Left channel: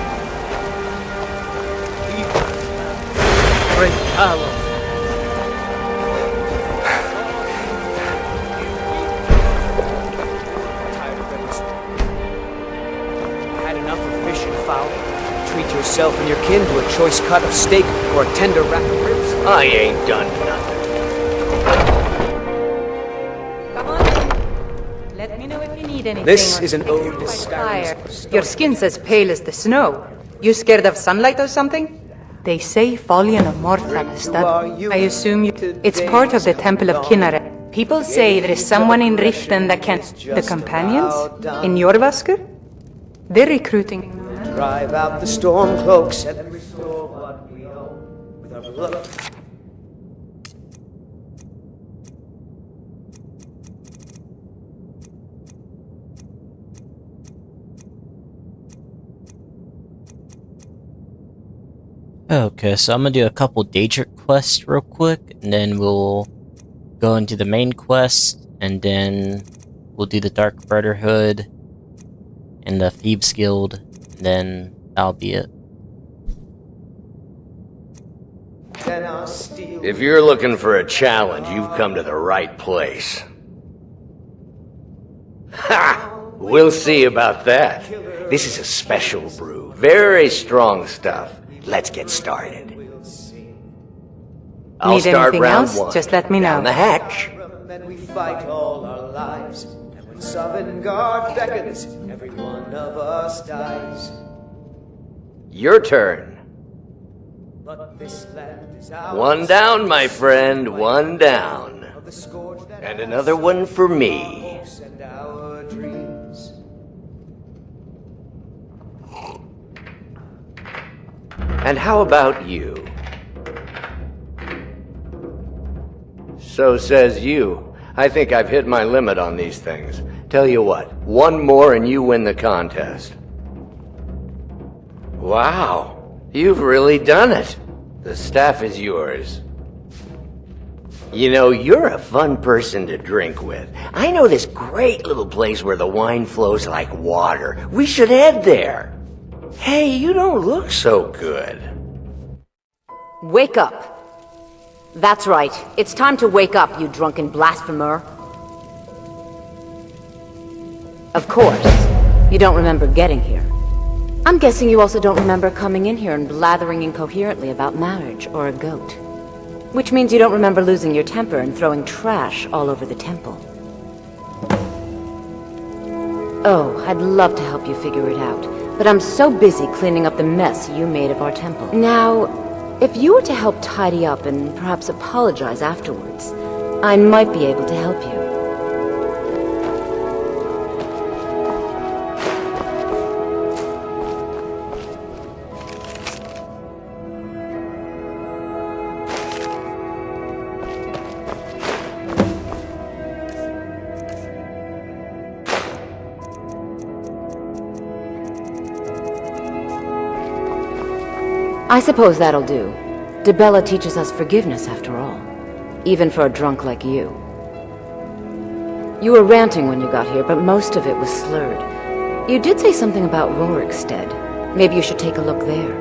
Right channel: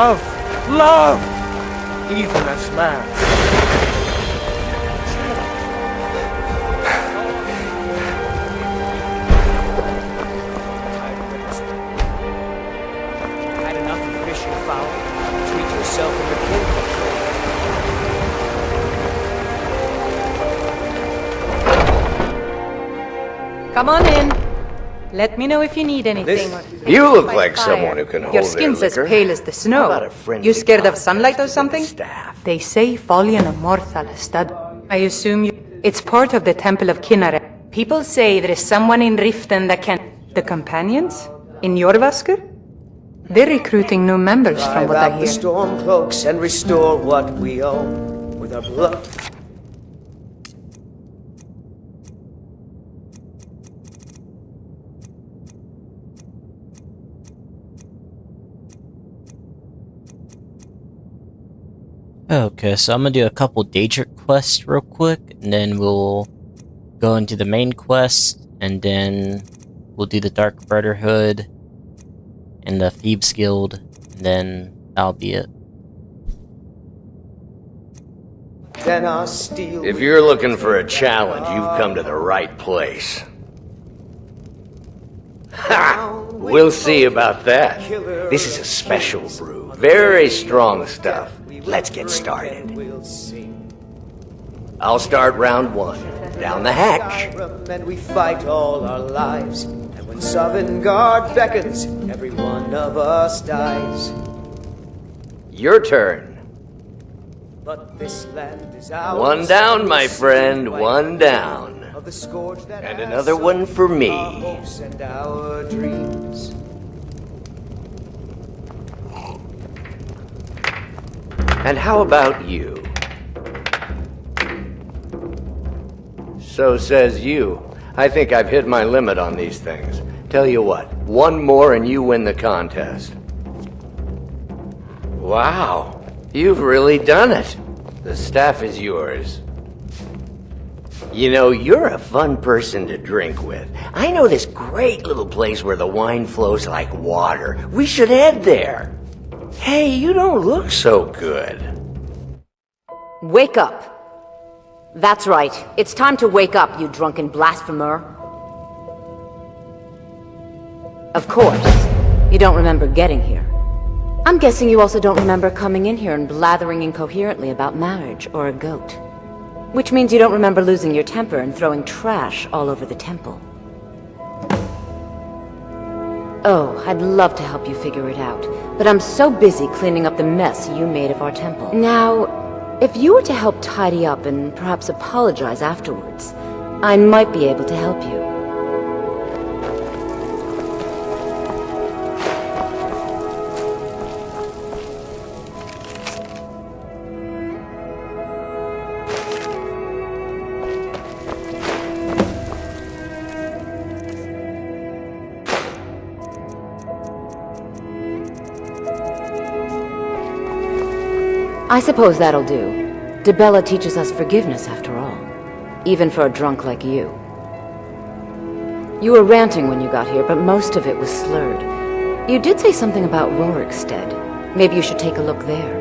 love, love. Even as man, great power. Had enough of fish and fowl? Treat yourself and your kin to a choice cut of steak or tender wrapped ribs. I ain't done nothing. Come on in. Let me know if you need anything. This is an... You look like someone who can hold Your skin's as liquor. pale as the snow. You scared of sunlight or something? They say Folian Morthal stud. I assume you... It's part of the Temple of Kinnare. People say there is someone in Riften that can... The companions? In Jorvaskr? They're recruiting new members from Drive what I out the hear. storm cloaks and restore what we own with our blood. Okay, so I'm gonna do a couple Daedric quests real quick, and then we'll go into the main quest, and then we'll do the Dark Brotherhood and the Thieves Guild, and then that'll be it. If you're looking for a challenge, you've come to the right place. Ha! We'll see about that. This is a special brew. Very strong stuff. Let's get started. I'll Need start anything round else? one. Just let me Down know. the hatch. And we fight all our lives. And when Sovngarde beckons, every one of us dies. Your turn. But this land is ours. One down, my friend. One down. Of the scourge that And has another one for our me. hopes and our dreams. And how about you? So says you. I think I've hit my limit on these things. Tell you what, one more and you win the contest. Wow, you've really done it. The staff is yours. You know, you're a fun person to drink with. I know this great little place where the wine flows like water. We should head there. Hey, you don't look so good. Wake up. That's right. It's time to wake up, you drunken blasphemer. Of course. You don't remember getting here. I'm guessing you also don't remember coming in here and blathering incoherently about marriage or a goat. Which means you don't remember losing your temper and throwing trash all over the temple. Oh, I'd love to help you figure it out, but I'm so busy cleaning up the mess you made of our temple. Now, if you were to help tidy up and perhaps apologize afterwards, I might be able to help you. I suppose that'll do. Dibella teaches us forgiveness after all. Even for a drunk like you. You were ranting when you got here, but most of it was slurred. You did say something about Rorikstead. Maybe you should take a look there.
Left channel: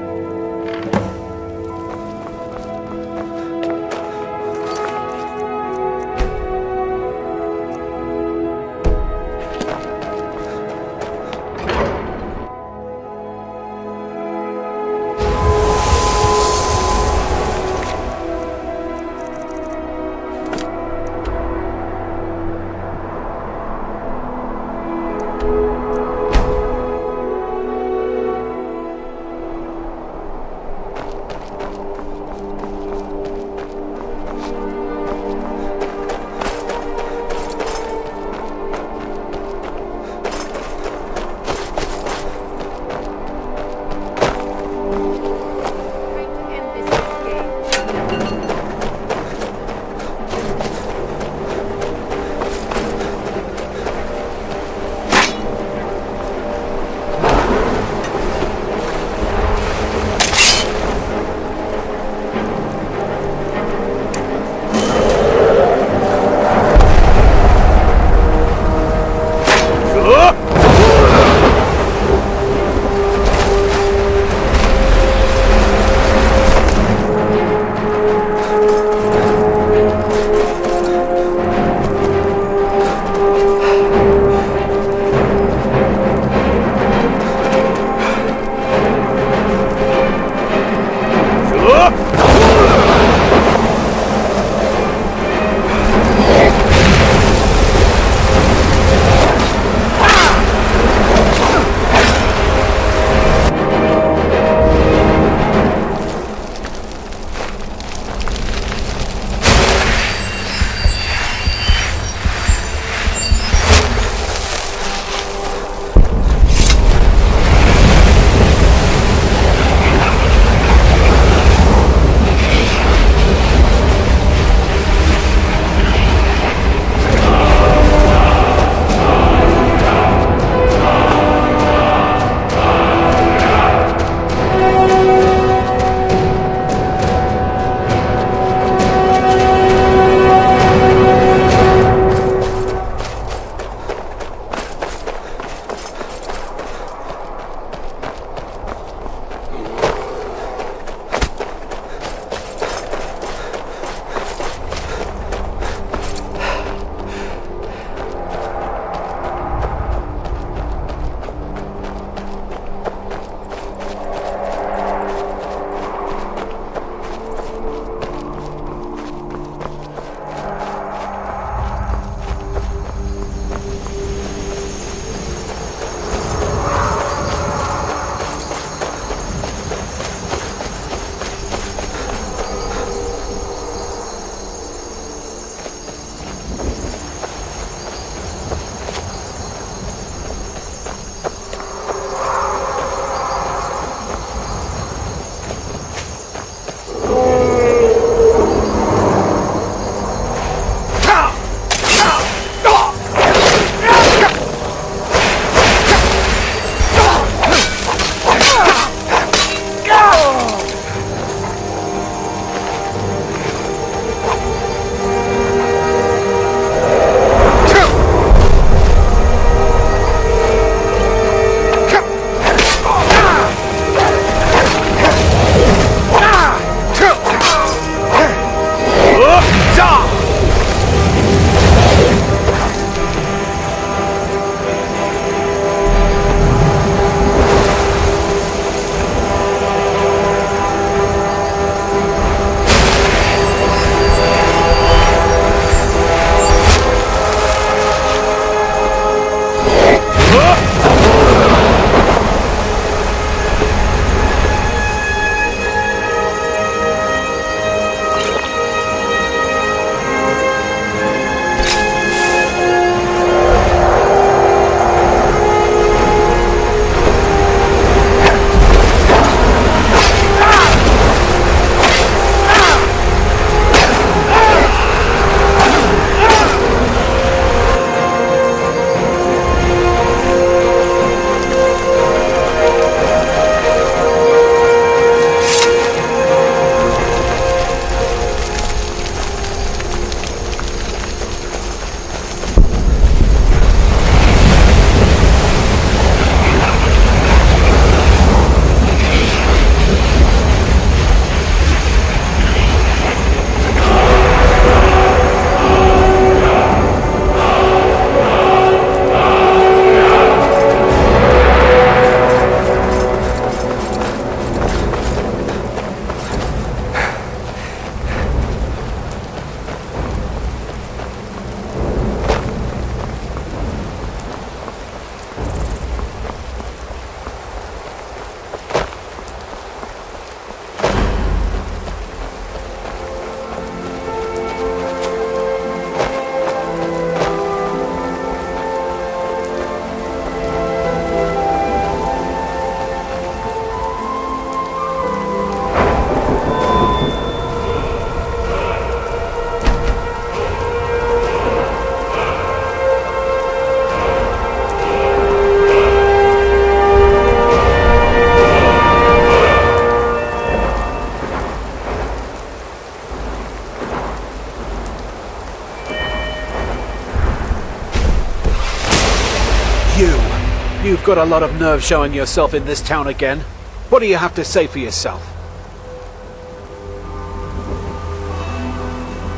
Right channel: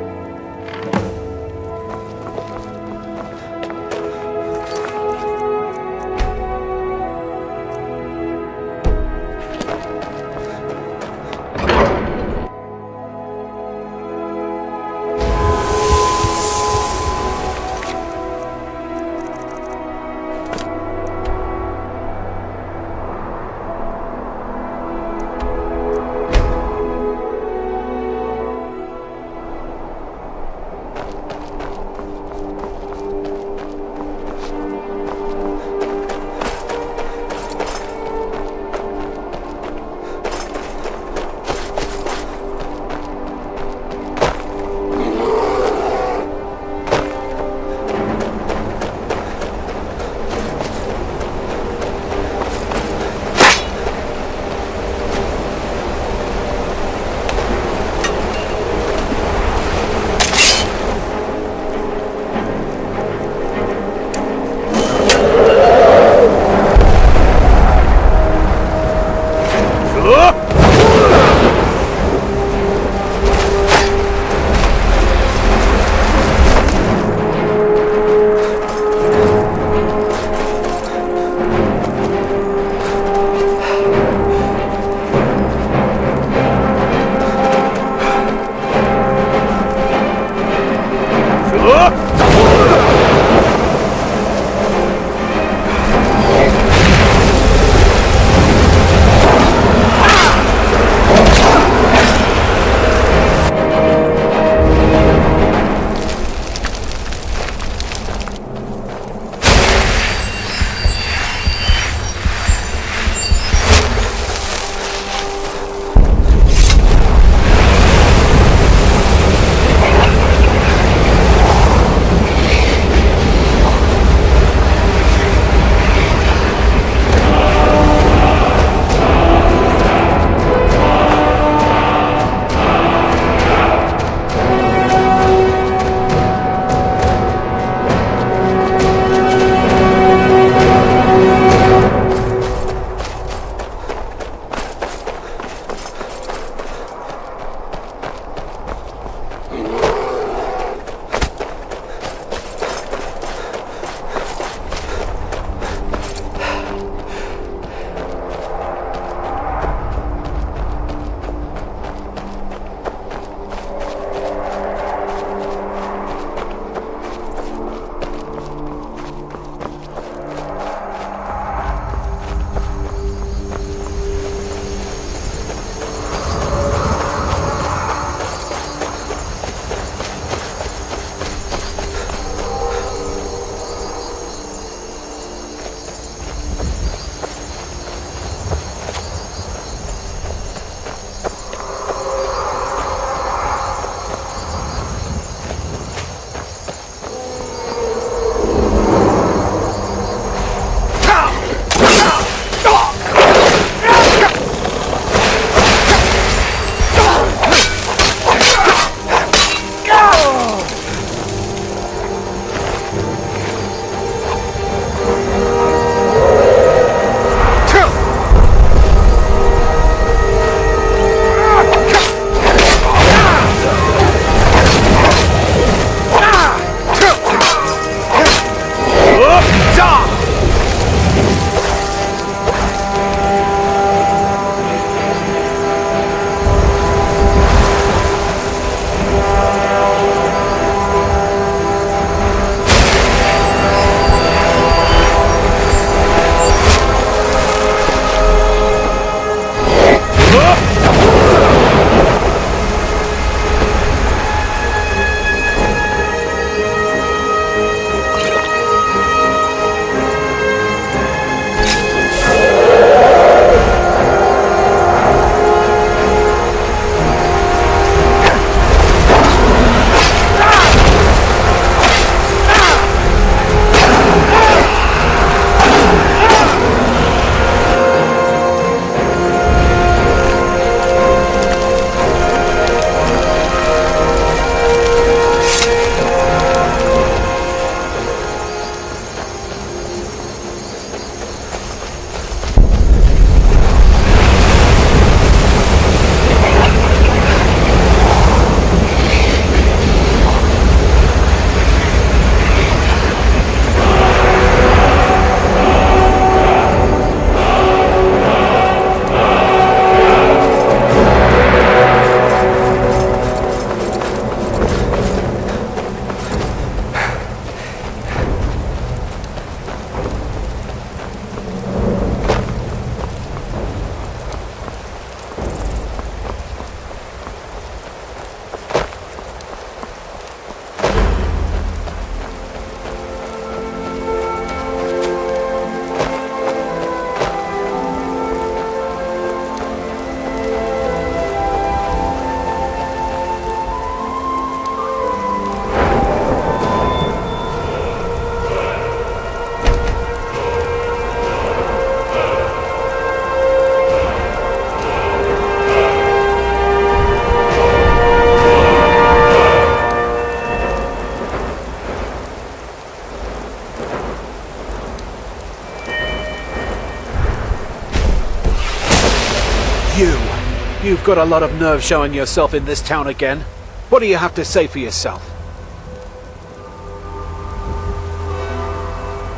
You've got a lot of nerve showing yourself in this town again. What do you have to say for yourself?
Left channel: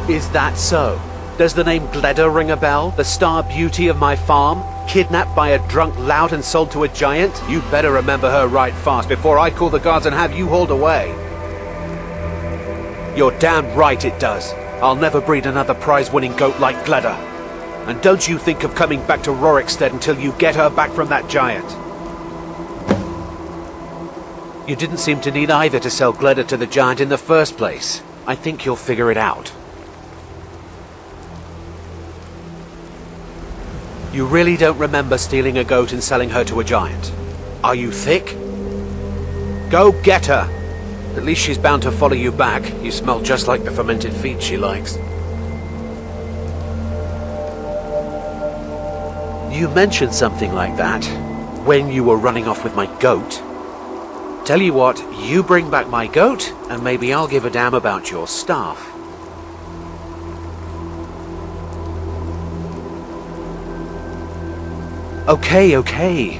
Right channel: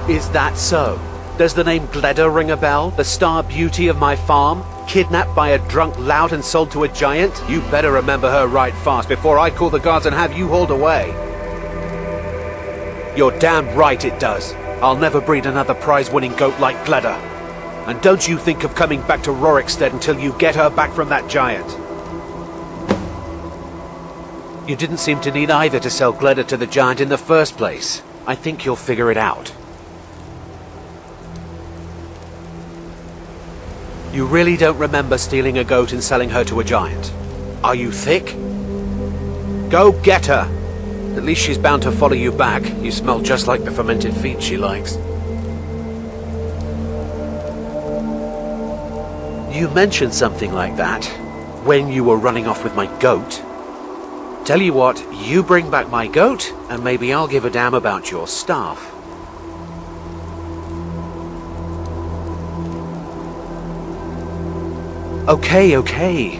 Is that so? Does the name Gleda ring a bell? The star beauty of my farm? Kidnapped by a drunk lout and sold to a giant? You better remember her right fast before I call the guards and have you hauled away. You're damn right it does. I'll never breed another prize-winning goat like Gleda. And don't you think of coming back to Rorikstead until you get her back from that giant. You didn't seem to need either to sell Gleda to the giant in the first place. I think you'll figure it out. You really don't remember stealing a goat and selling her to a giant? Are you thick? Go get her! At least she's bound to follow you back. You smell just like the fermented feet she likes. You mentioned something like that when you were running off with my goat. Tell you what, you bring back my goat, and maybe I'll give a damn about your staff. Okay.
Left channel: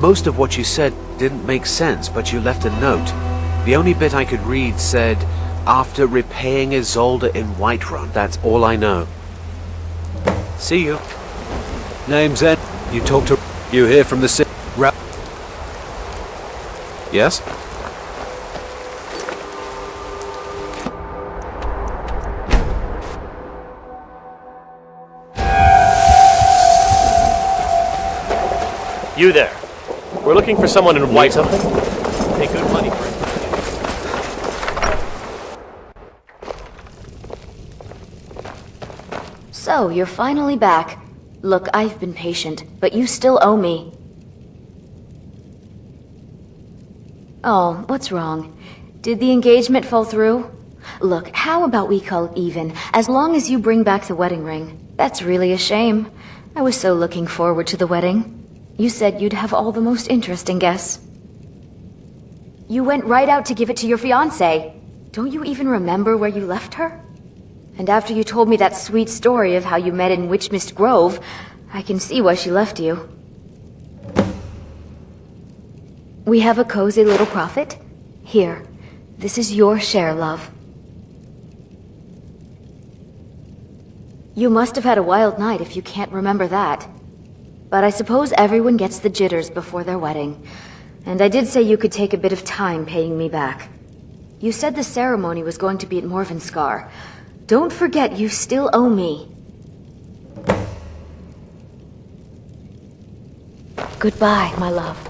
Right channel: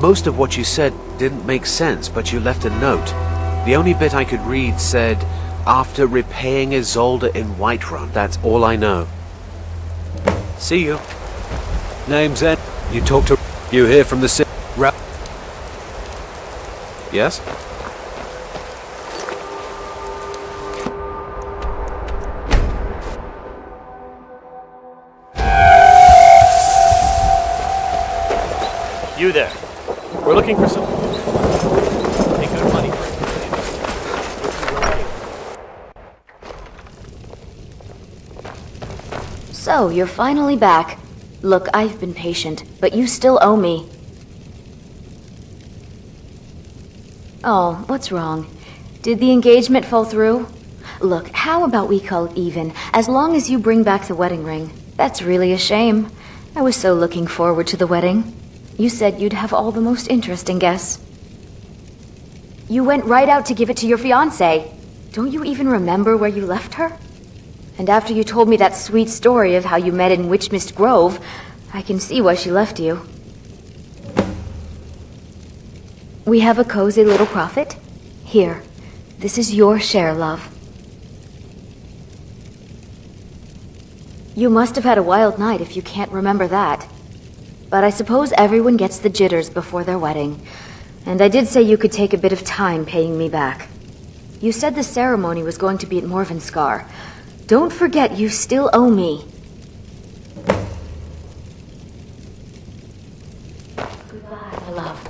Most of what you said didn't make sense, but you left a note. The only bit I could read said, after repaying Isolde in Whiterun. That's all I know. See you. Name's Ed. You talk to... You hear from the city... Yes? You there. We're looking for someone in Whiterun. Pay good money for it. So, you're finally back. Look, I've been patient, but you still owe me. Oh, what's wrong? Did the engagement fall through? Look, how about we call it even, as long as you bring back the wedding ring? That's really a shame. I was so looking forward to the wedding. You said you'd have all the most interesting guests. You went right out to give it to your fiancé. Don't you even remember where you left her? And after you told me that sweet story of how you met in Witchmist Grove, I can see why she left you. We have a cozy little profit. Here, this is your share, love. You must have had a wild night if you can't remember that. But I suppose everyone gets the jitters before their wedding. And I did say you could take a bit of time paying me back. You said the ceremony was going to be at Morvenskar. Don't forget you still owe me. Goodbye, my love.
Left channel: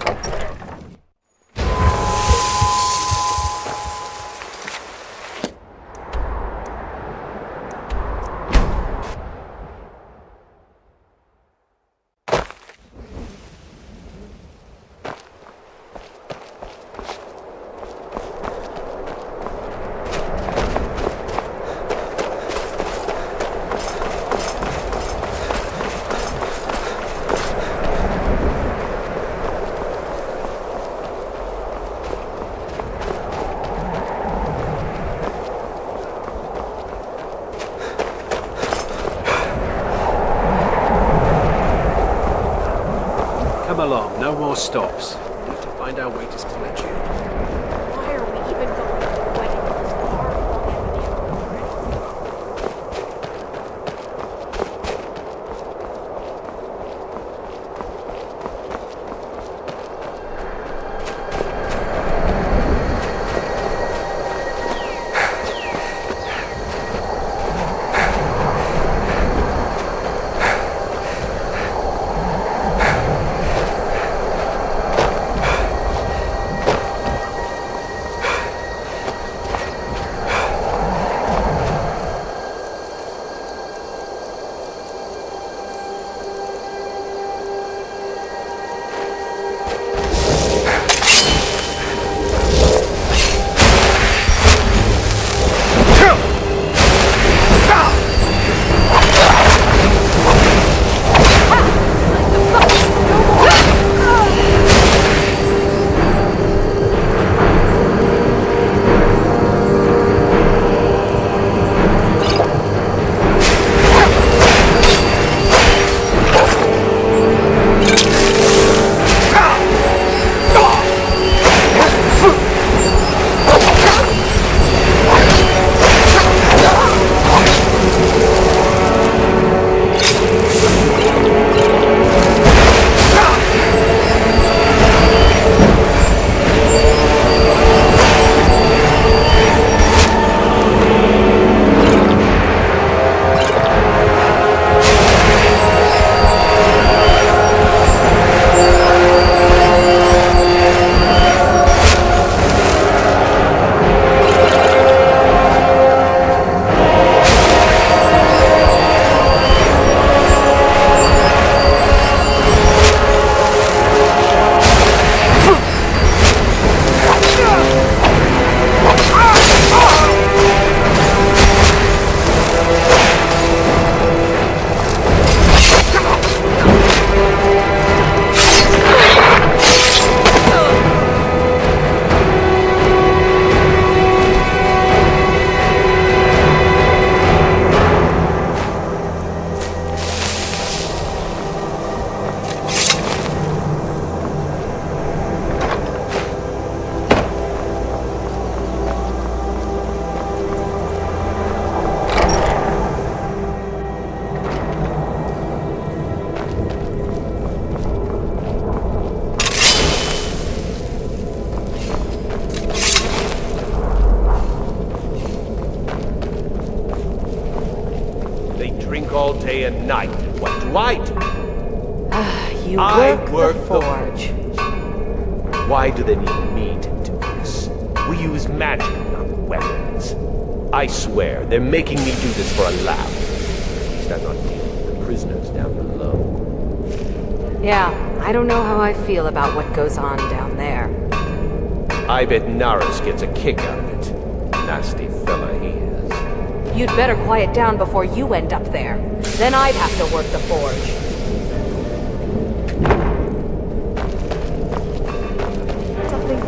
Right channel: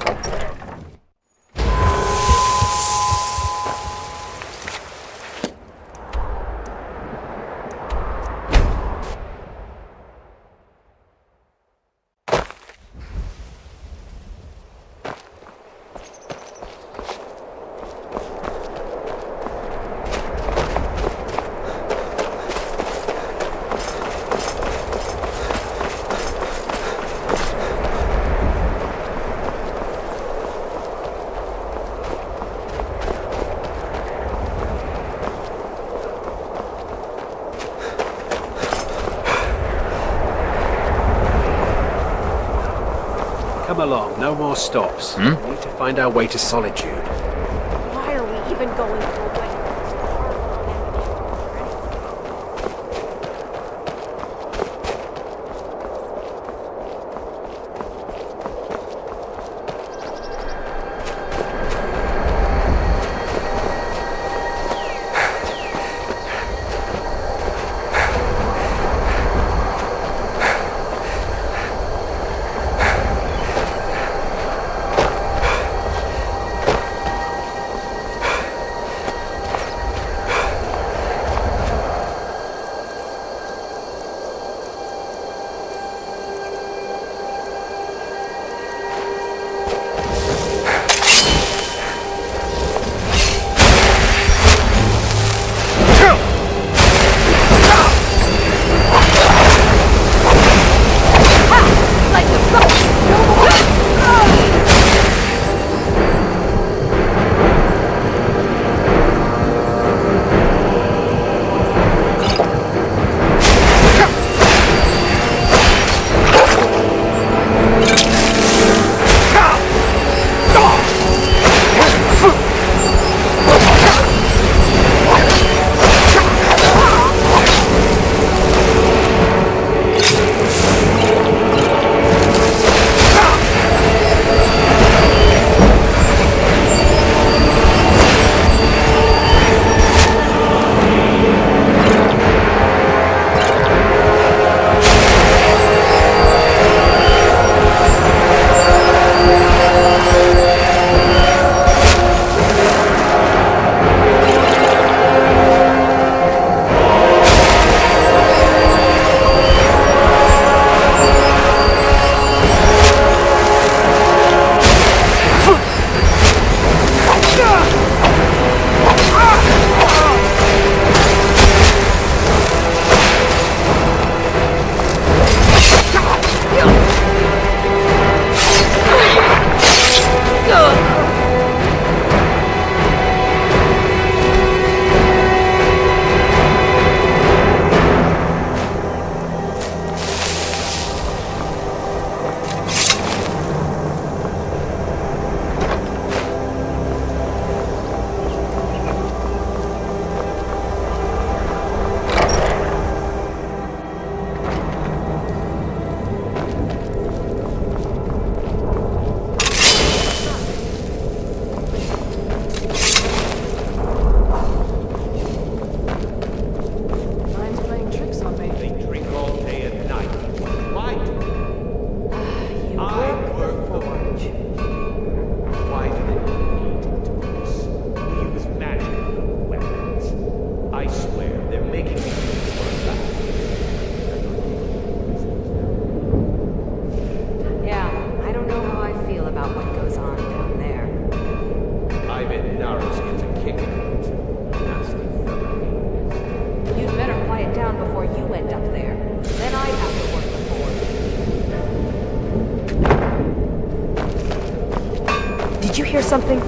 Come along, no more stops. We need to find our way to Solitude. Why are we even going to a wedding at this far-flung end of the Emerald already? night. What do I do? You I work work the the forge. Why do they need me to do this? We use magic, not weapons. I swear, they're making me do this for a laugh. At least I'm not dealing with the prisoners down below. Yeah, I don't know how I feel about what goes on down there. I bet Naris gets a kick out of it. Nasty fella he is. You'd better quiet down before you end up there. Then I'd have to work the forge. Did you hear something?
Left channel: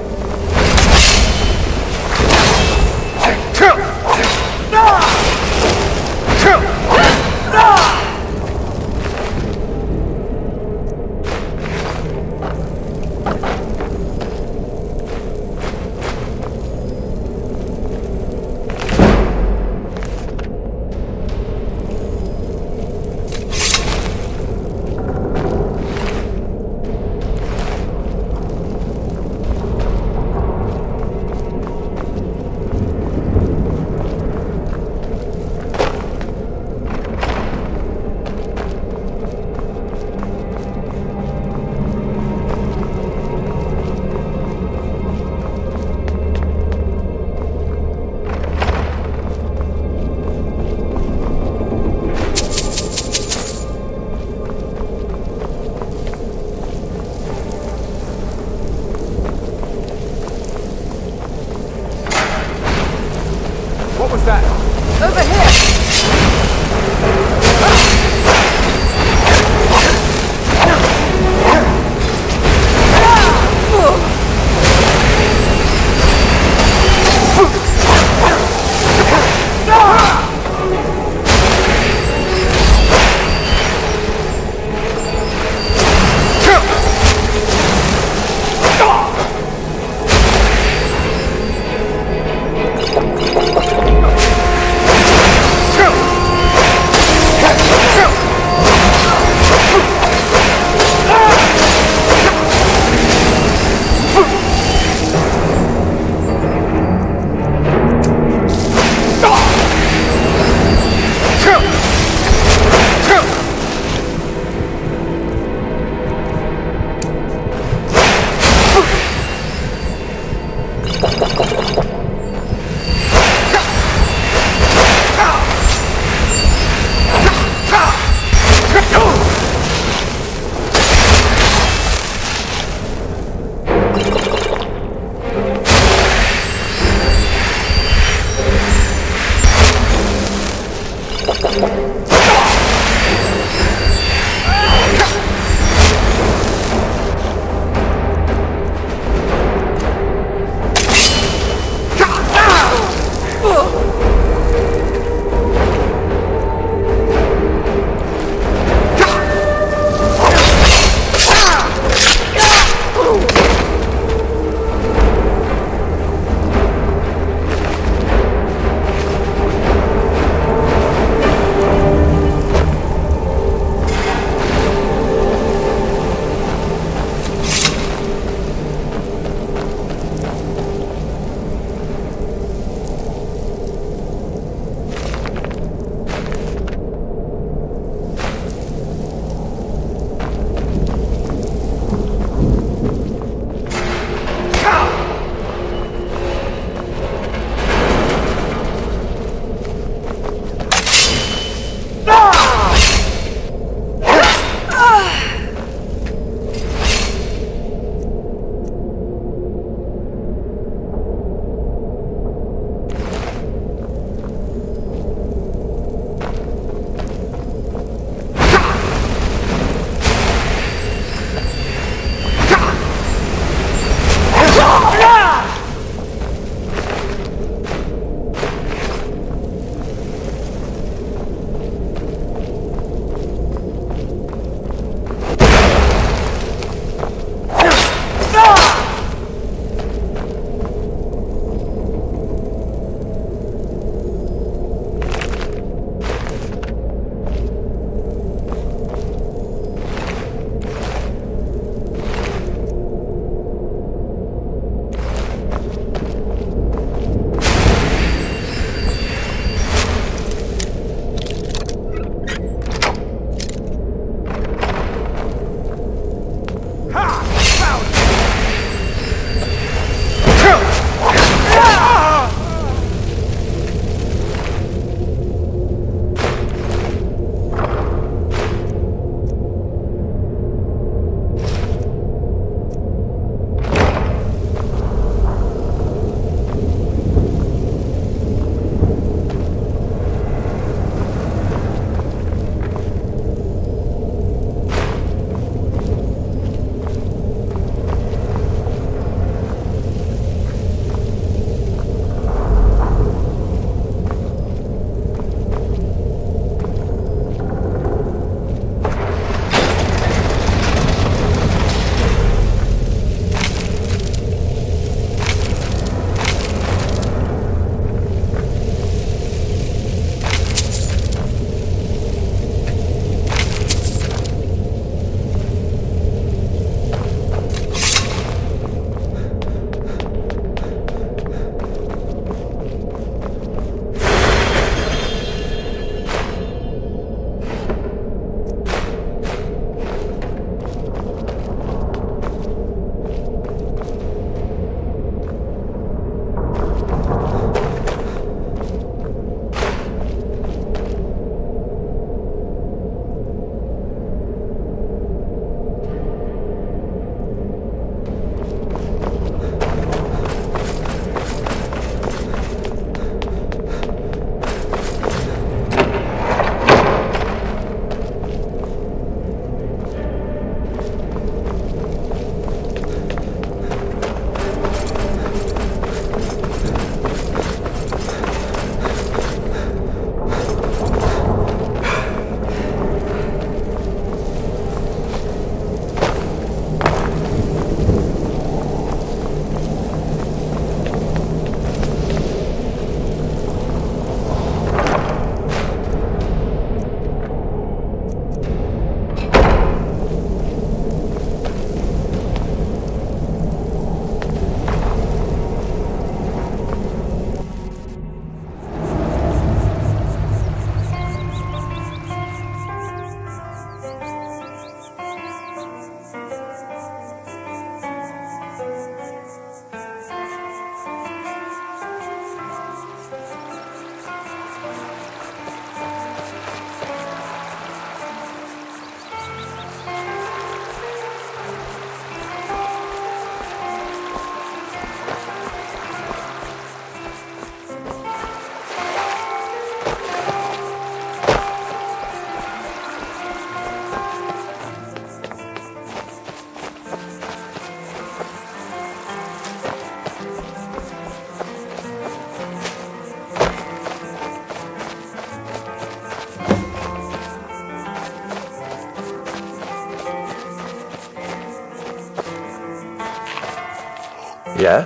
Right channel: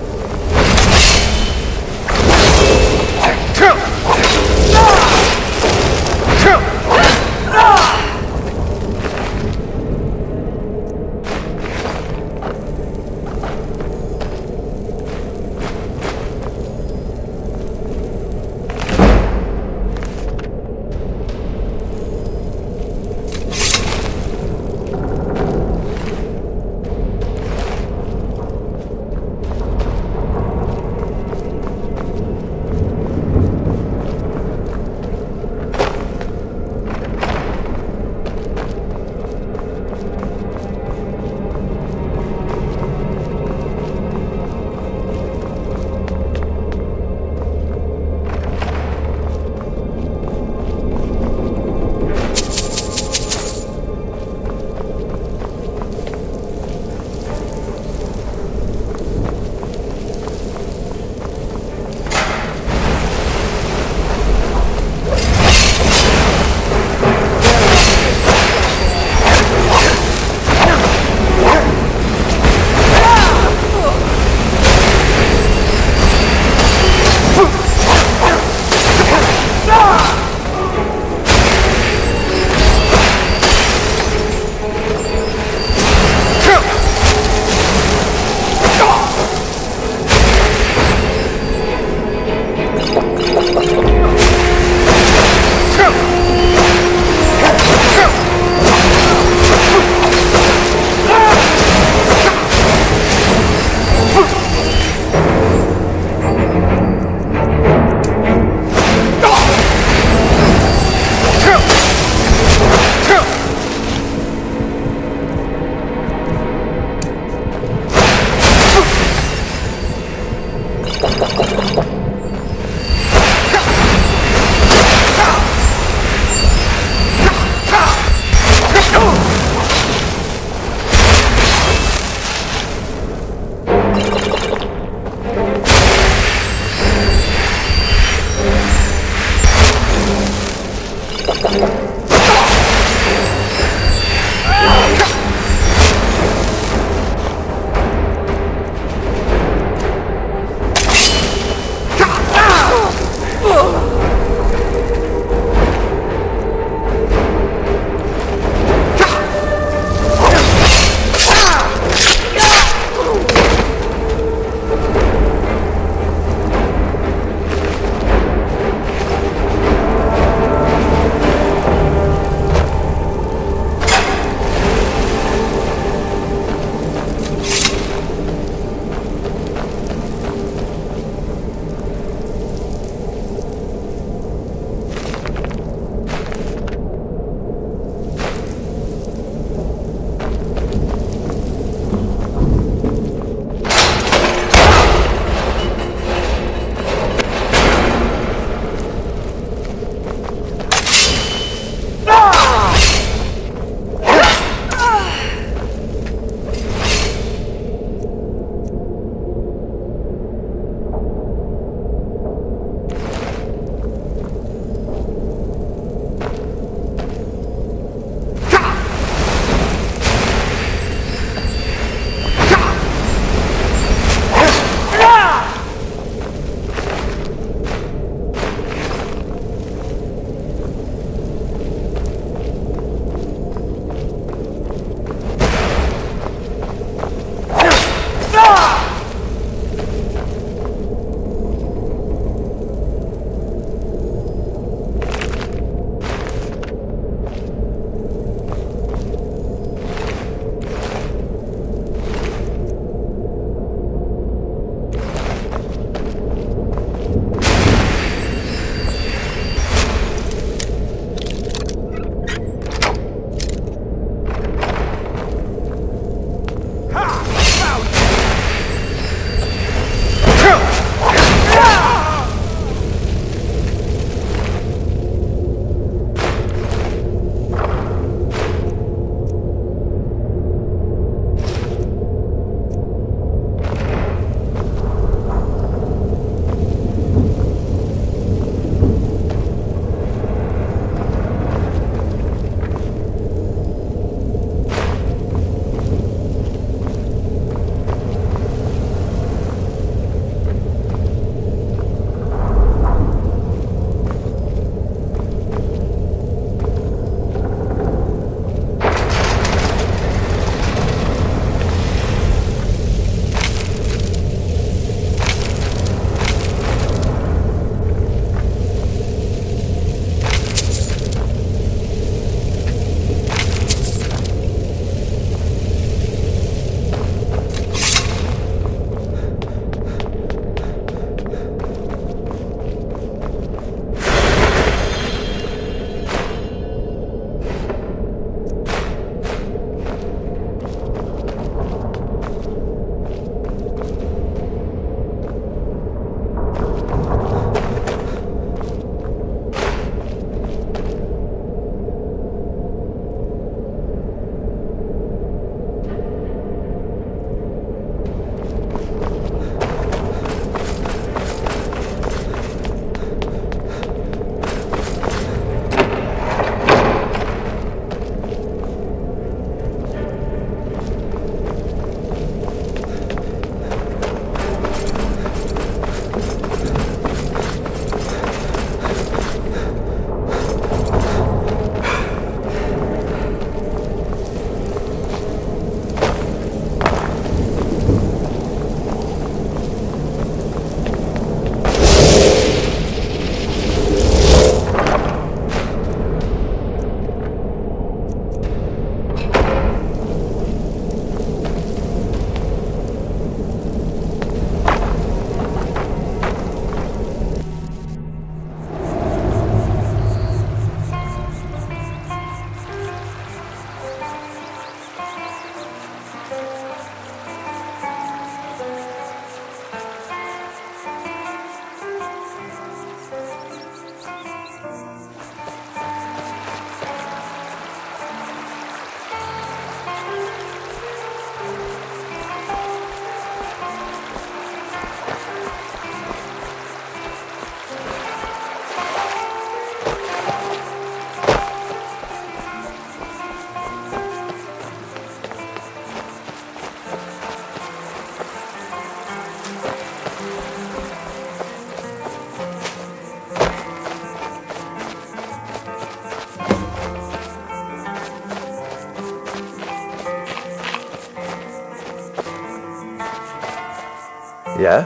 Yeah?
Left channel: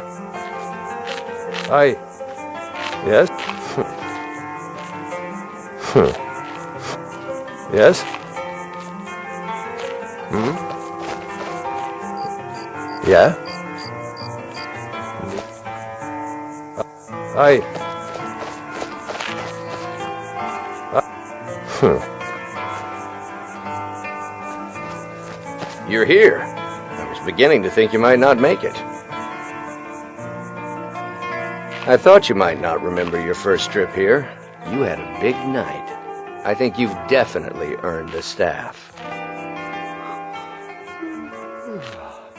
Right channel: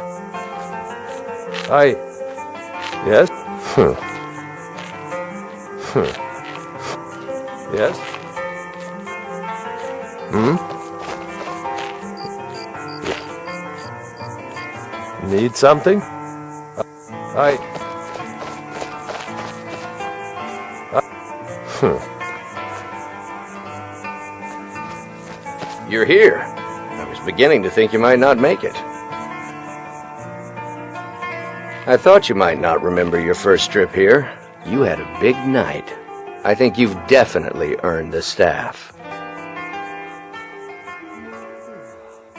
Yes? Yes? Yeah? Need something? You're here. I was beginning to think you might not make it. I thought you might not remember your first trip here. You had a big night. I think you've definitely earned the staff.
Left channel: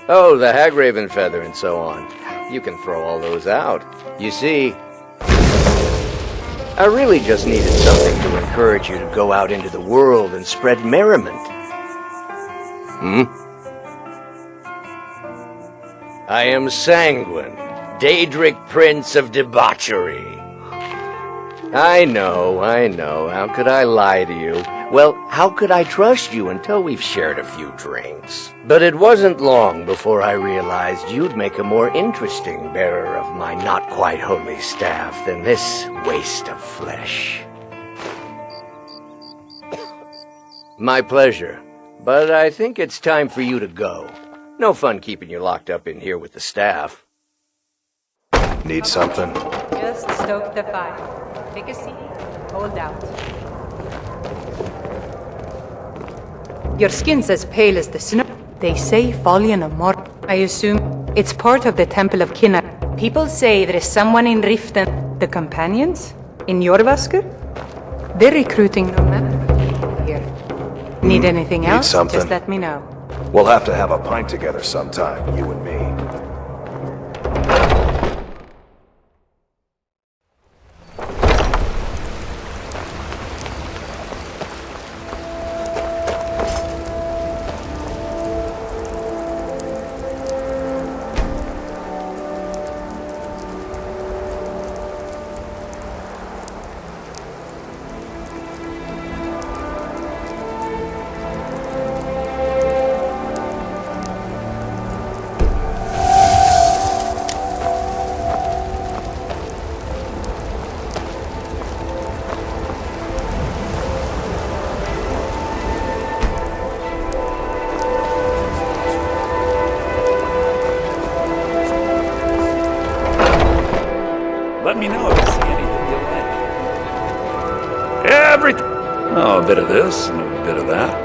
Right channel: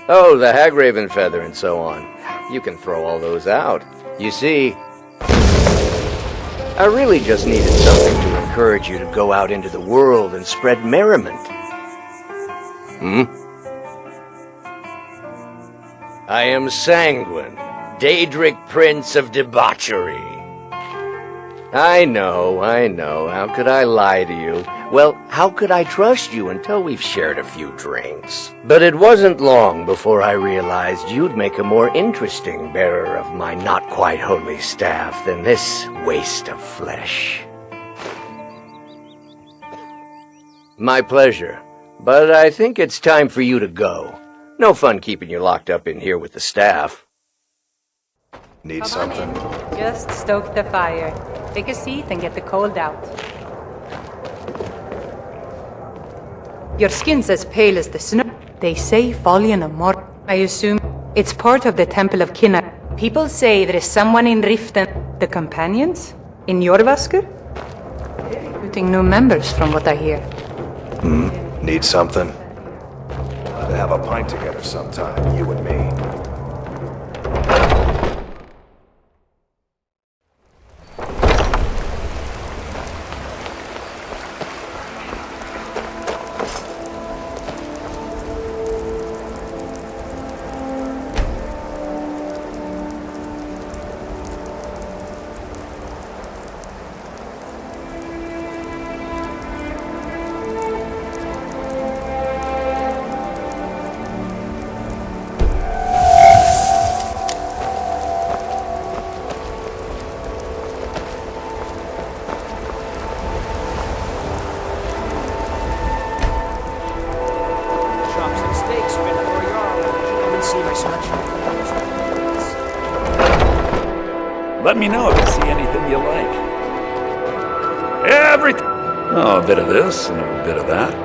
Oh, the Hagraven feather and so on. You can throw all those out. You see, I really just needed something to encourage you to go out into the world and spread merriment. I am Sanguine, Daedric Prince of Debauchery. I know. How could I lie to you? Well, how could I trust you until we've shared a few drinks? But it wasn't long before I realized you'd make a more interesting bearer of my not-quite-holy staff than this waste of flesh. My pleasure, but I think it's time for you to go. No fun keeping you locked up in here with the staff. Need something? Just stoke the fire. Take a seat and get the cold out. Your skin's as pale as the snow. They say Folian Amor. I assume it's part of the Temple of Kinnar. People say there is someone in Riften. The Companions? In Jorvaskr? They're recruiting new members from what I hear. Need anything Need else? something? Just let me know. We'll have to have a pint together sometime, you and me. Chops and steaks ready for your see research. Let me know if you see anything you like. Everything. Oh, a bit of this and a bit of that.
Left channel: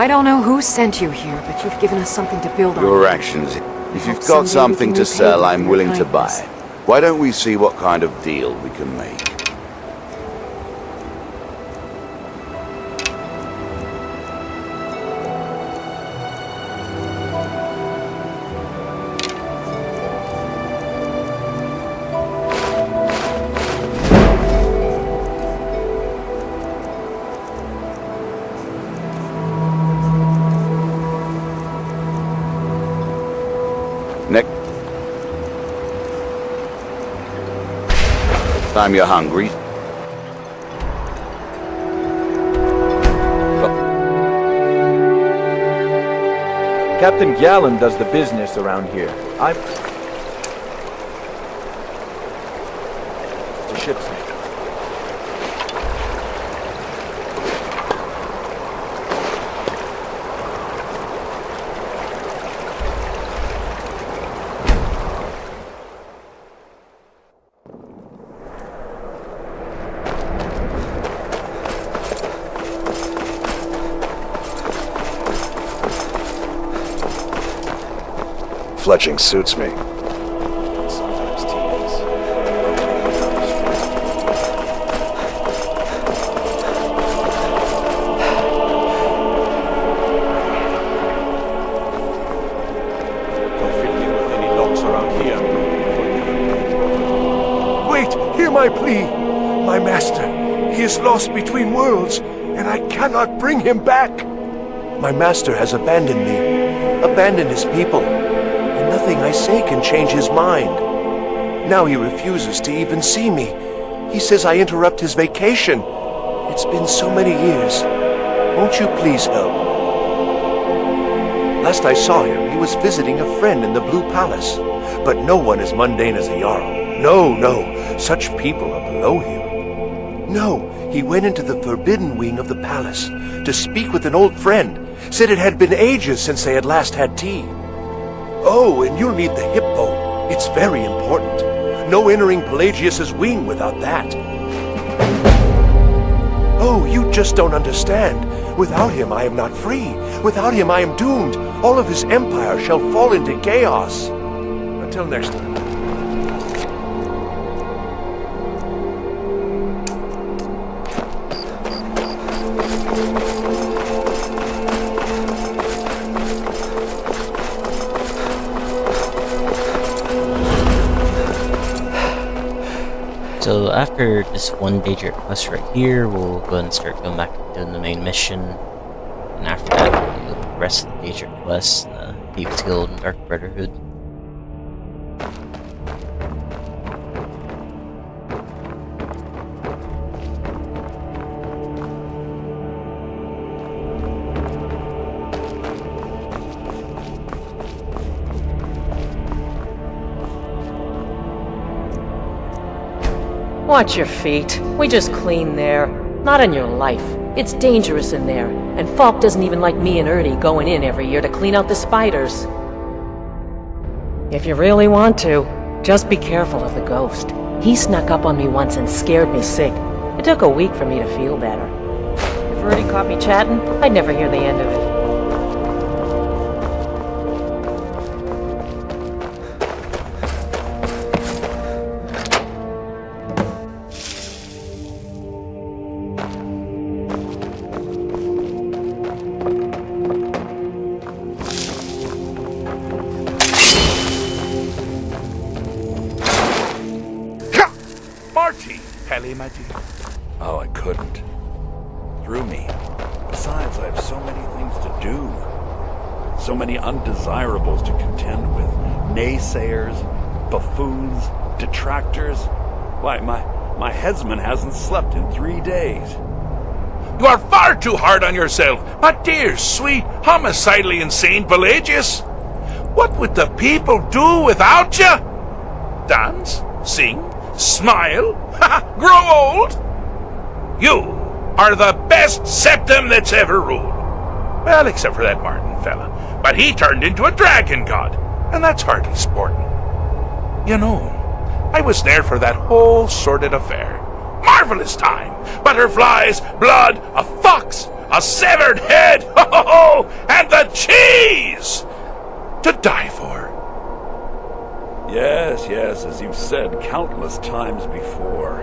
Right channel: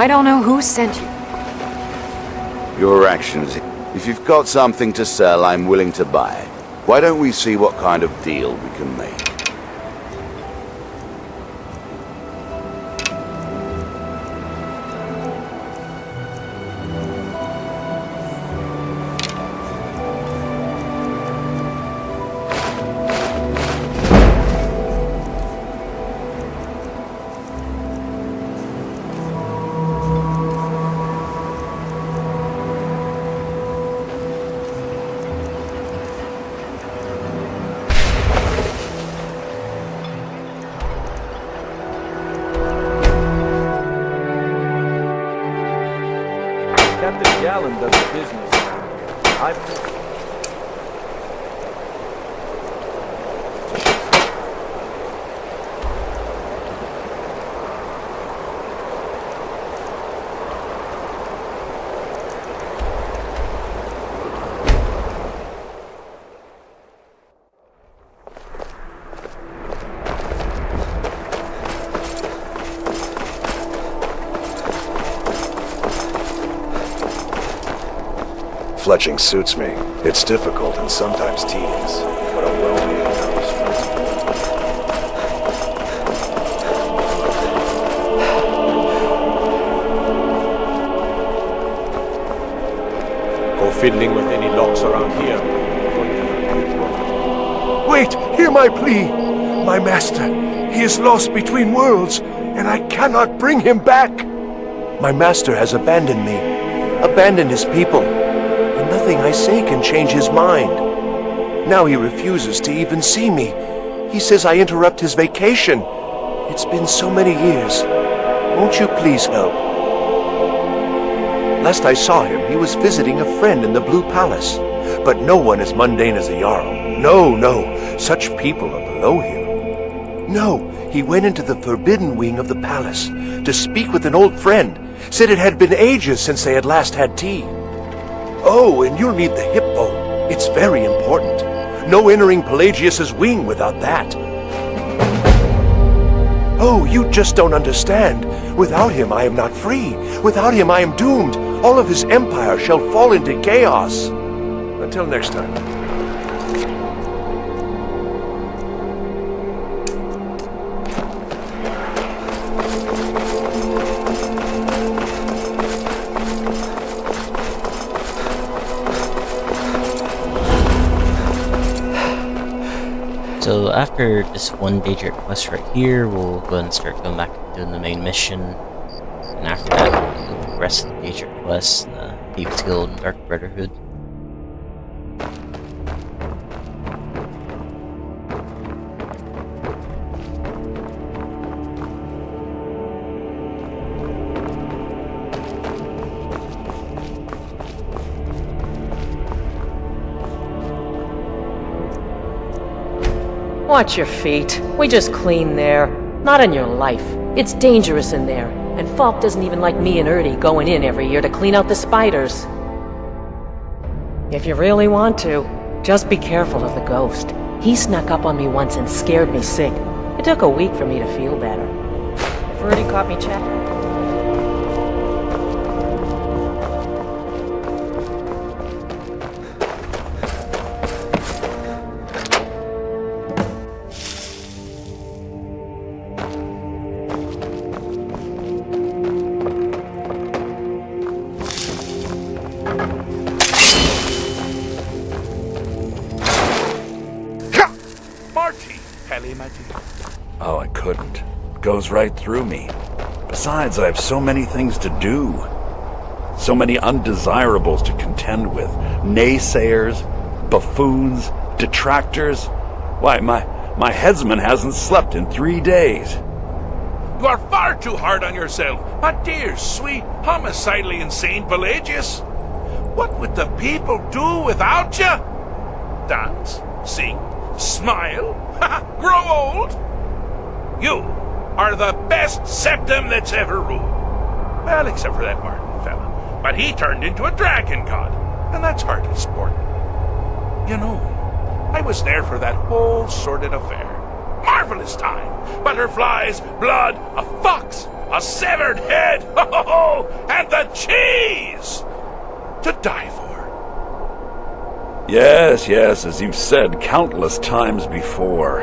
I don't know who sent you here, but you've given us something to build on. Your actions. If you've got something to sell, I'm willing to buy it. Why don't we see what kind of deal we can make? Time you're hungry. Captain Gallen does the business around here. The ship's Fletching suits me. It's difficult and sometimes tedious, but a well-made comes first. Go fiddling with any locks around here. Wait, hear my plea. My master, he is lost between worlds, and I cannot bring him back. My master has abandoned me, abandoned his people, and nothing I say can change his mind. Now he refuses to even see me. He says I interrupt his vacation. It's been so many years. Won't you please help? Last I saw him, he was visiting a friend in the Blue Palace. But no one as mundane as a Jarl. No, no, such people are below him. No, he went into the forbidden wing of the palace to speak with an old friend. Said it had been ages since they had last had tea. Oh, and you'll need the hippo. It's very important. No entering Pelagius's wing without that. Oh, you just don't understand. Without him, I am not free. Without him, I am doomed. All of his empire shall fall into chaos. Until next time. So after this one Daedric quest right here, we'll go ahead and start going back and doing the main mission. And after that, we'll do the rest of the Daedric quests, the Thieves Guild and Dark Brotherhood. Watch your feet. We just cleaned there. Not in your life. It's dangerous in there, and Falk doesn't even like me and Erdy going in every year to clean out the spiders. If you really want to, just be careful of the ghost. He snuck up on me once and scared me sick. It took a week for me to feel better. If Erdy caught me chatting, I'd never hear the end of it. Oh, I couldn't. It goes right through me. Besides, I have so many things to do. So many undesirables to contend with. Naysayers, buffoons, detractors. Why, my headsman hasn't slept in 3 days. You are far too hard on yourself, my dear, sweet, homicidally insane Pelagius. What would the people do without you? Dance? Sing? Smile? Grow old? You are the best septum that's ever ruled. Well, except for that Martin fella. But he turned into a dragon god, and that's hardly sporting. You know, I was there for that whole sordid affair. Marvelous time. Butterflies, blood, a fox, a severed head, ho ho ho, and the cheese to die for. Yes, yes, as you've said countless times before.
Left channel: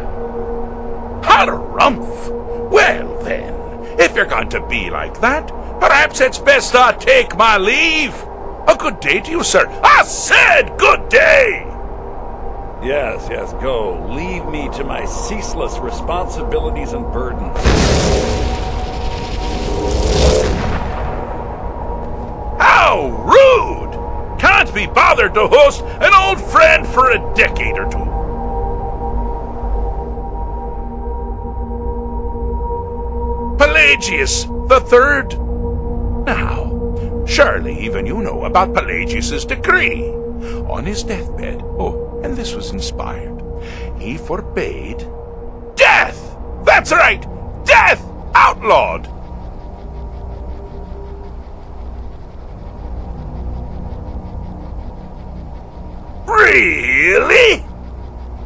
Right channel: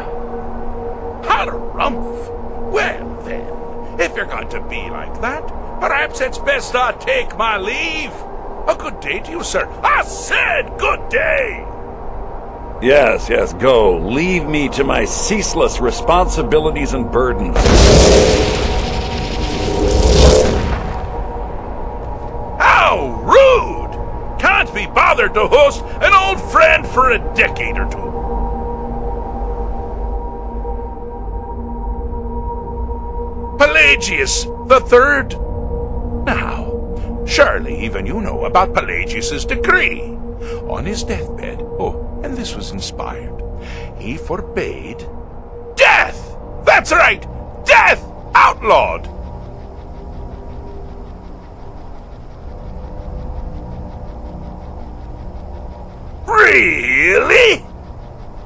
Harumph! Well then, if you're going to be like that, perhaps it's best I take my leave. A good day to you, sir. I said good day! Yes, yes, go. Leave me to my ceaseless responsibilities and burdens. How rude! Can't be bothered to host an old friend for a decade or two. Pelagius the Third. Now, surely even you know about Pelagius's decree. On his deathbed, and this was inspired, he forbade death! That's right! Death! Outlawed! Really?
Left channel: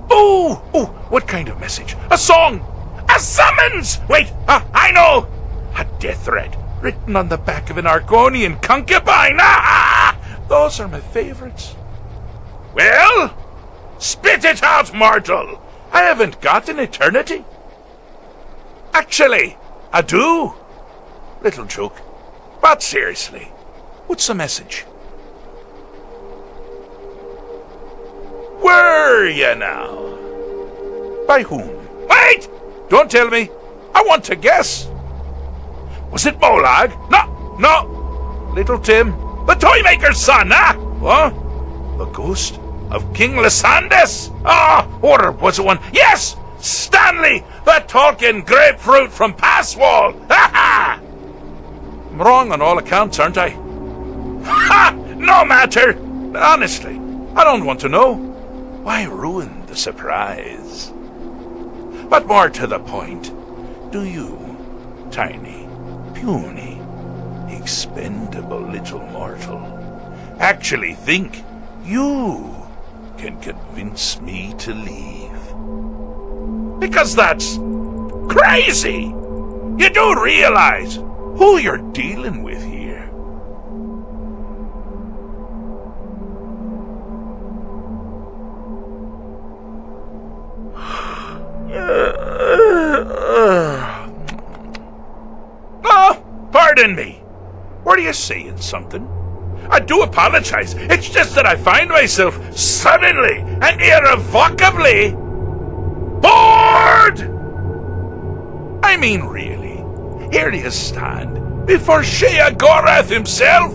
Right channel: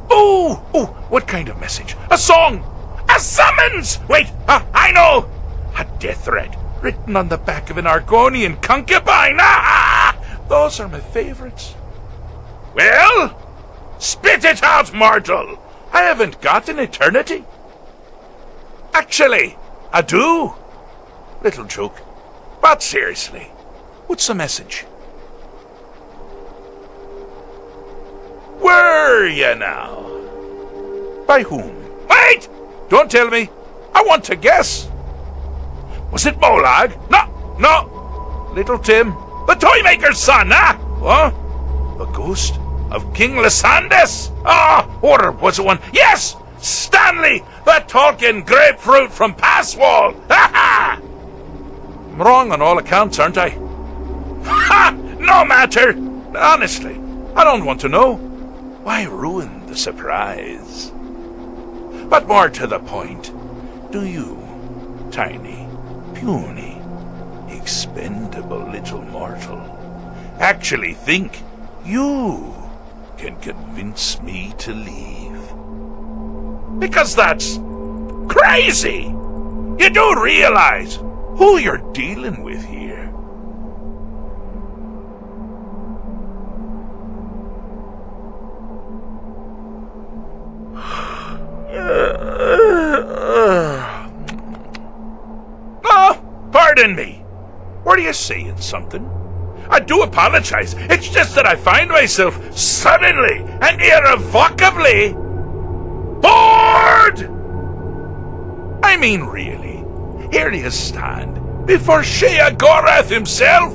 Oh, what kind of message? A song? A summons! Wait, I know! A death threat written on the back of an Argonian concubine! Those are my favorites. Well, spit it out, mortal! I haven't got an eternity. Actually, I do. Little joke. But seriously, what's the message? Were you now? By whom? Wait! Don't tell me. I want to guess. Was it Molag? No. Little Tim, the Toymaker's son, Huh? The ghost of King Lysandas? Or was it one? Yes! Stanley, the talking grapefruit from Passwall! Ha! I'm wrong on all accounts, aren't I? Ha! No matter! Honestly, I don't want to know. Why ruin the surprise? But more to the point, do you, tiny, puny, expendable little mortal, actually think you can convince me to leave? Because that's crazy! You do realize who you're dealing with here. Pardon me. Were you saying something? I do apologize. It's just that I find myself suddenly and irrevocably bored! I mean, really. Here you stand before Sheogorath himself,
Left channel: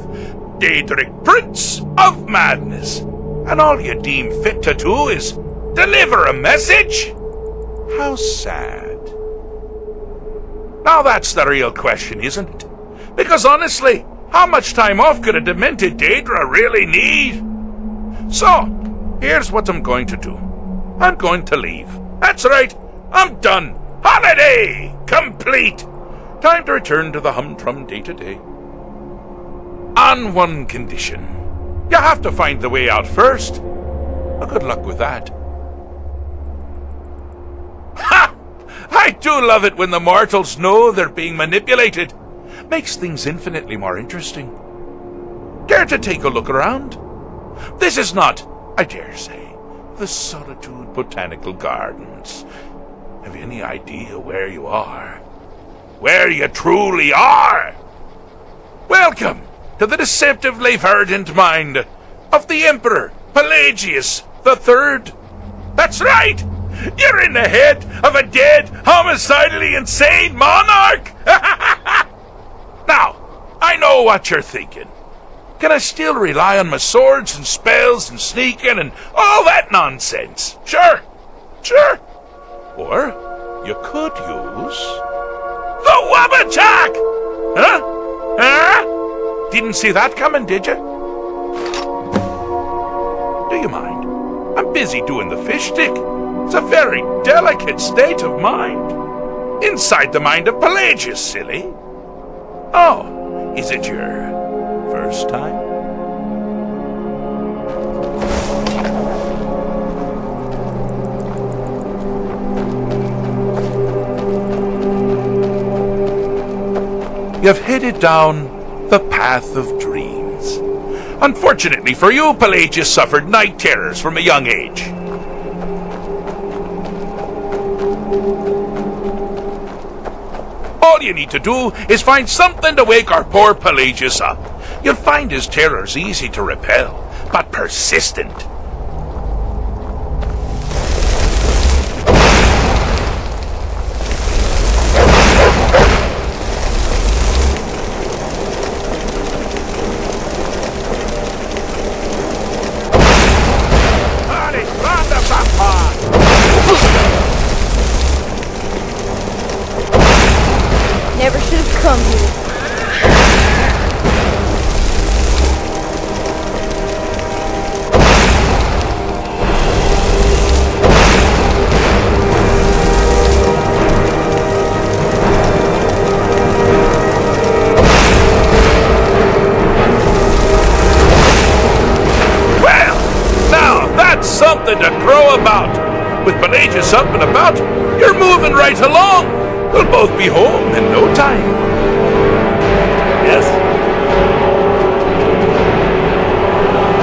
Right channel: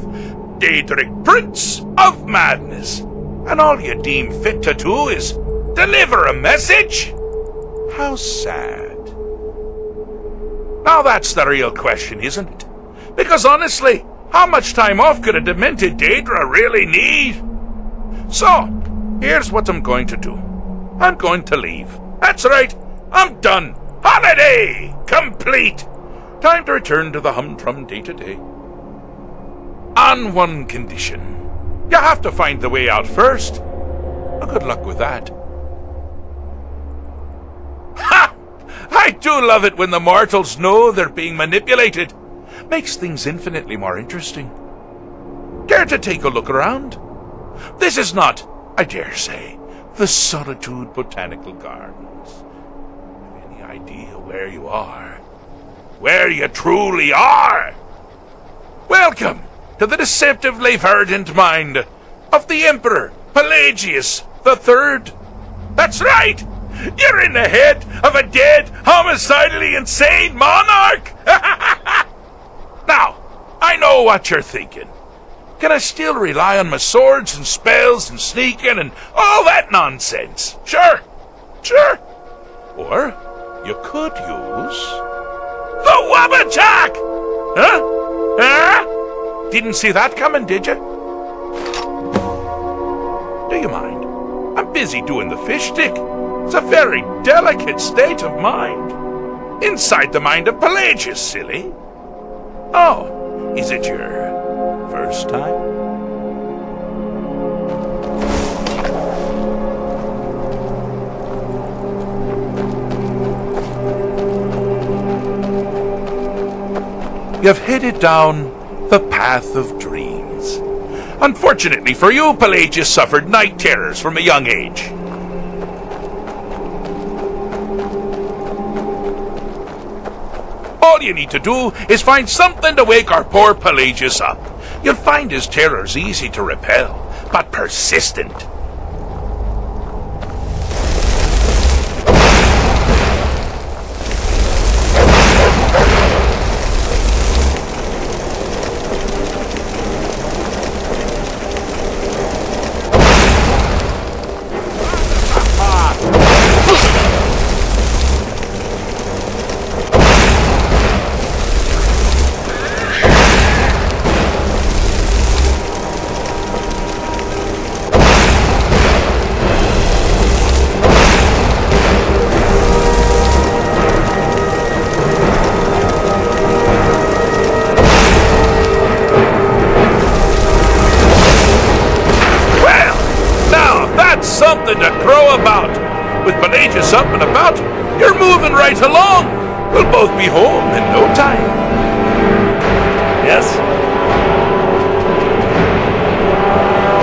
Daedric Prince of Madness, and all you deem fit to do is deliver a message? How sad. Now that's the real question, isn't it? Because honestly, how much time off could a demented Daedra really need? So, here's what I'm going to do. I'm going to leave. That's right, I'm done. Holiday complete. Time to return to the humdrum day-to-day. On one condition. You have to find the way out first. Well, good luck with that. Ha! I do love it when the mortals know they're being manipulated. Makes things infinitely more interesting. Care to take a look around? This is not, I dare say, the Solitude Botanical Gardens. Have you any idea where you are? Where you truly are? Welcome to the deceptively verdant mind of the Emperor Pelagius the Third. That's right! You're in the head of a dead, homicidally insane monarch! Now, I know what you're thinking. Can I still rely on my swords and spells and sneaking and all that nonsense? Sure. Or you could use the Wabbajack! Huh? Didn't see that coming, did you? Do you mind? I'm busy doing the fish stick. It's a very delicate state of mind. Inside the mind of Pelagius, silly. Oh, is it your first time? you've headed down the path of dreams. Unfortunately for you, Pelagius suffered night terrors from a young age. All you need to do is find something to wake our poor Pelagius up. You'll find his terrors easy to repel, but persistent. Never should have come. Well, now that's something to crow about. With Pelagius up and about, you're moving right along. We'll both be home in no time. Yes?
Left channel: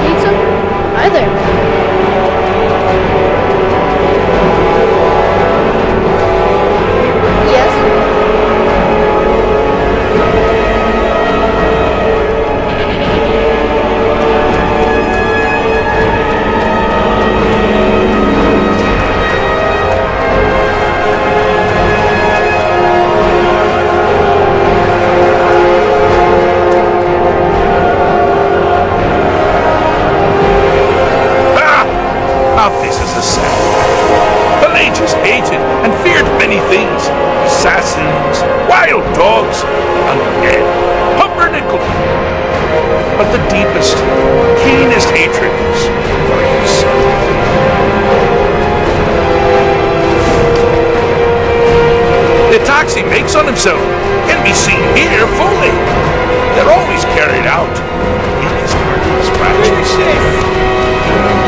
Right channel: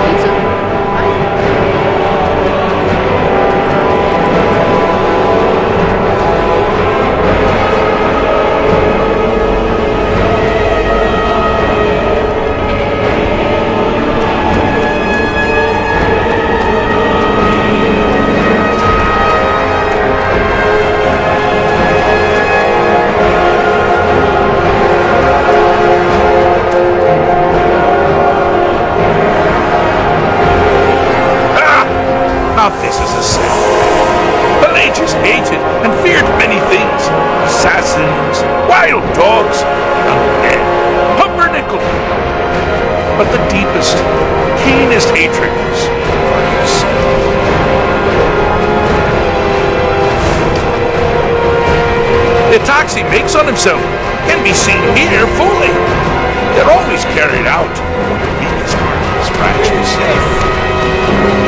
Pizza? Hi there. Now this is a sad fact. Pelagius hated and feared many things. Assassins, wild dogs, undead, pumpernickel. But the deepest, keenest hatred was for himself. The attacks he makes on himself can be seen here fully. They're always carried out. The biggest part of his fractures.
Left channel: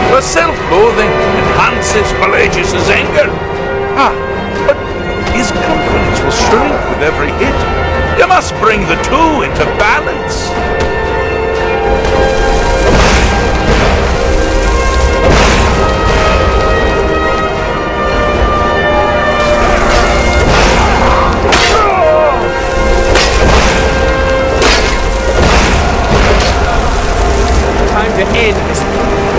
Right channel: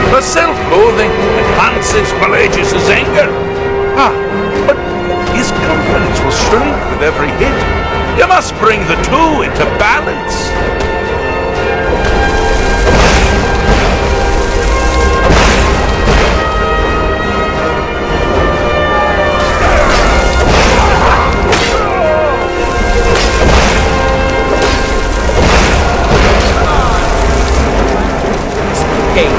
The self-loathing enhances Pelagius' anger. But his confidence will shrink with every hit. You must bring the two into balance. Time to end this game.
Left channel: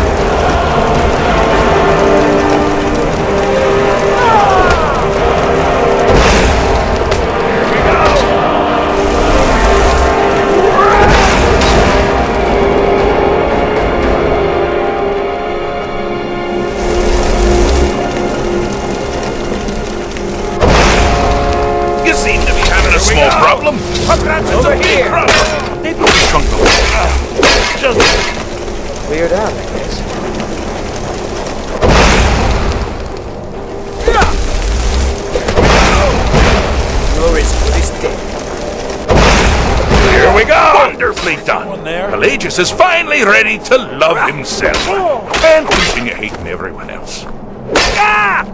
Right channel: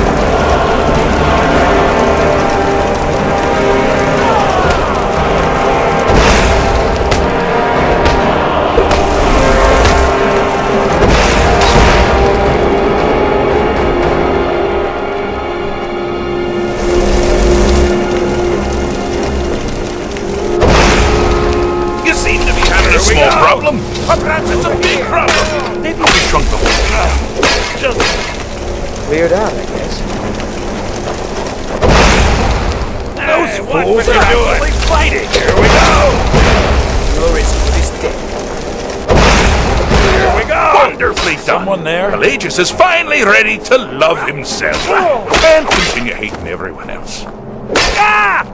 You seem to be having a small problem. Or perhaps it's a big problem. Maybe we shrunk the hole. Just Cleared out, I guess. Here we go. No risk for this day. Here we go. Wonderfully done. Someone there? Pelagius is finally ready to love himself and continue hating everyone else. Ah!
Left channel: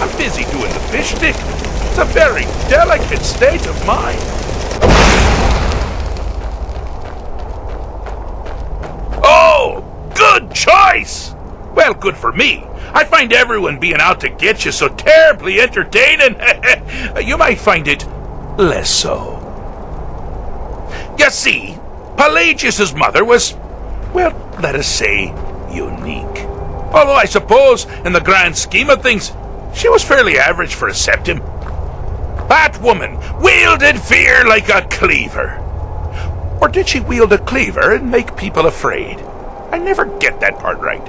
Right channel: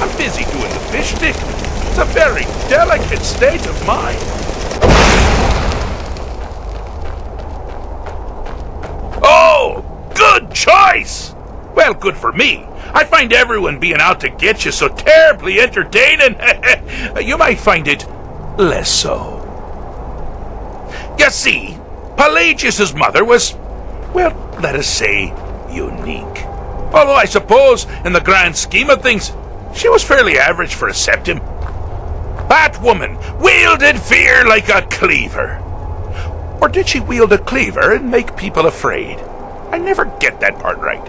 I'm busy doing the fish stick. It's a very delicate state of mind. Oh, good choice! Well, good for me. I find everyone being out to get you so terribly entertaining. You might find it less so. You see, Pelagius' mother was, well, let us say, unique. Although I suppose, in the grand scheme of things, she was fairly average for a septim. That woman wielded fear like a cleaver. Or did she wield a cleaver and make people afraid? I never get that part right.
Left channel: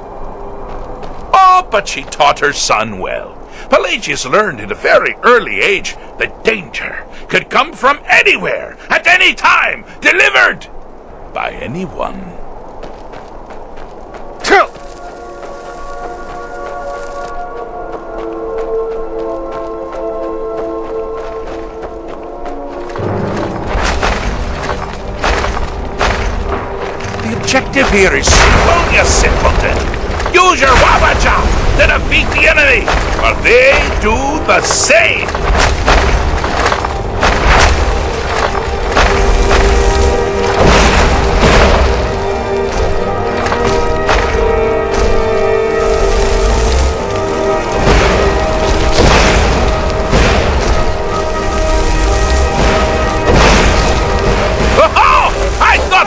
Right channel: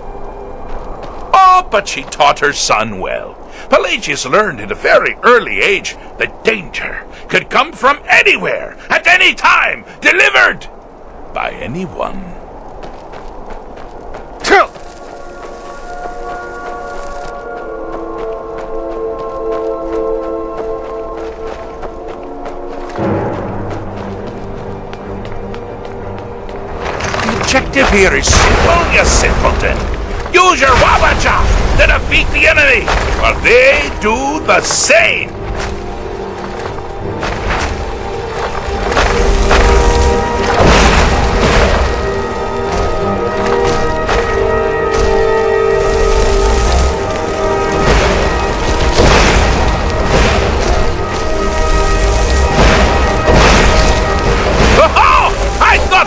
Oh, but she taught her son well. Pelagius learned at a very early age that danger could come from anywhere, at any time, delivered by anyone. objective here is simple, you simpleton. Use your Wabacha to defeat the enemy, or they do the same.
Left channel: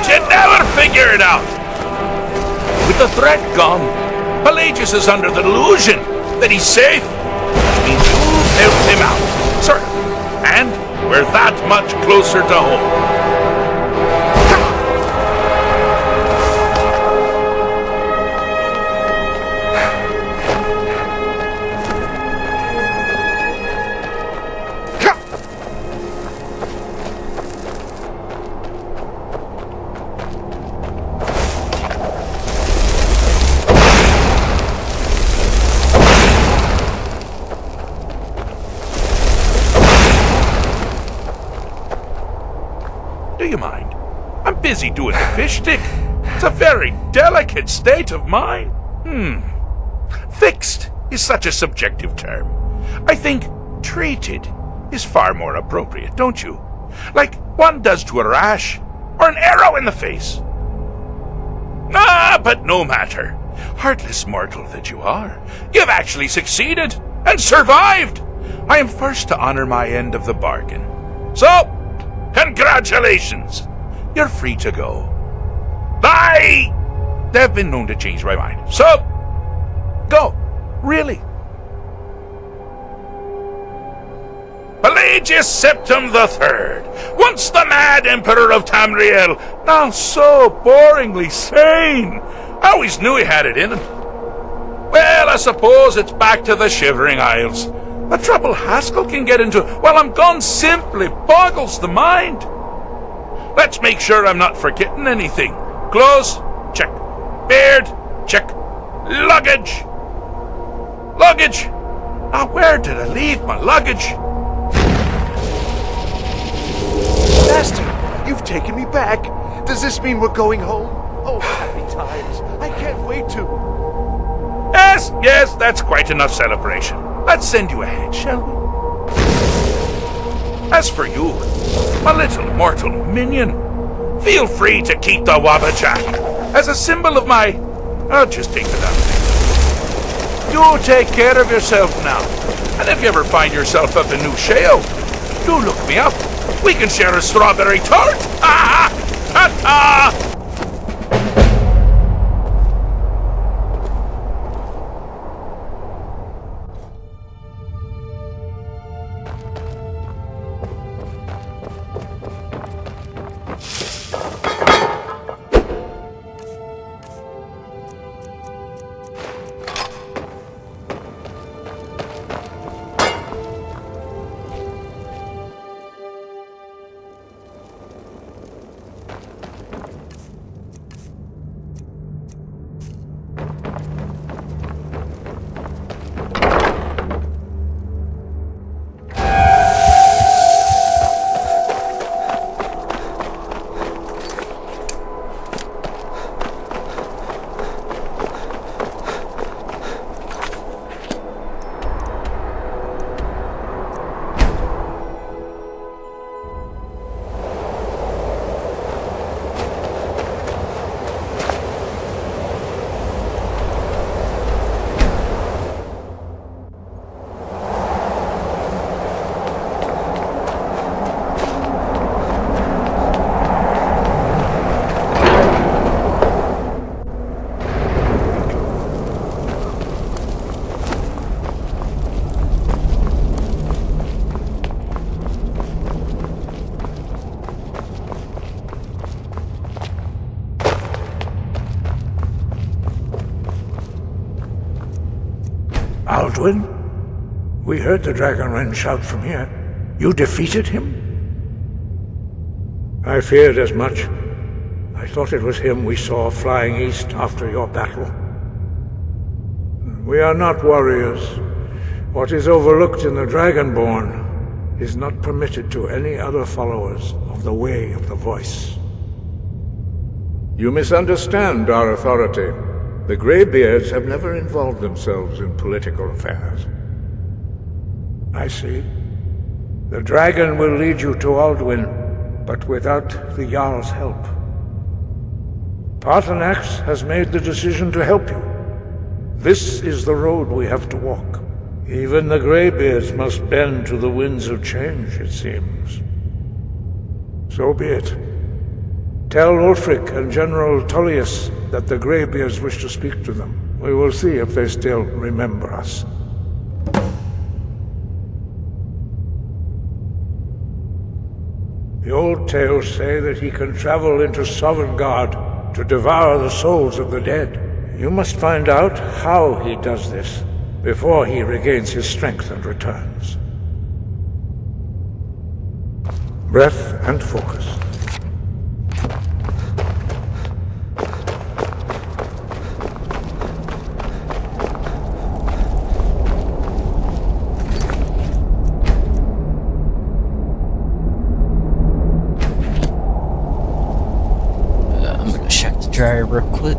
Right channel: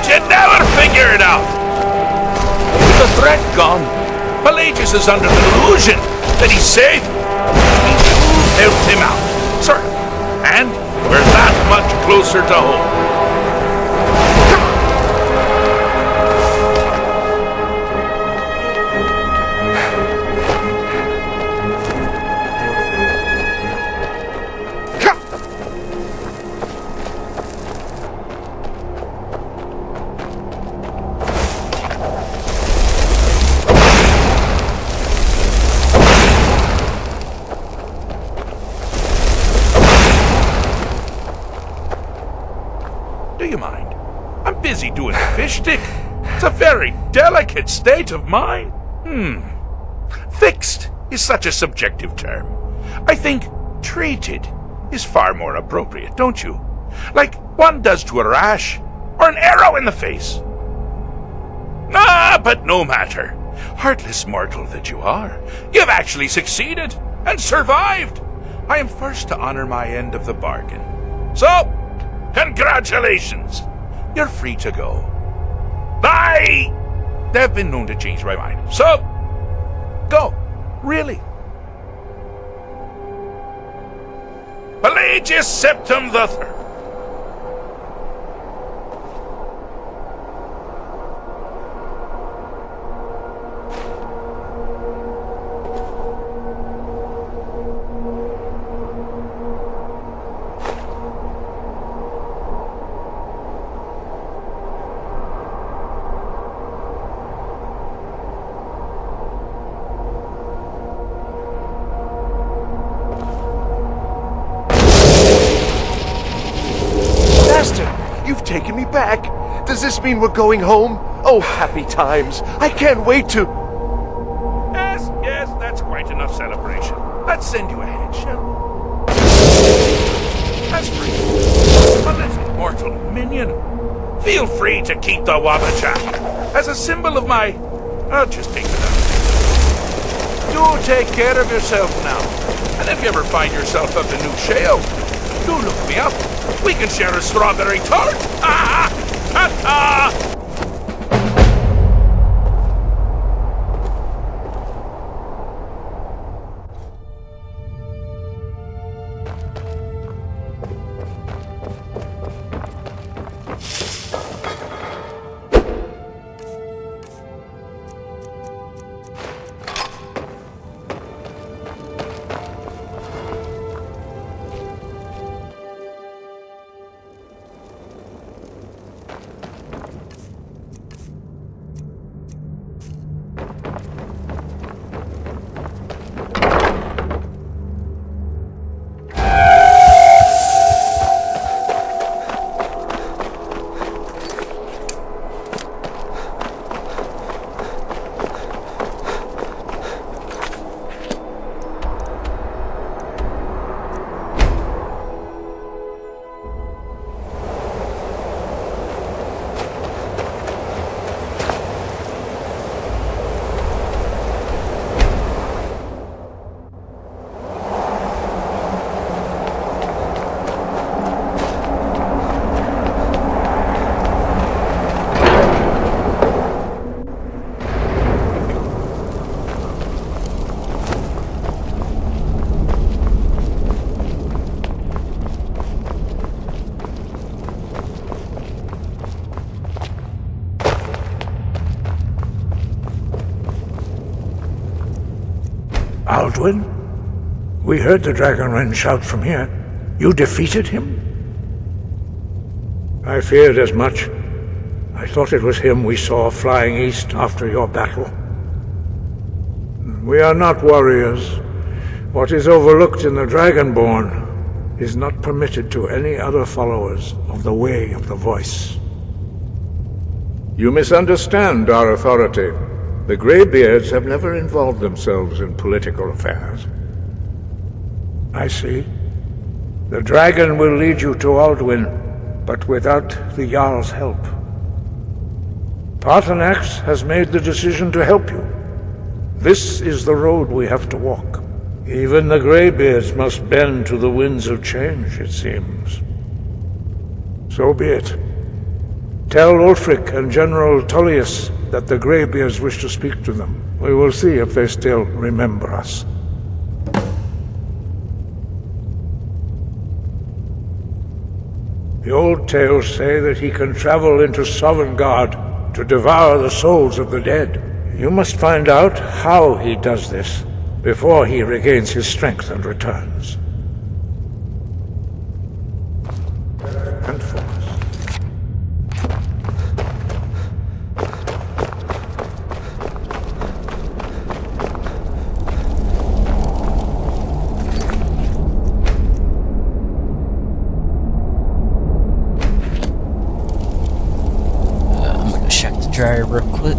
You'd never figure it out! With the threat gone, Pelagius is under the delusion that he's safe, which means you've helped him out. Sir, and we're that much closer to home. Do you mind? I'm busy doing the fish stick. It's a very delicate state of mind. Fixed is such a subjective term. I think treated is far more appropriate, don't you? Like one does to a rash or an arrow in the face. Ah, but no matter. Heartless mortal that you are, you've actually succeeded and survived. I am first to honor my end of the bargain. So, congratulations! You're free to go. They've been known to change my mind. So, go. Really. Pelagius Septim III, once the mad Emperor of Tamriel, now so boringly sane. I always knew he had it in him. Well, I suppose it's back to the Shivering Isles. The trouble Haskell can get into while I'm gone simply boggles the mind. Let's make sure I'm not forgetting anything. Clothes, check. Beard, check. Luggage. Luggage. Now, where did I leave my luggage? Master, you've taken me back. Does this mean we're going home? Oh, happy times. I can't wait to... Yes, that's quite enough celebration. Let's send you ahead, shall we? As for you, my little mortal minion, feel free to keep the Wabajak as a symbol of my... I'll just take it out. You take care of yourself now. And if you ever find yourself up in New Shale, do look me up. We can share a strawberry tart. Ha ha! Ha ha! Aldwin? We heard the Dragonren shout from here. You defeated him? I feared as much. I thought it was him we saw flying east after your battle. We are not warriors. What is overlooked in the Dragonborn is not permitted to any other followers of the Way of the Voice. You misunderstand our authority. The Greybeards have never involved themselves in political affairs. I see. The dragon will lead you to Alduin, but without the Jarl's help. Paarthurnax has made the decision to help you. This is the road we have to walk. Even the Greybeards must bend to the winds of change, it seems. So be it. Tell Ulfric and General Tullius that the Greybeards wish to speak to them. We will see if they still remember us. The old tales say that he can travel into Sovngarde to devour the souls of the dead. You must find out how he does this before he regains his strength and returns. Breath and focus. I'm gonna check the dryer real quick.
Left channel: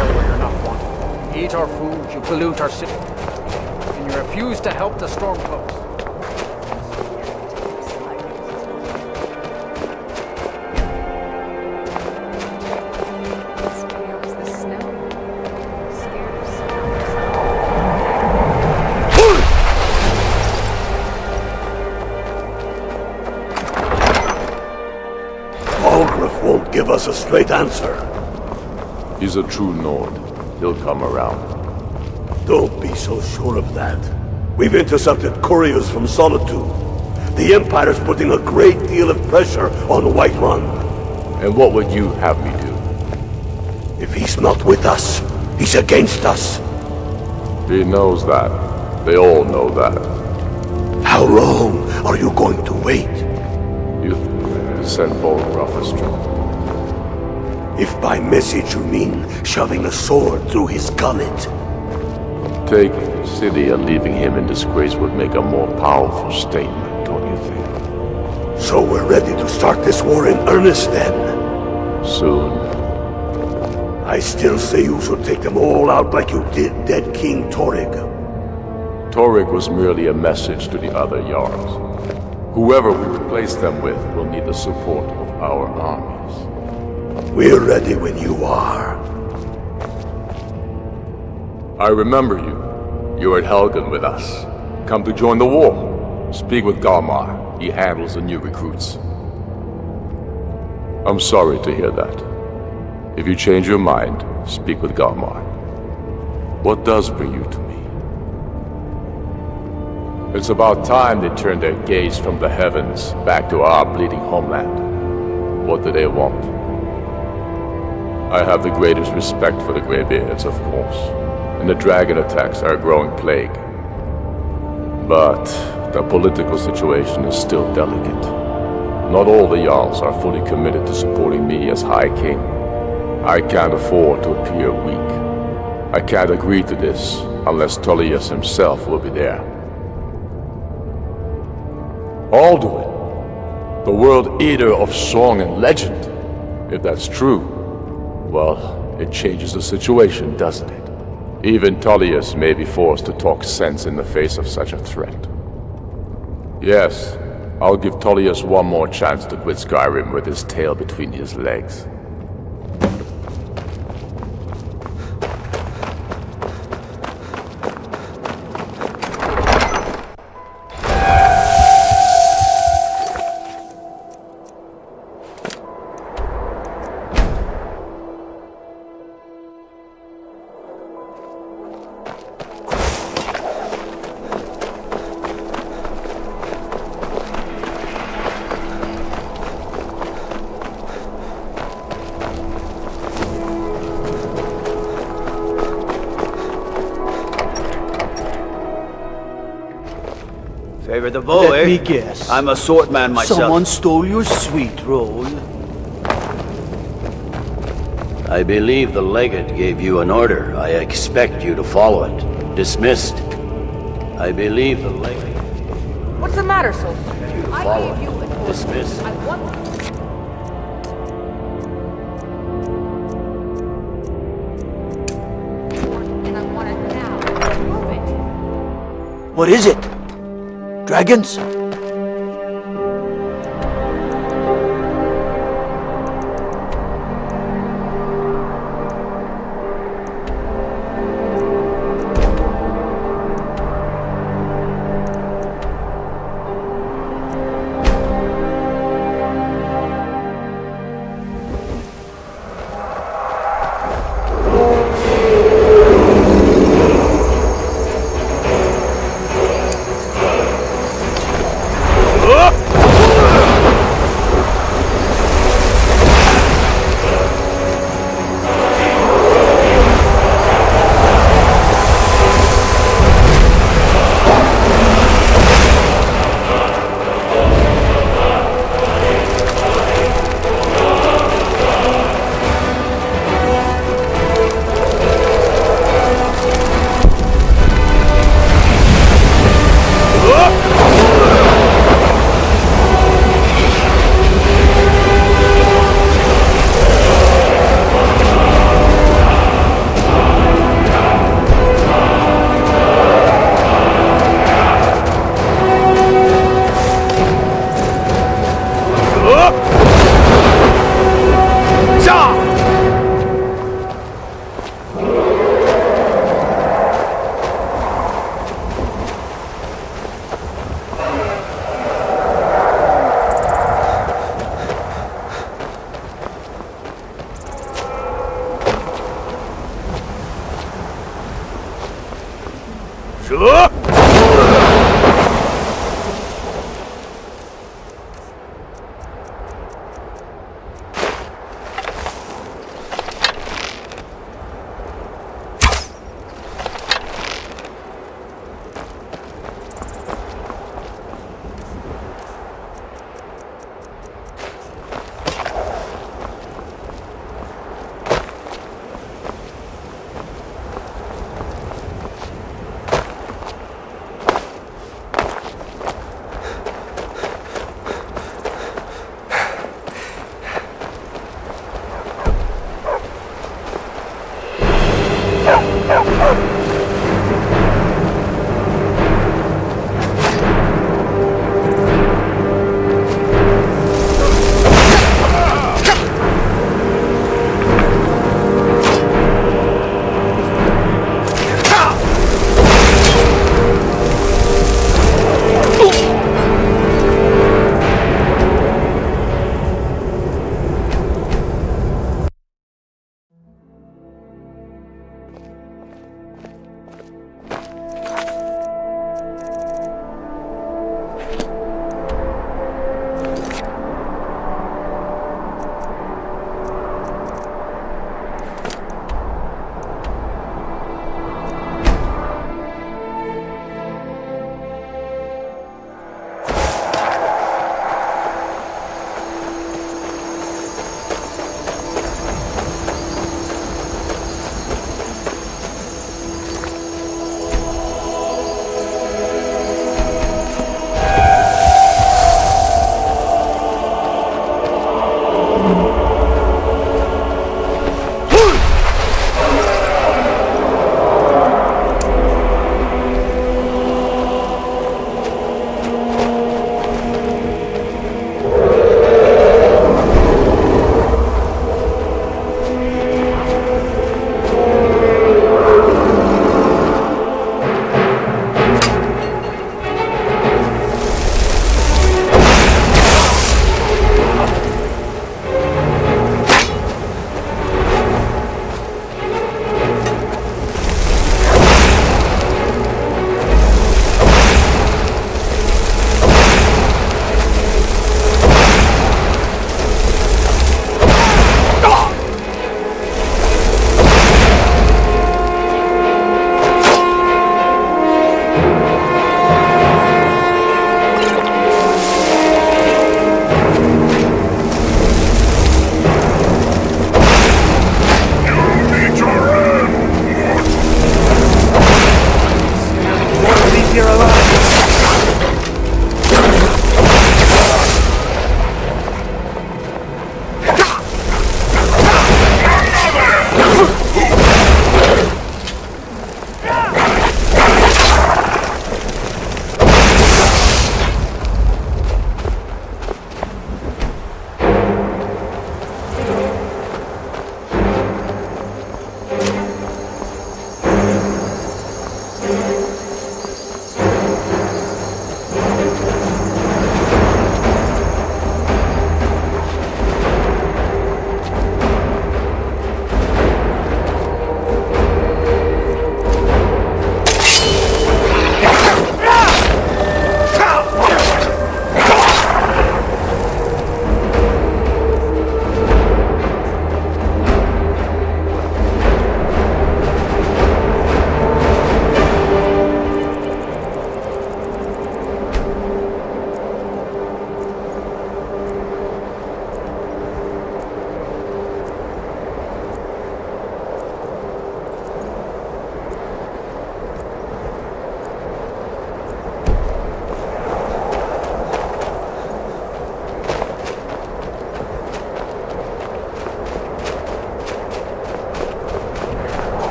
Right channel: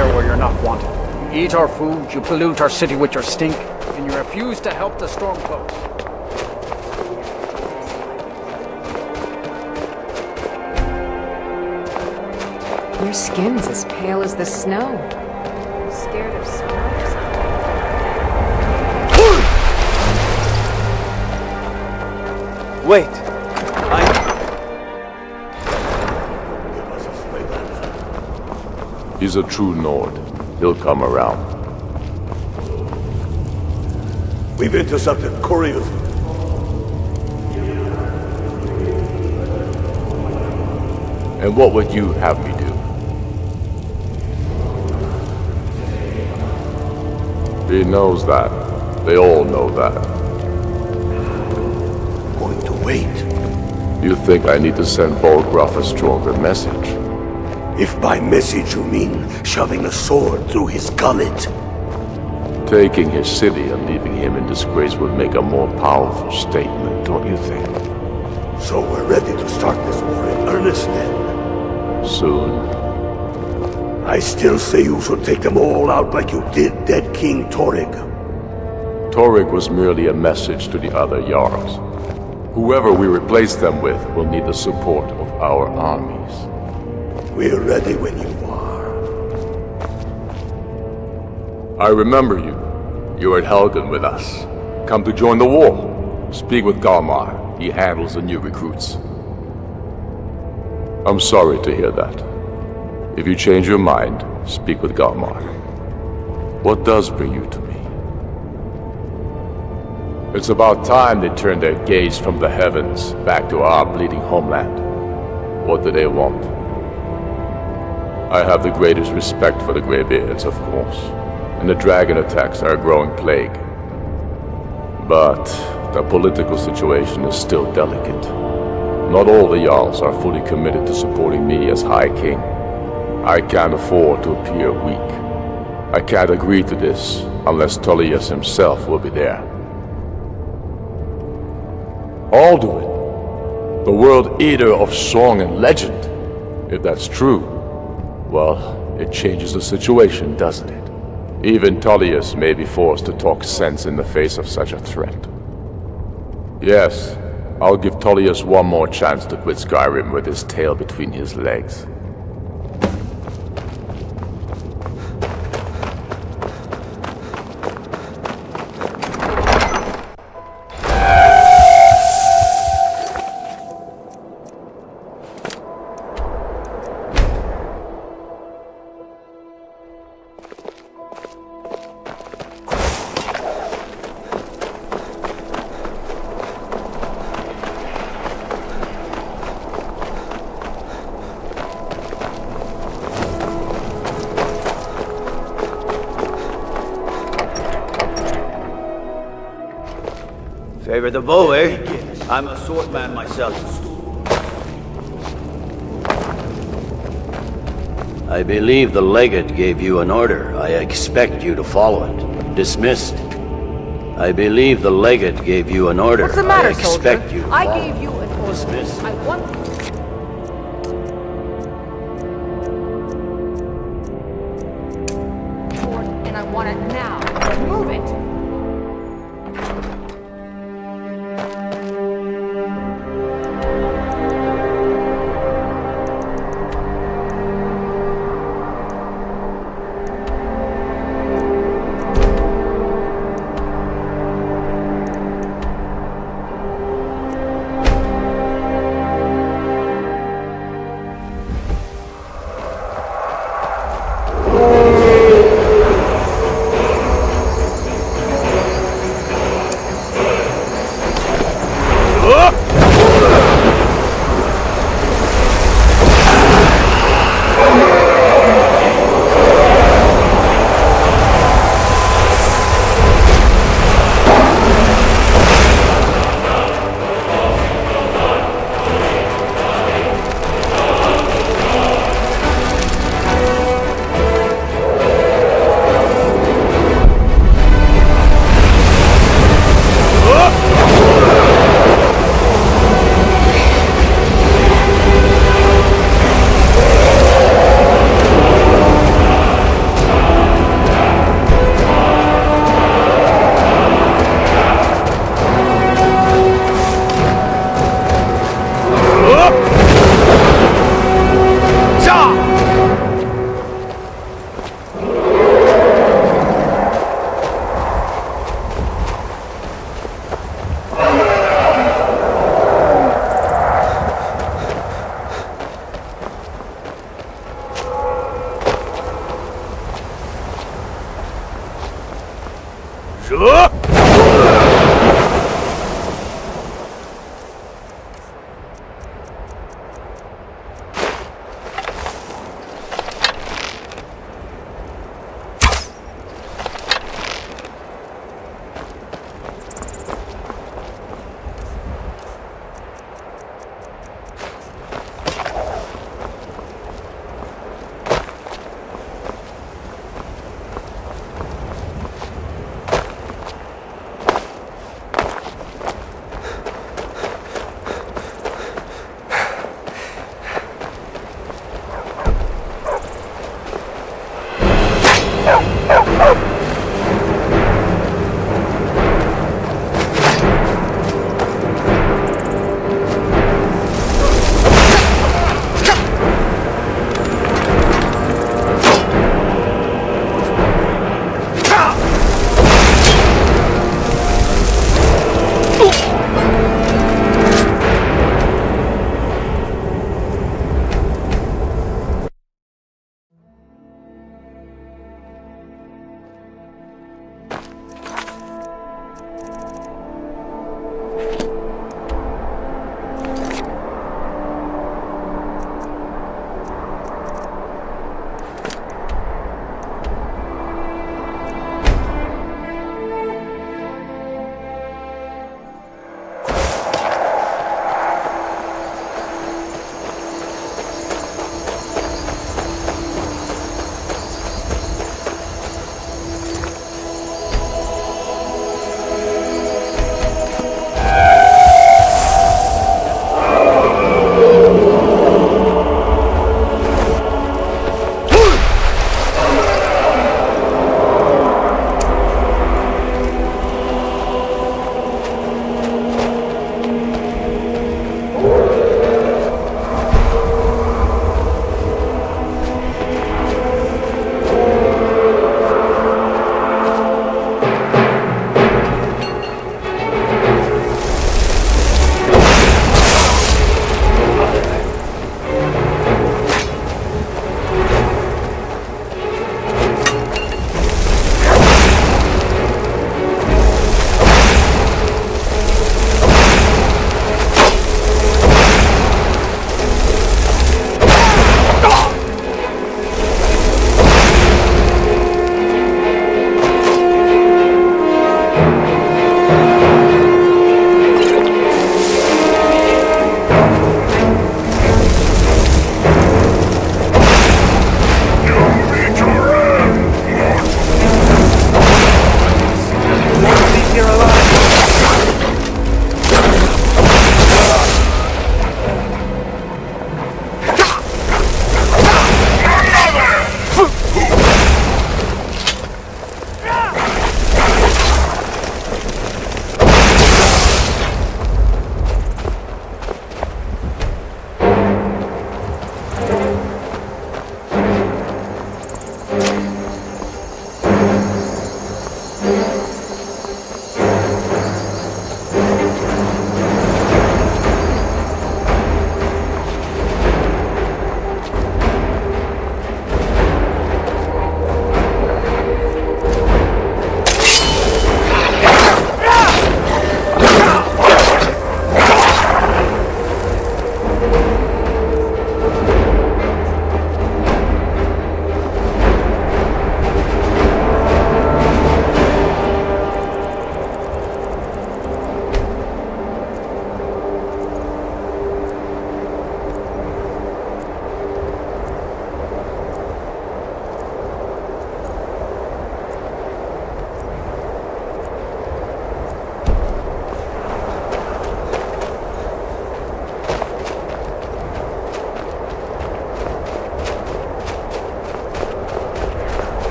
here where you're not wanted. You eat our food, you pollute our city with your stink, and you refuse to help the Stormcloaks. Your skin's as pale as the snow. Scared of sunlight or something? Wait. Aldrich won't give us a straight answer. He's a true Nord. He'll come around. Don't be so sure of that. We've intercepted couriers from Solitude. The Empire's putting a great deal of pressure on Whiterun. And what would you have me do? If he's not with us, he's against us. He knows that. They all know that. How long are you going to wait? You think I need to send Bolgraf a stronger message? If by message you mean shoving a sword through his gullet. Taking his city and leaving him in disgrace would make a more powerful statement, don't you think? So we're ready to start this war in earnest then? Soon. I still say you should take them all out like you did dead King Torrig. Torrig was merely a message to the other Jarls. Whoever we replace them with will need the support of our armies. We're ready when you are. I remember you. You were at Helgen with us. Come to join the war. Speak with Galmar. He handles the new recruits. I'm sorry to hear that. If you change your mind, speak with Galmar. What does bring you to me? It's about time they turned their gaze from the heavens back to our bleeding homeland. What do they want? I have the greatest respect for the Greybeards, of course, and the dragon attacks are a growing plague. But the political situation is still delicate. Not all the Jarls are fully committed to supporting me as High King. I can't afford to appear weak. I can't agree to this unless Tullius himself will be there. Alduin, the World Eater of song and legend. If that's true, well, it changes the situation, doesn't it? Even Tullius may be forced to talk sense in the face of such a threat. Yes, I'll give Tullius one more chance to quit Skyrim with his tail between his legs. Favor the bow, Let eh? me guess. I'm a swordman myself. Someone stole your sweet roll. I believe the legate gave you an order. I expect you to follow it. Dismissed. I believe the legate gave you an order. What's the matter, I expect soldier? you to I follow gave it. you an order. Dismissed. I want... And I want it now. Move it. What is it? Dragons?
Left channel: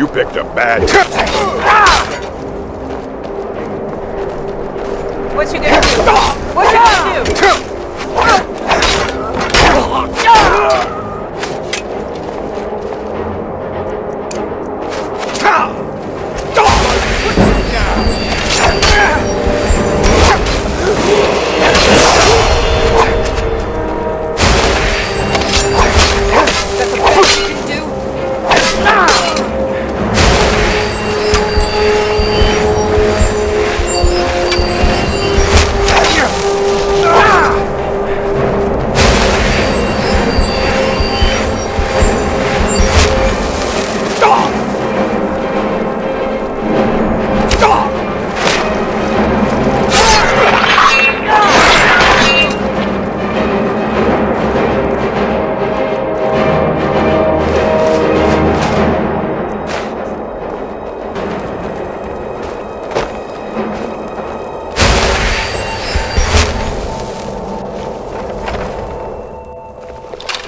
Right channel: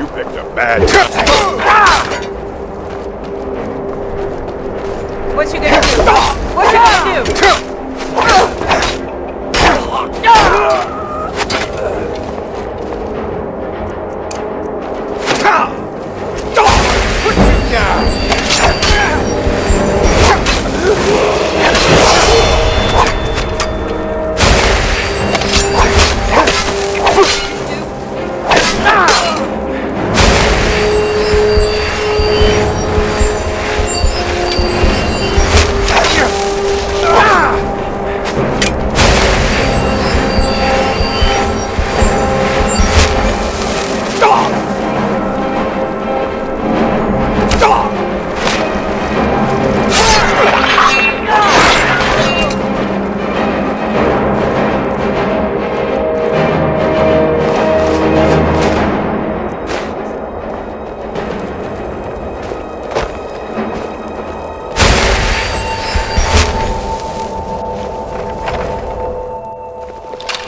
You picked a bad... What you gonna do? What you gonna do?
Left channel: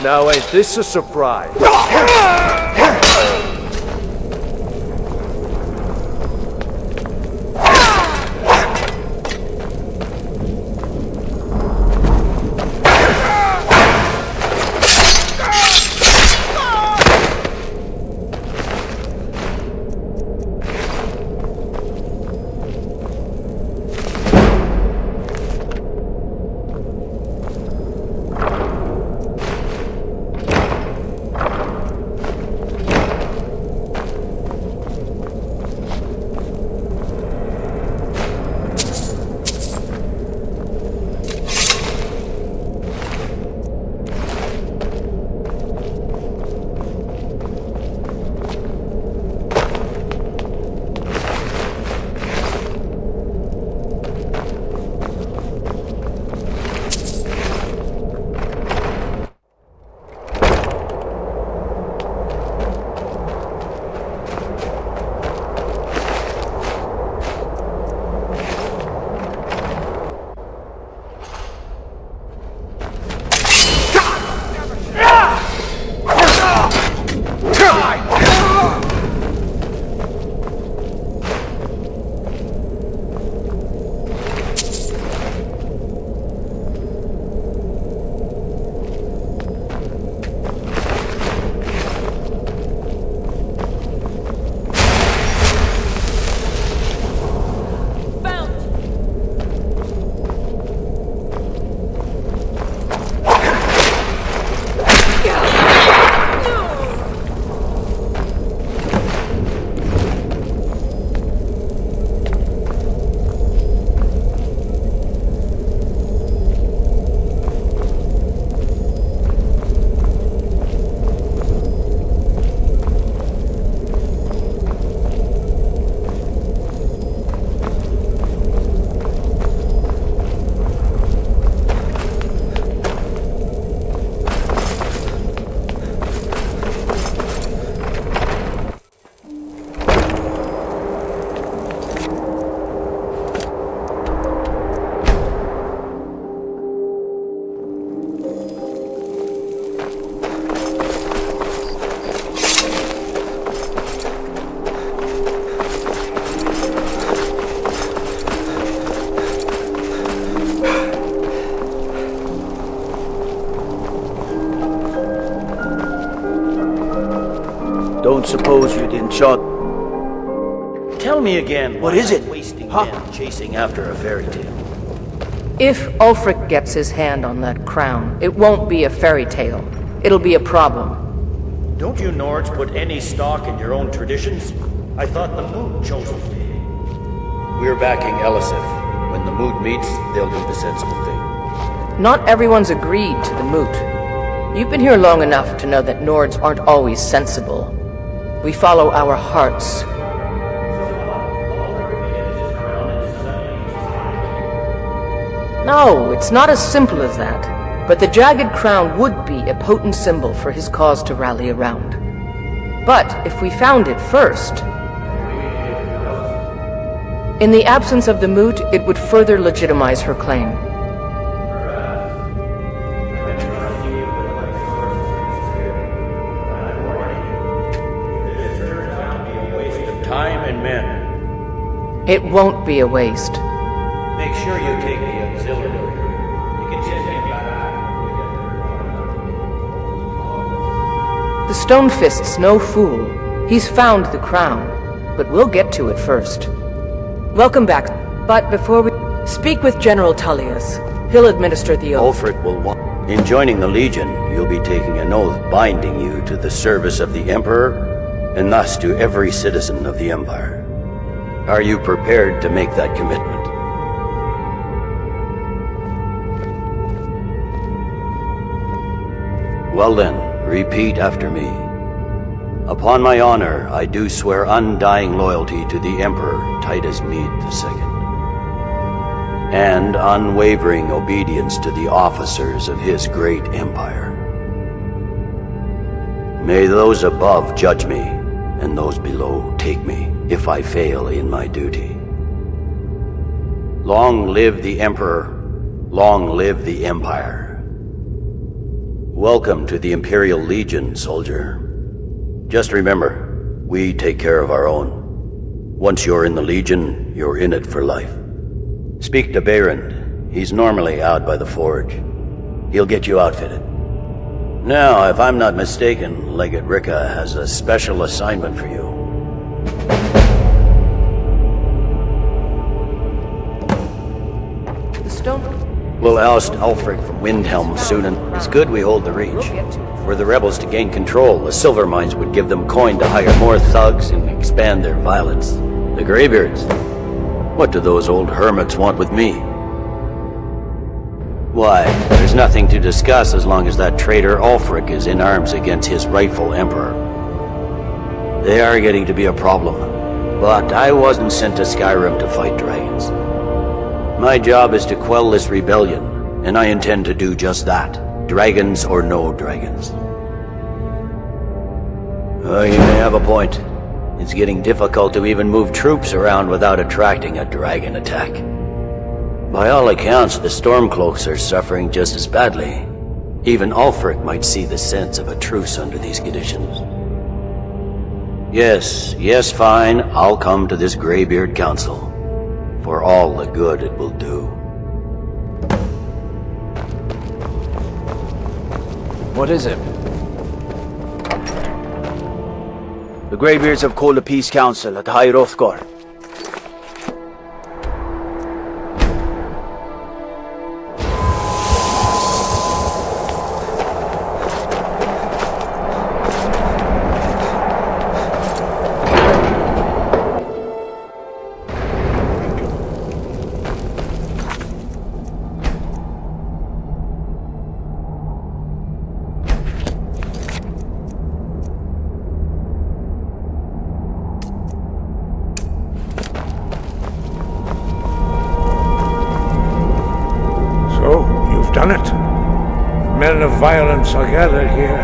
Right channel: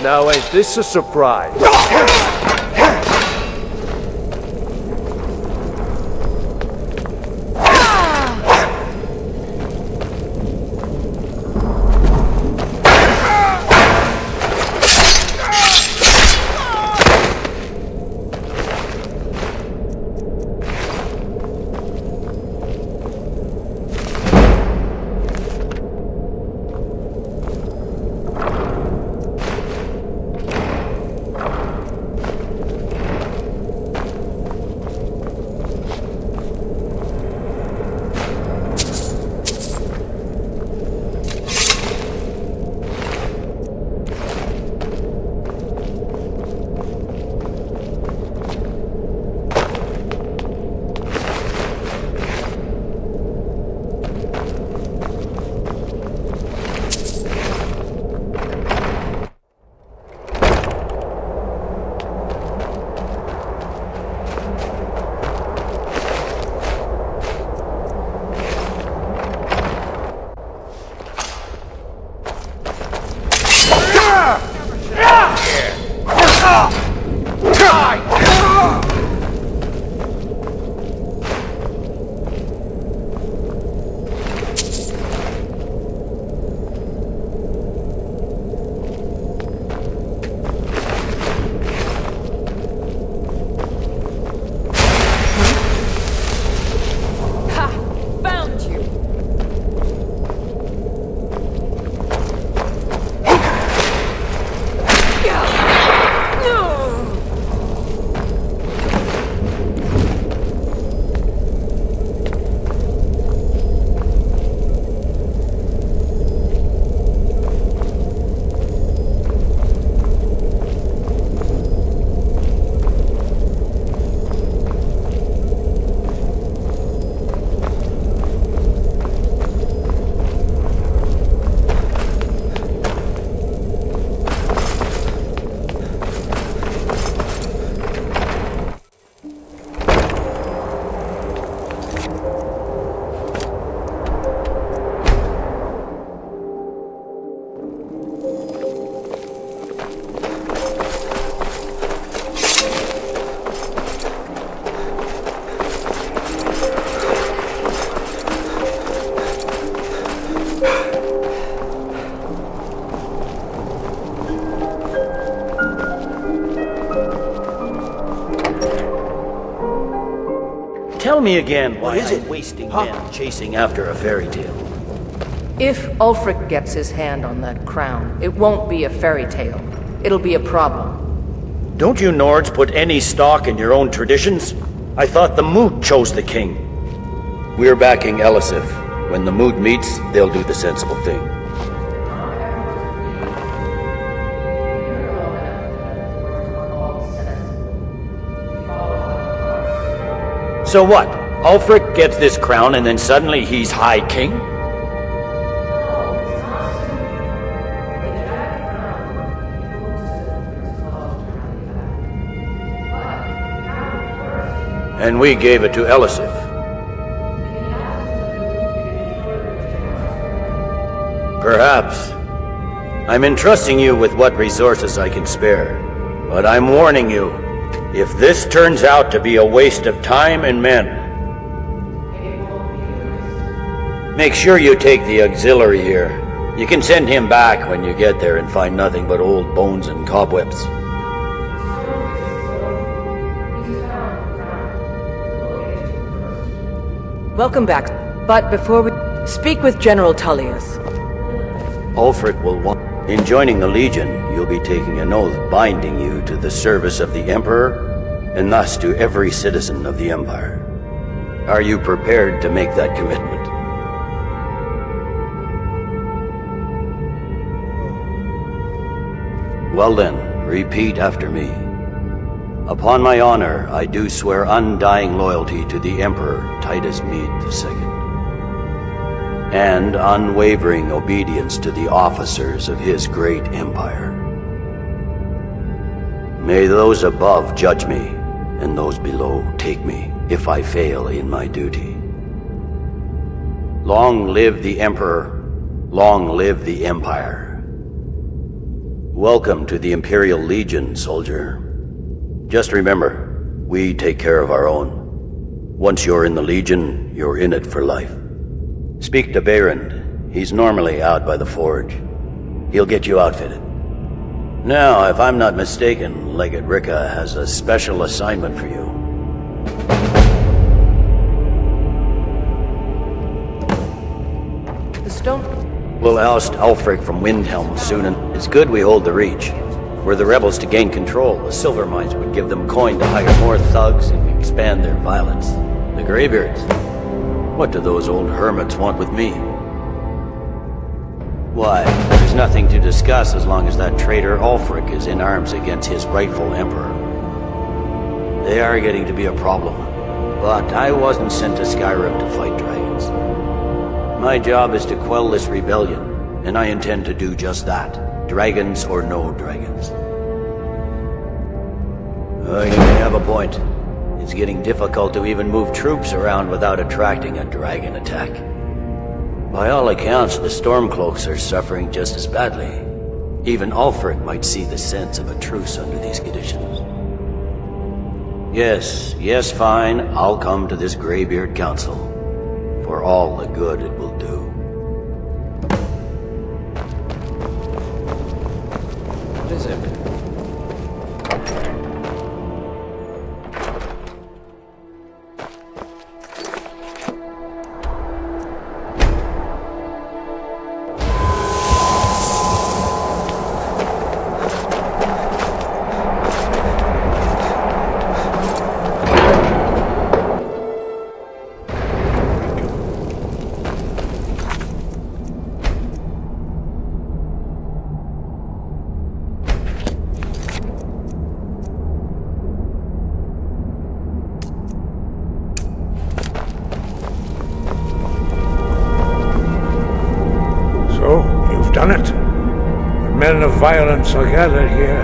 Now ain't this a surprise? Don't suppose you didn't shot... Tell me again, what is it? Wasting men chasing after a fairy tale. If Ulfric gets his hand on that crown, it won't be a fairy tale. It'll be a problem. Don't you Nords put any stock in your own traditions? I thought the Moot chose the king. We're backing Elisif. When the Moot meets, they'll do the sensible thing. Not everyone's agreed to the Moot. You've been here long enough to know that Nords aren't always sensible. We follow our hearts. So what? Ulfric gets this crown and then suddenly he's High King? No, it's not as simple as that. But the jagged crown would be a potent symbol for his cause to rally around. But if we found it first... And we gave it to Elisif. In the absence of the Moot, it would further legitimize her claim. Perhaps. I'm entrusting you with what resources I can spare. But I'm warning you, if this turns out to be a waste of time and men... It won't be a waste. Make sure you take the auxiliary here. You can send him back when you get there and find nothing but old bones and cobwebs. The Stonefist's no fool. He's found the crown, but we'll get to it first. Welcome back, but before we... Speak with General Tullius. He'll administer the oath. Ulfric will want... In joining the Legion, you'll be taking an oath binding you to the service of the Emperor, and thus to every citizen of the Empire. Are you prepared to make that commitment? Well then, repeat after me. Upon my honor, I do swear undying loyalty to the Emperor Titus Mede II, and unwavering obedience to the officers of his great empire. May those above judge me, and those below take me, if I fail in my duty. Long live the Emperor, long live the Empire. Welcome to the Imperial Legion, soldier. Just remember, we take care of our own. Once you're in the Legion, you're in it for life. Speak to Behrend. He's normally out by the forge. He'll get you outfitted. Now, if I'm not mistaken, Legate Rika has a special assignment for you. The stone... We'll oust Ulfric from Windhelm soon, and it's good we hold the Reach. Were the rebels to gain control, the silver mines would give them coin to hire more thugs and expand their violence. The Greybeards? What do those old hermits want with me? Why, there's nothing to discuss as long as that traitor Ulfric is in arms against his rightful emperor. They are getting to be a problem, but I wasn't sent to Skyrim to fight dragons. My job is to quell this rebellion, and I intend to do just that. Dragons or no dragons. Oh, you may have a point. It's getting difficult to even move troops around without attracting a dragon attack. By all accounts, the Stormcloaks are suffering just as badly. Even Ulfric might see the sense of a truce under these conditions. Yes, fine, I'll come to this Greybeard Council. For all the good it will do. What is it? The Greybeards have called a peace council at High Hrothgar. Done it. The men of violence are gathered here,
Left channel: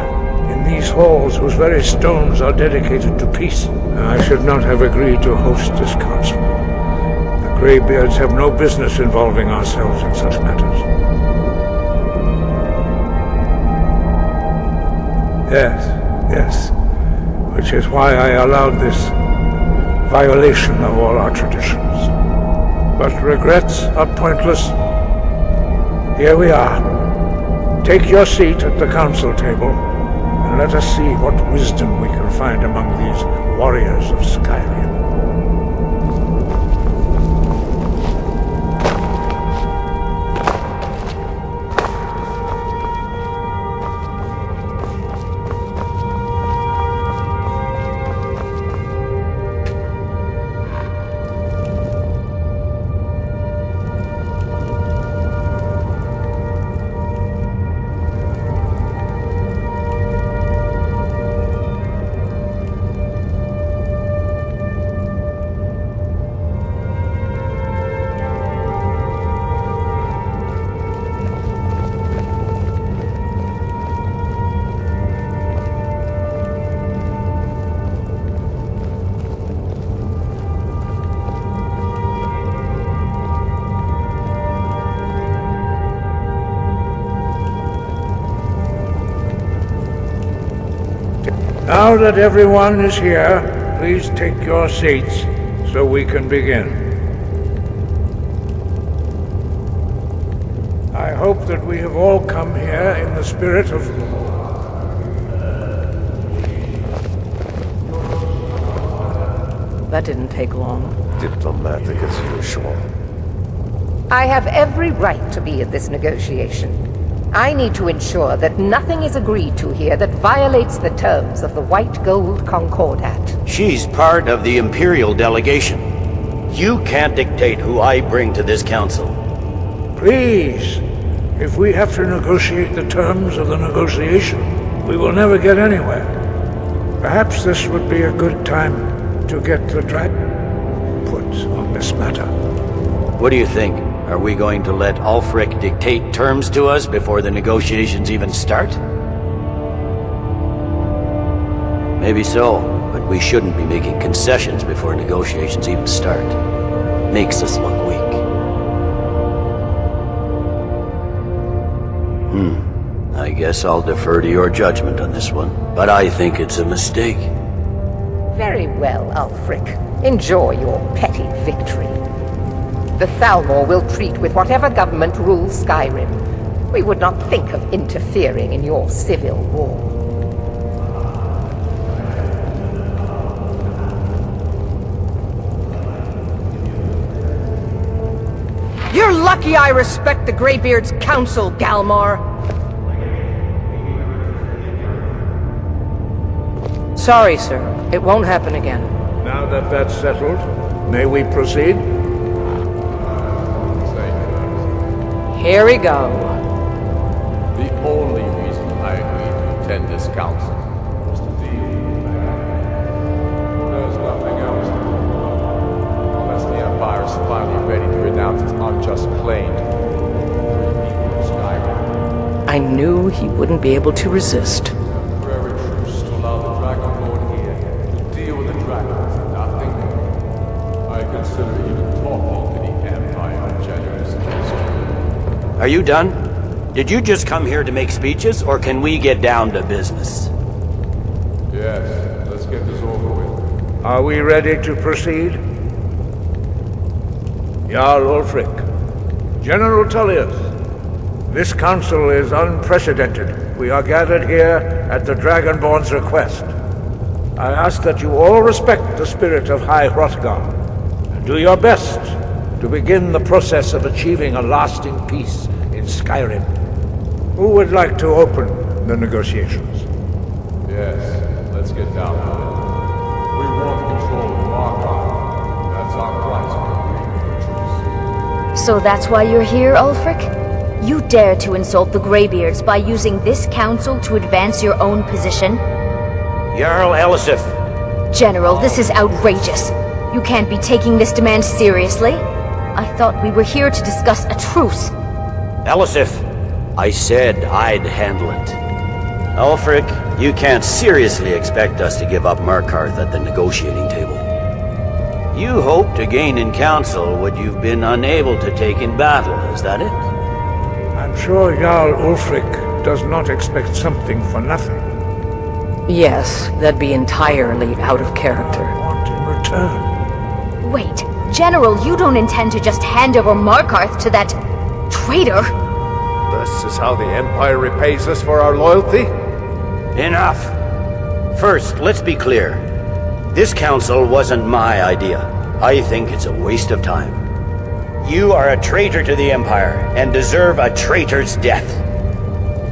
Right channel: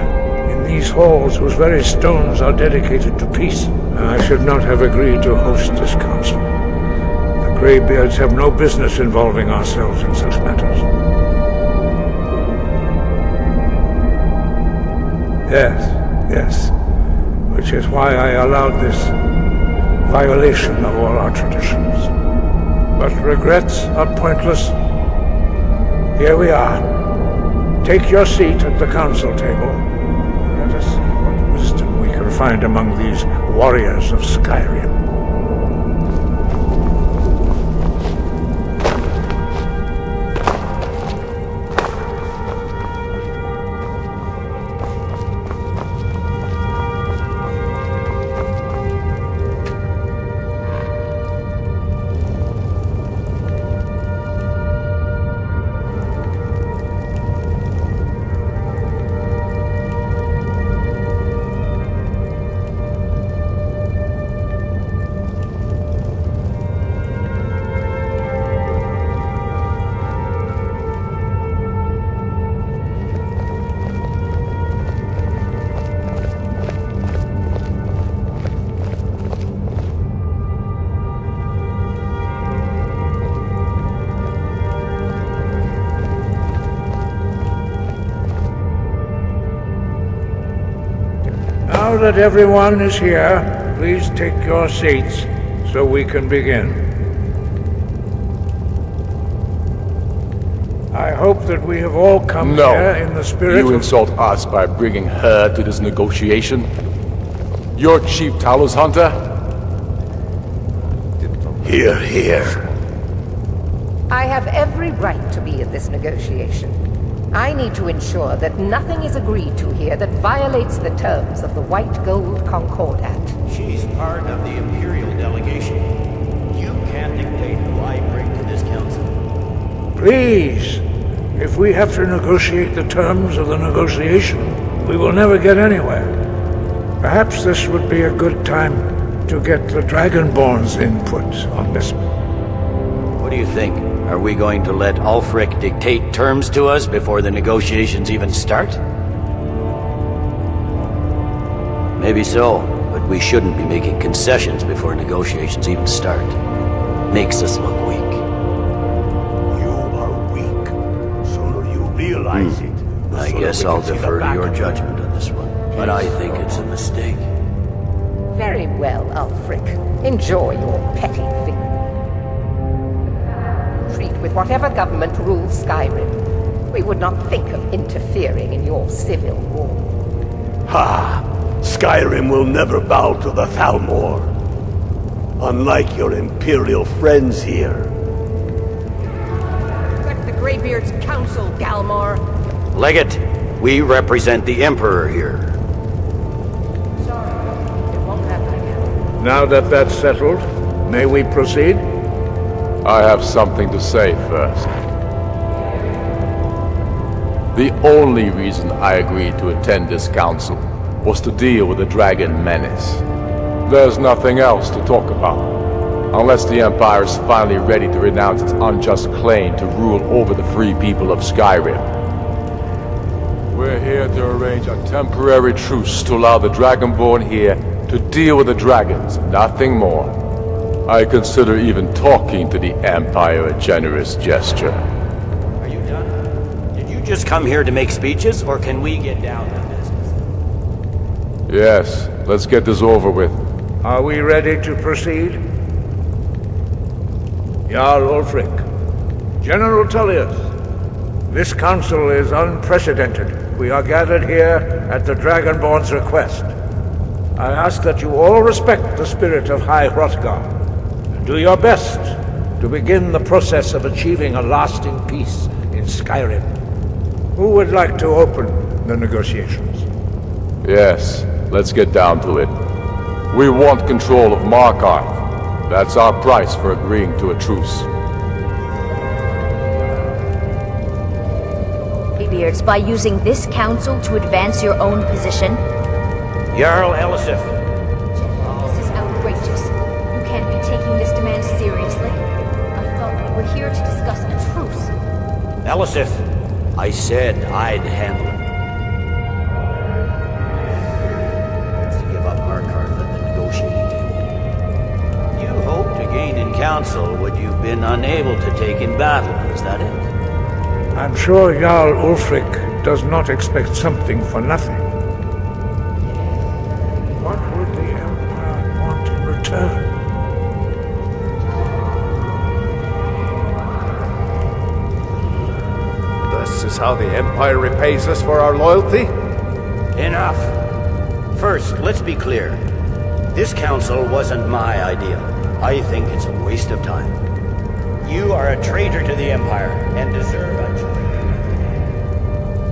in these halls whose very stones are dedicated to peace. I should not have agreed to host this council. The Greybeards have no business involving ourselves in such matters. Yes. Which is why I allowed this violation of all our traditions. But regrets are pointless. Here we are. Take your seat at the council table, and let us see what wisdom we can find among these warriors of Skyrim. Now that everyone is here, please take your seats so we can begin. I hope that we have all come here in the spirit of... You insult us by bringing her to this negotiation? Your chief Talos hunter? That didn't take long. Here. I have every right to be at this negotiation. I need to ensure that nothing is agreed to here that violates the terms of the White Gold Concordat. She's part of the Imperial delegation. You can't dictate who I bring to this council. Please, if we have to negotiate the terms of the negotiation, we will never get anywhere. Perhaps this would be a good time to get the Dragonborn's input on this matter. What do you think? Are we going to let Ulfric dictate terms to us before the negotiations even start? Maybe so, but we shouldn't be making concessions before negotiations even start. Makes us look weak. You are weak. Sooner you realize it, I guess I'll defer to your judgment on this one, but I think it's a mistake. Very well, Ulfric. Enjoy your petty victory. The Thalmor will treat with whatever government rules Skyrim. We would not think of interfering in your civil war. Ha! Skyrim will never bow to the Thalmor. Unlike your Imperial friends here. You're lucky I respect the Greybeard's counsel, Galmar. Legate, we represent the Emperor here. Sorry, sir. It won't happen again. Now that that's settled, may we proceed? I have something to say first. Here we go. The only reason I agreed to attend this council was to deal with the dragon menace. There's nothing else to talk about. Unless the Empire is finally ready to renounce its unjust claim to rule over the free people of Skyrim. I knew he wouldn't be able to resist. A temporary truce to allow the Dragonborn here to deal with the dragons, nothing more. I consider even talking to the Empire a generous gesture. Are you done? Did you just come here to make speeches, or can we get down to business? Yes, let's get this over with. Are we ready to proceed? Jarl Ulfric, General Tullius, this council is unprecedented. We are gathered here at the Dragonborn's request. I ask that you all respect the spirit of High Hrothgar, and do your best to begin the process of achieving a lasting peace in Skyrim. Who would like to open the negotiations? Yes, let's get down to it. We want control of Markarth. That's our price for agreeing to a truce. So that's why you're here, Ulfric? You dare to insult the Greybeards by using this council to advance your own position? Jarl Elisif. General, this is outrageous. You can't be taking this demand seriously. I thought we were here to discuss a truce. Elisif, I said I'd handle it. Ulfric, you can't seriously expect us to give up Markarth at the negotiating table. You hope to gain in council what you've been unable to take in battle, is that it? I'm sure Jarl Ulfric does not expect something for nothing. Yes, that'd be entirely out of character. Want in return? Wait, General, you don't intend to just hand over Markarth to that traitor? This is how the Empire repays us for our loyalty? Enough! First, let's be clear. This council wasn't my idea. I think it's a waste of time. You are a traitor to the Empire, and deserve a traitor's death.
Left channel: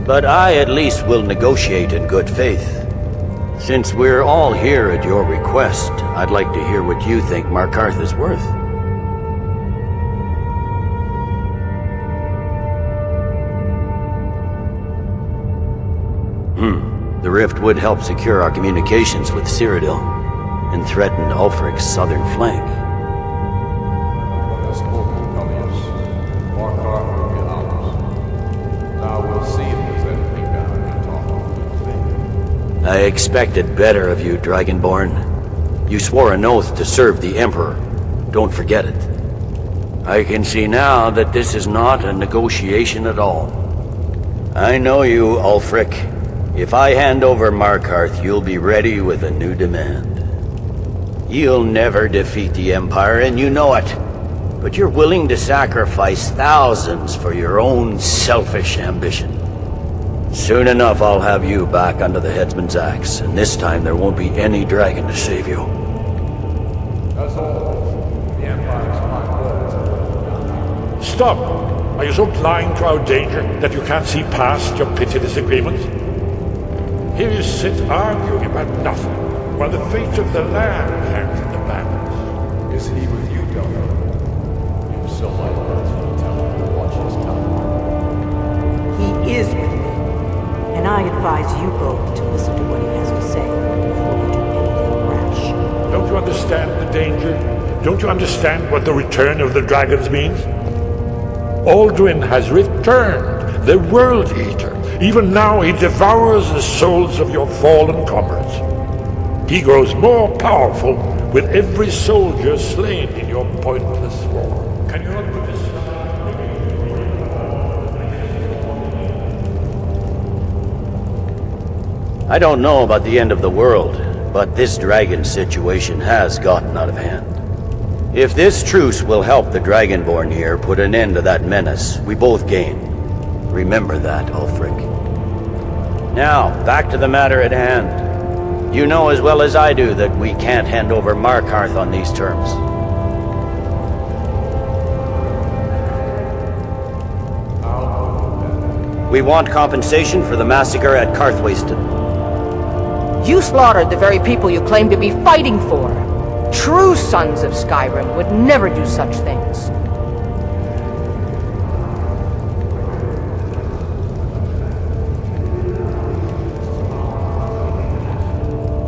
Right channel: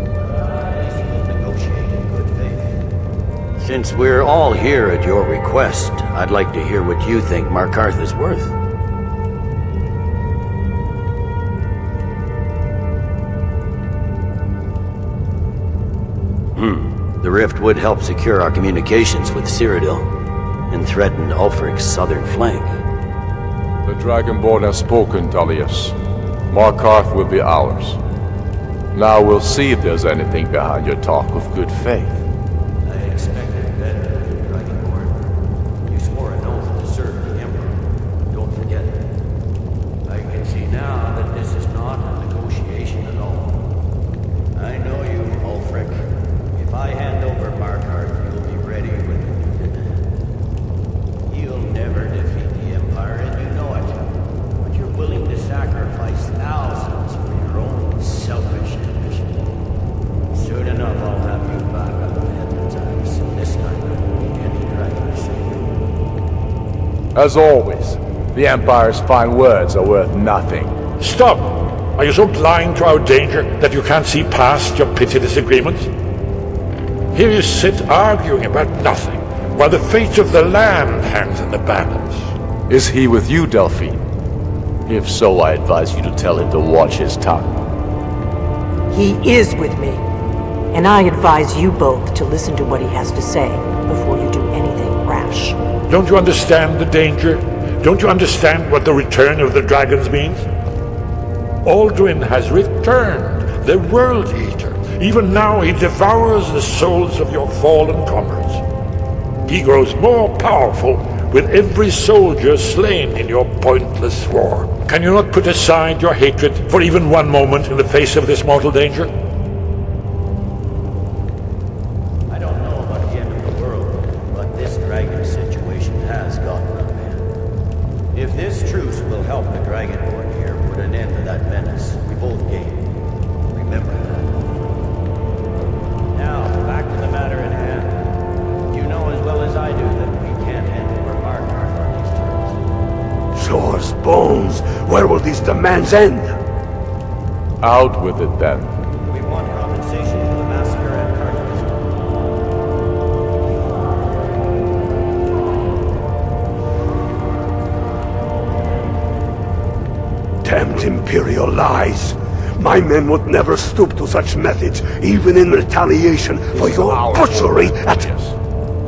But I at least will negotiate in good faith. Since we're all here at your request, I'd like to hear what you think Markarth is worth. The rift would help secure our communications with Cyrodiil, and threaten Ulfric's southern flank. The Dragonborn has spoken, Tullius. Markarth will be ours. Now we'll see if there's anything behind your talk of good faith. I expected better of you, Dragonborn. You swore an oath to serve the Emperor. Don't forget it. I can see now that this is not a negotiation at all. I know you, Ulfric. If I hand over Markarth, you'll be ready with a new demand. You'll never defeat the Empire, and you know it. But you're willing to sacrifice thousands for your own selfish ambition. Soon enough, I'll have you back under the headsman's axe, and this time there won't be any dragon to save you. As always, the Empire's fine words are worth nothing. Stop! Are you so blind to our danger that you can't see past your petty disagreements? Here you sit arguing about nothing, while the fate of the land hangs in the balance. Is he with you, Delphine? If so, I advise you to tell him to watch his tongue. He is with me, and I advise you both to listen to what he has to say before you do anything rash. Don't you understand the danger? Don't you understand what the return of the dragons means? Alduin has returned, the World Eater. Even now he devours the souls of your fallen comrades. He grows more powerful with every soldier slain in your pointless war. Can you not put aside your hatred for even one moment in the face of this mortal danger? I don't know about the end of the world, but this dragon situation has gotten out of hand. If this truce will help the Dragonborn here put an end to that menace, we both gain. Remember that, Ulfric. Now, back to the matter at hand. You know as well as I do that we can't hand over Markarth on these terms. Show us bones. Where will these demands end? Out with it, then. We want compensation for the massacre at Karthwasten. You slaughtered the very people you claim to be fighting for. True sons of Skyrim would never do such things. Damned Imperial lies. My men would never stoop to such methods, even in retaliation for your butchery at us.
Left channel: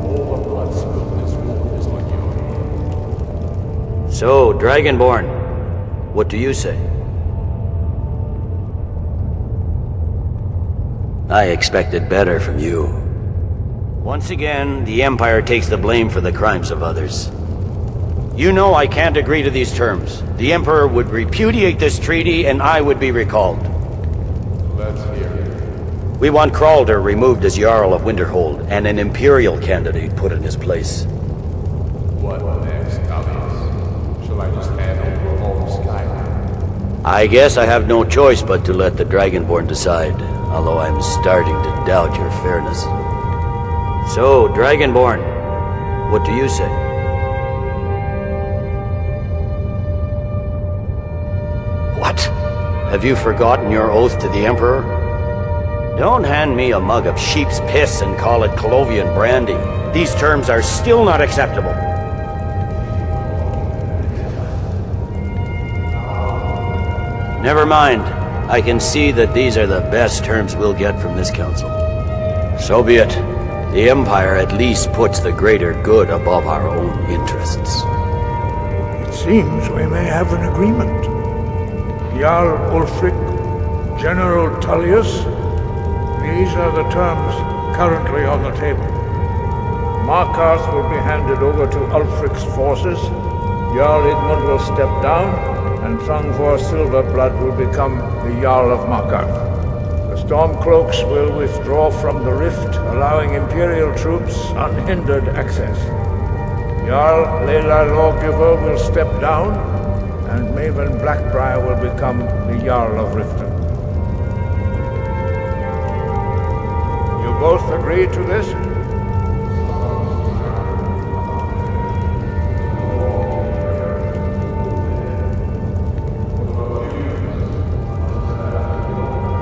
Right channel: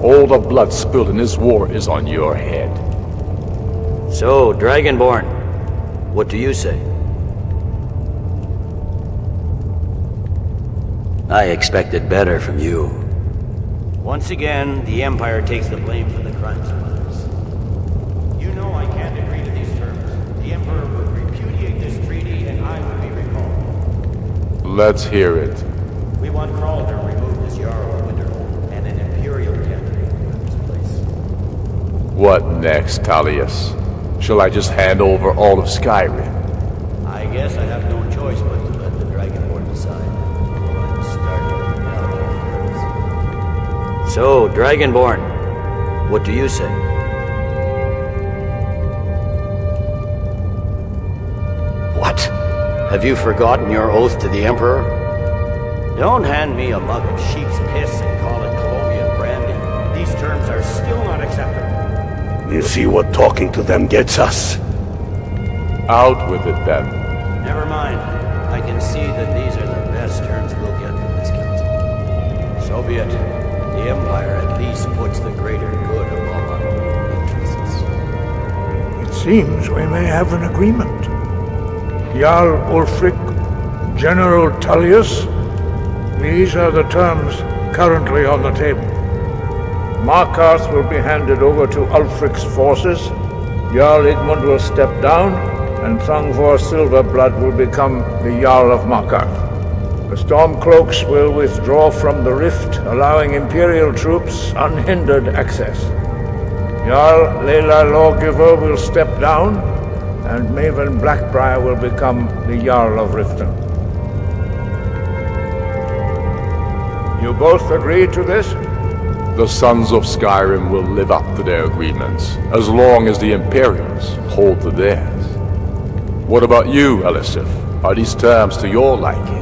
All the blood spilled in this war is on your head. So, Dragonborn, what do you say? I expected better from you. Once again, the Empire takes the blame for the crimes of others. You know I can't agree to these terms. The Emperor would repudiate this treaty and I would be recalled. Let's hear it. We want Kralder removed as Jarl of Winterhold and an Imperial candidate put in his place. What next, Talius? Shall I just hand over all of Skyrim? I guess I have no choice but to let the Dragonborn decide, although I'm starting to doubt your fairness. So, Dragonborn, what do you say? What? Have you forgotten your oath to the Emperor? Don't hand me a mug of sheep's piss and call it Colovian brandy. These terms are still not acceptable. You see what talking to them gets us? Out with it, then. Never mind. I can see that these are the best terms we'll get from this council. So be it. The Empire at least puts the greater good above our own interests. It seems we may have an agreement. Jarl Ulfric, General Tullius, these are the terms currently on the table. Markarth will be handed over to Ulfric's forces, Jarl Igmund will step down, and Thangvor Silverblood will become the Jarl of Markarth. The Stormcloaks will withdraw from the rift, allowing Imperial troops unhindered access. Jarl Leila Lawgiver will step down, and Maven Blackbriar will become the Jarl of Riften. You both agree to this? The Sons of Skyrim will live up to their agreements, as long as the Imperials hold to theirs. What about you, Elisif? Are these terms to your liking?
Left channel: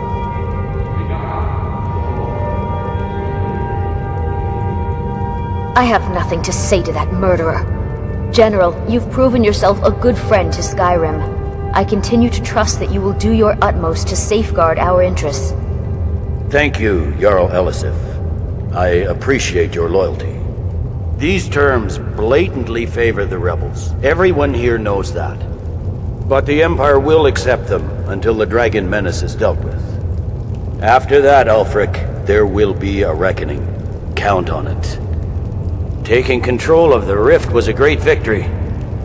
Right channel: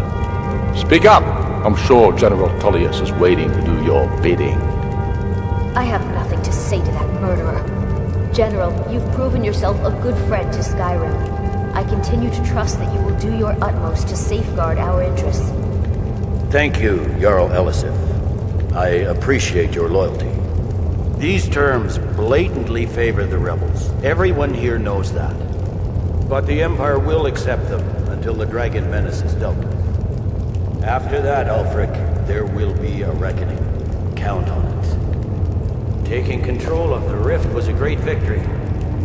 Speak up! I'm sure General Tullius is waiting to do your bidding. I have nothing to say to that murderer. General, you've proven yourself a good friend to Skyrim. I continue to trust that you will do your utmost to safeguard our interests. Thank you, Jarl Elisif. I appreciate your loyalty. These terms blatantly favor the rebels. Everyone here knows that. But the Empire will accept them until the dragon menace is dealt with. After that, Ulfric, there will be a reckoning. Count on it. Taking control of the rift was a great victory.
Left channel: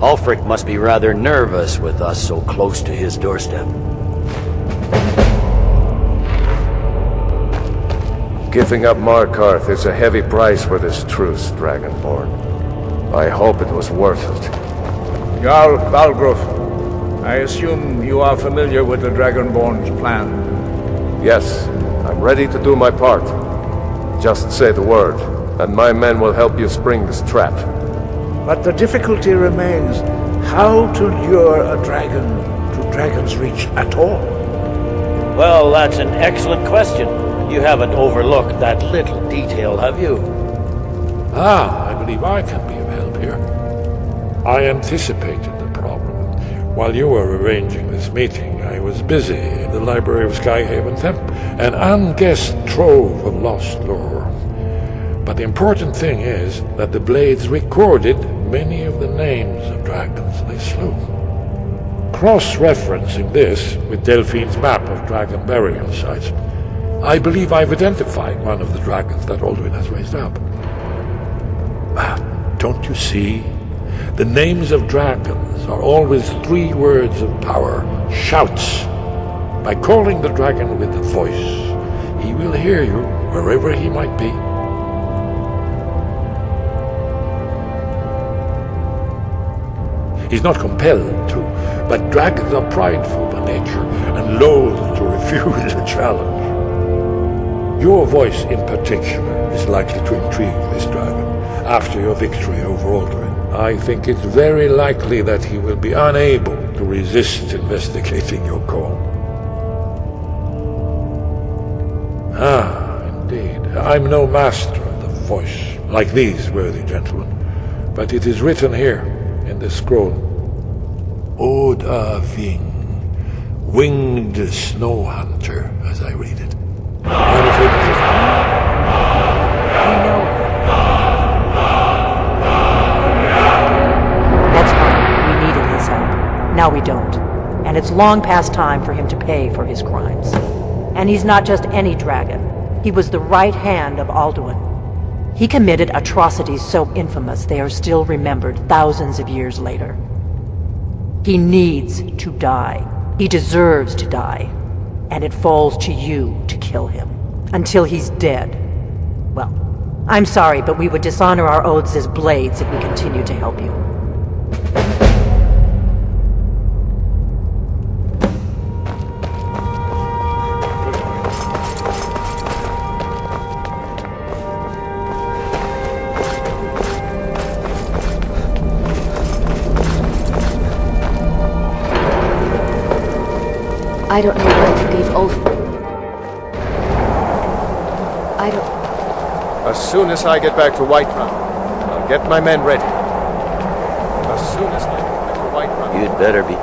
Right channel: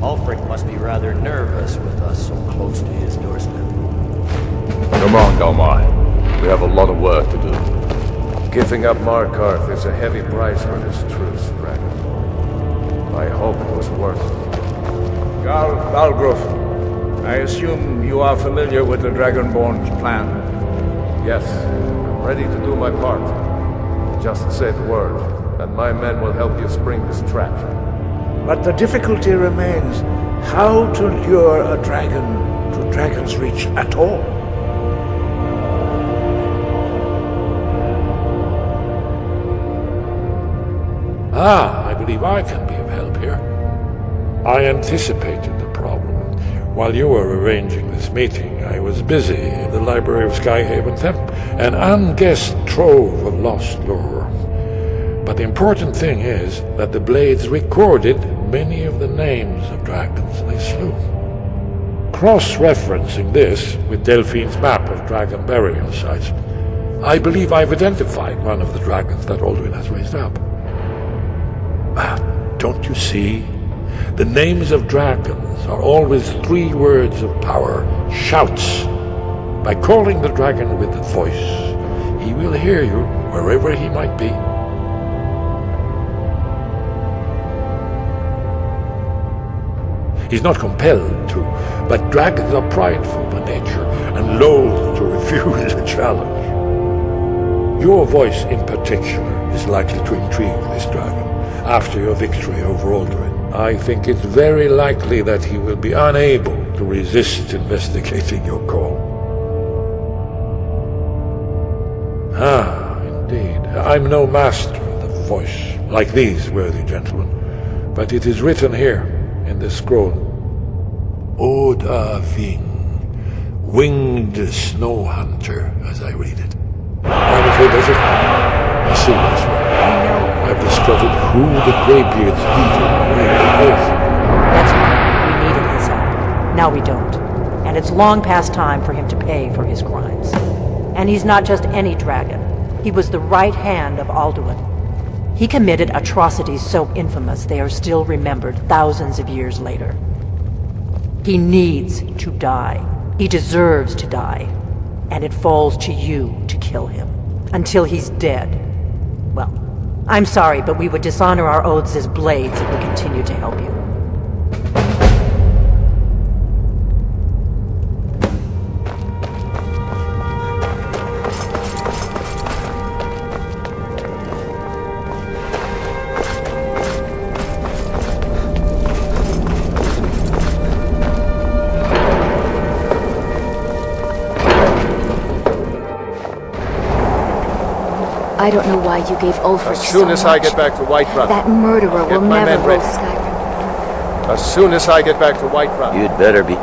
Ulfric must be rather nervous with us so close to his doorstep. Come on, Galmar. We have a lot of work to do. Giving up Markarth is a heavy price for this truce, Dragonborn. I hope it was worth it. Jarl Balgruf, I assume you are familiar with the Dragonborn's plan. Yes, I'm ready to do my part. Just say the word, and my men will help you spring this trap. But the difficulty remains how to lure a dragon to Dragon's Reach at all. Well, that's an excellent question. You haven't overlooked that little detail, have you? I believe I can be of help here. I anticipated the problem. While you were arranging this meeting, I was busy in the library of Skyhaven Temple, an unguessed trove of lost lore. But the important thing is that the Blades recorded many of the names of dragons they slew. Cross-referencing this with Delphine's map of dragon burial sites, I believe I've identified one of the dragons that Alduin has raised up. Don't you see? The names of dragons are always 3 words of power, shouts. By calling the dragon with the voice, he will hear you wherever he might be. He's not compelled to, but dragons are prideful by nature and loath to refuse a challenge. Your voice in particular is likely to intrigue this dragon after your victory over Alduin. I think it's very likely that he will be unable to resist investigating your call. Ah, indeed. I'm no master of the voice, like these worthy gentlemen, but it is written here in this scroll. Oda Ving, winged snow hunter, as I read it. I'm afraid that's it. I've discovered who the Greybeards That's fine. We needed his help. Now we don't. And it's long past time for him to pay for his crimes. And he's not just any dragon. He was the right hand of Alduin. He committed atrocities so infamous they are still remembered thousands of years later. He needs to die. He deserves to die. And it falls to you to kill him. Until he's dead. Well, I'm sorry, but we would dishonor our oaths as blades if we continued to help you. I don't know why you gave Ulfric As soon as I get back to Whiterun, that murderer I'll get will my never men ready. rule Skyrim. As soon as I get back to Whiterun. You'd better be.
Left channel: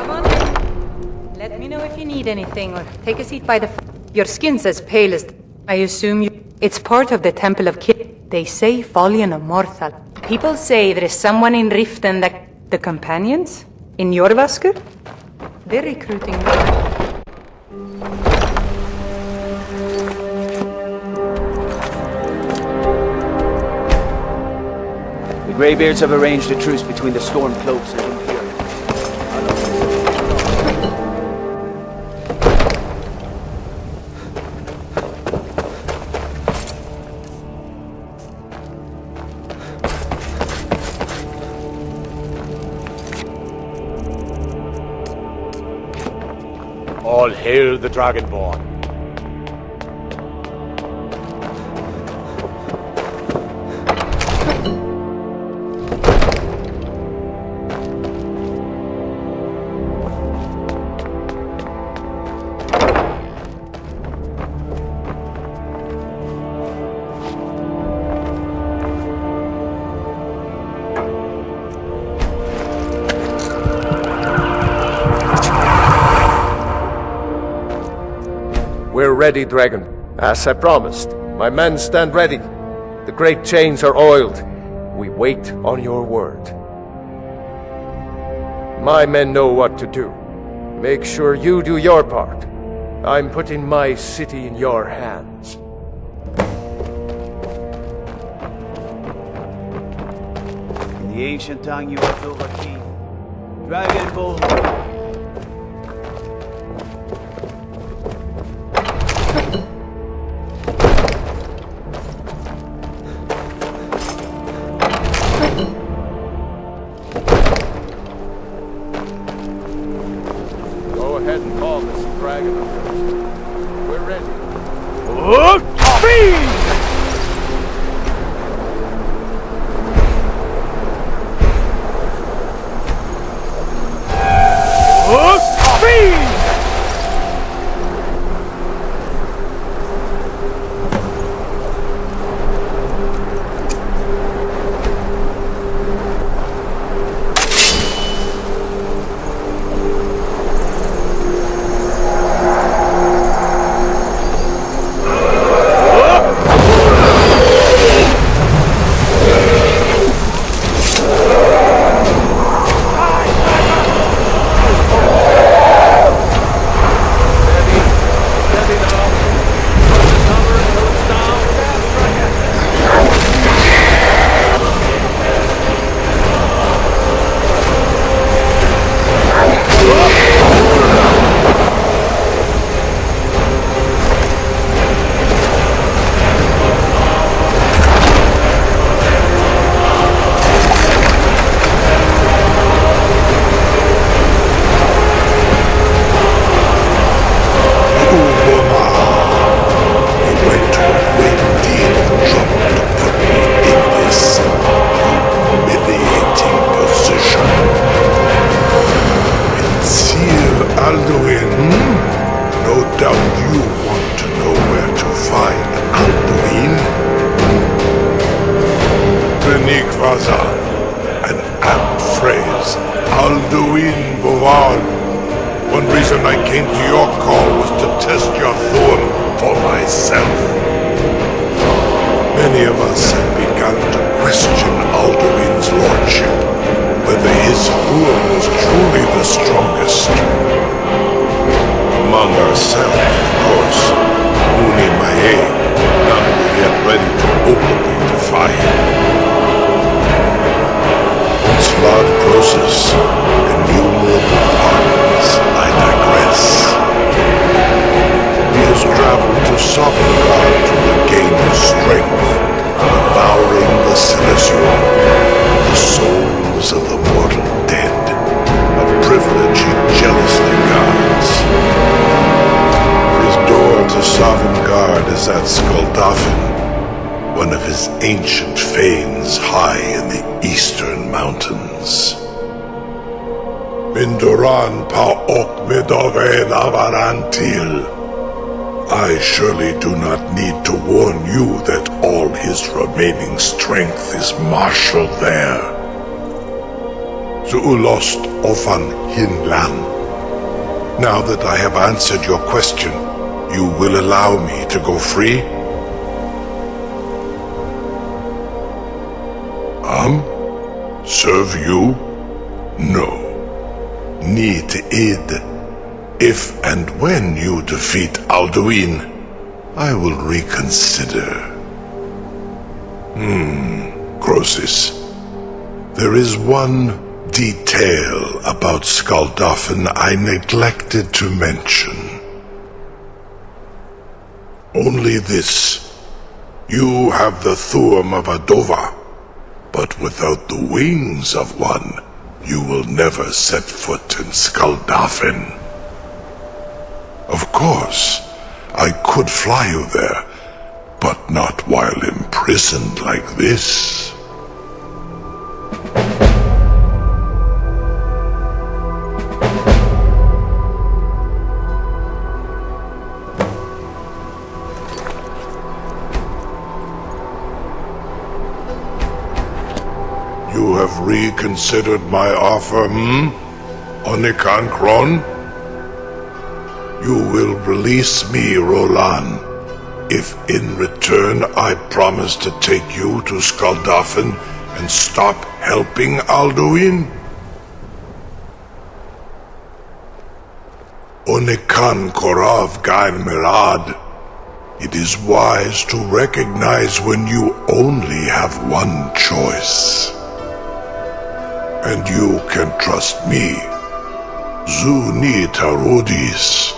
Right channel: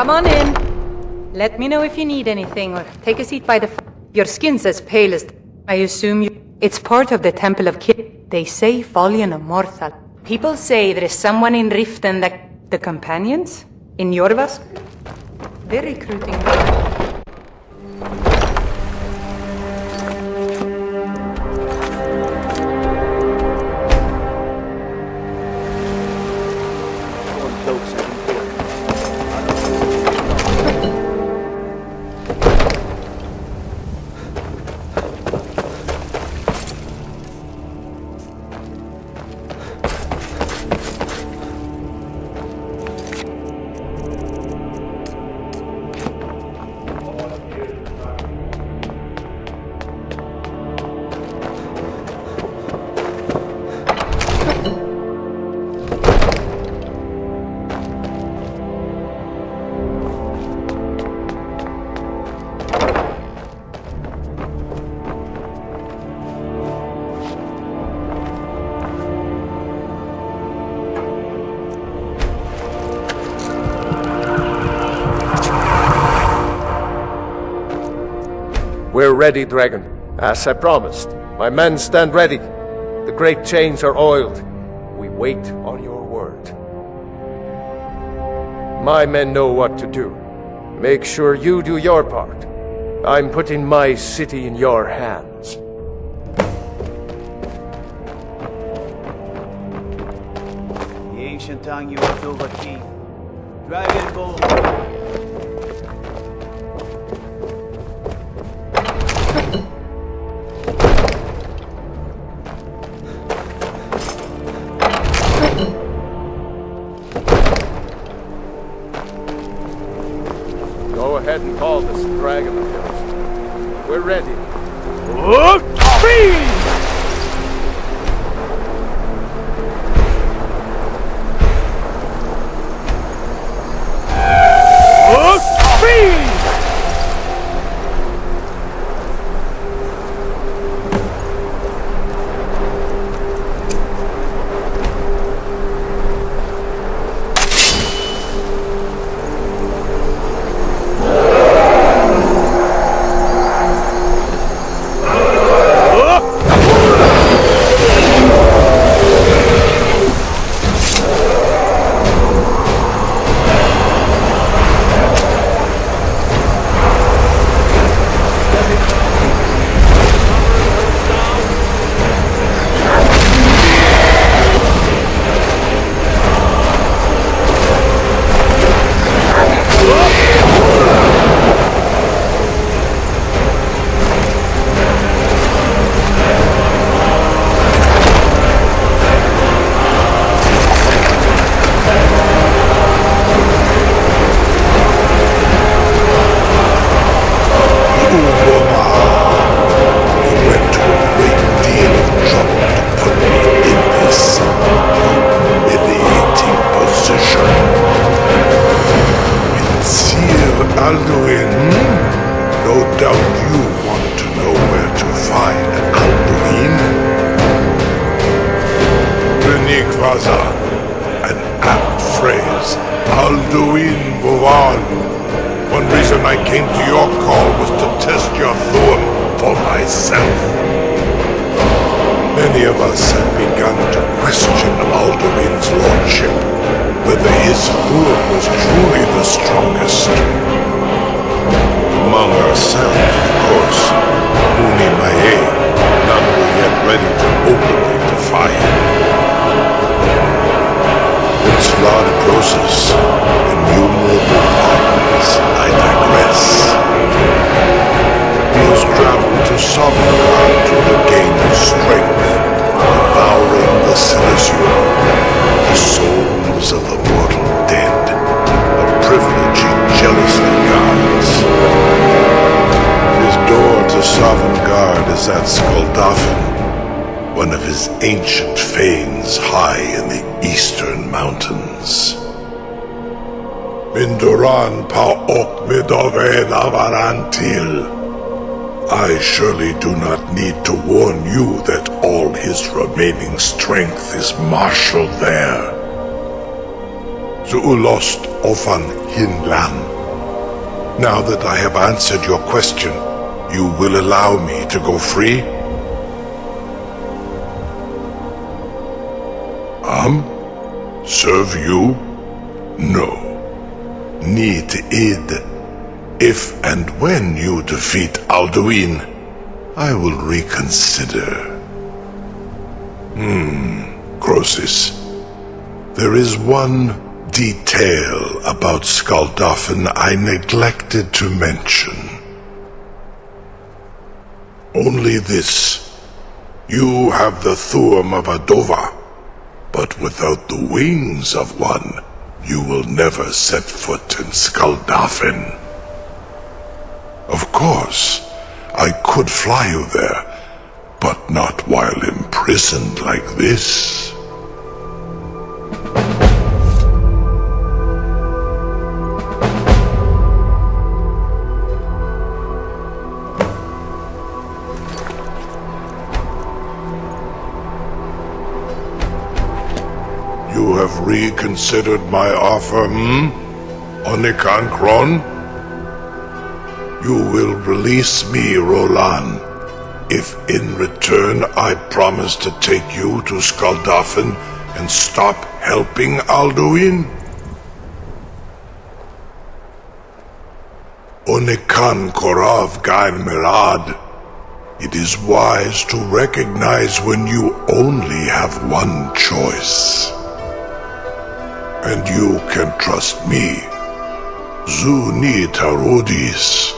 Come on in. Let me know if you need anything, or take a seat by the fire. Your skin's as pale as... I assume you... It's part of the Temple of They say Folian Immortal. People say there is someone in Riften that... The Companions? In Jorvaskr? They're recruiting... The Greybeards have arranged a truce between the Stormcloaks and Imperials. All hail the Dragonborn. We're ready, Dragon. As I promised, my men stand ready. The great chains are oiled. We wait on your word. My men know what to do. Make sure you do your part. I'm putting my city in your hands. The ancient tongue you have overcame. Dragonborn. Go ahead and call this dragon of yours. We're ready. Alduin, no doubt you want to know where to find Alduin. Benikvaza, an apt phrase. Alduin Bovan. One reason I came to your call was to test your Thuum for myself. Many of us have begun to question Alduin's lordship, whether his Thuum was truly the strongest. Among ourselves, of course, Muni Mae, none were yet ready to openly defy him. In Slod Croesus, innumerable pardons, I digress. He has traveled to Sovngarde to regain his strength, devouring the Celestial, the souls of the mortal dead, a privilege he jealously guards. His door to Sovngarde is at Skuldafn, one of his ancient fanes high in the eastern mountains. Mindoran pa ok midove navarantil. I surely do not need to warn you that all his remaining strength is marshaled there. Zuulost ofan hinlan. Now that I have answered your question, you will allow me to go free? Serve you? No. Need id. If and when you defeat Alduin, I will reconsider. Croesus. There is one detail about Skuldafn I neglected to mention. Only this. You have the Thuum of Adova, but without the wings of one, you will never set foot in Skuldafn. Of course, I could fly you there, but not while imprisoned like this. You have reconsidered my offer, Onikan Kron? You will release me, Roland, if in return I promise to take you to Skuldafn and stop helping Alduin? Onikan Korav Gain Mirad. It is wise to recognize when you only have one choice. And you can trust me. Zuni Tarudis.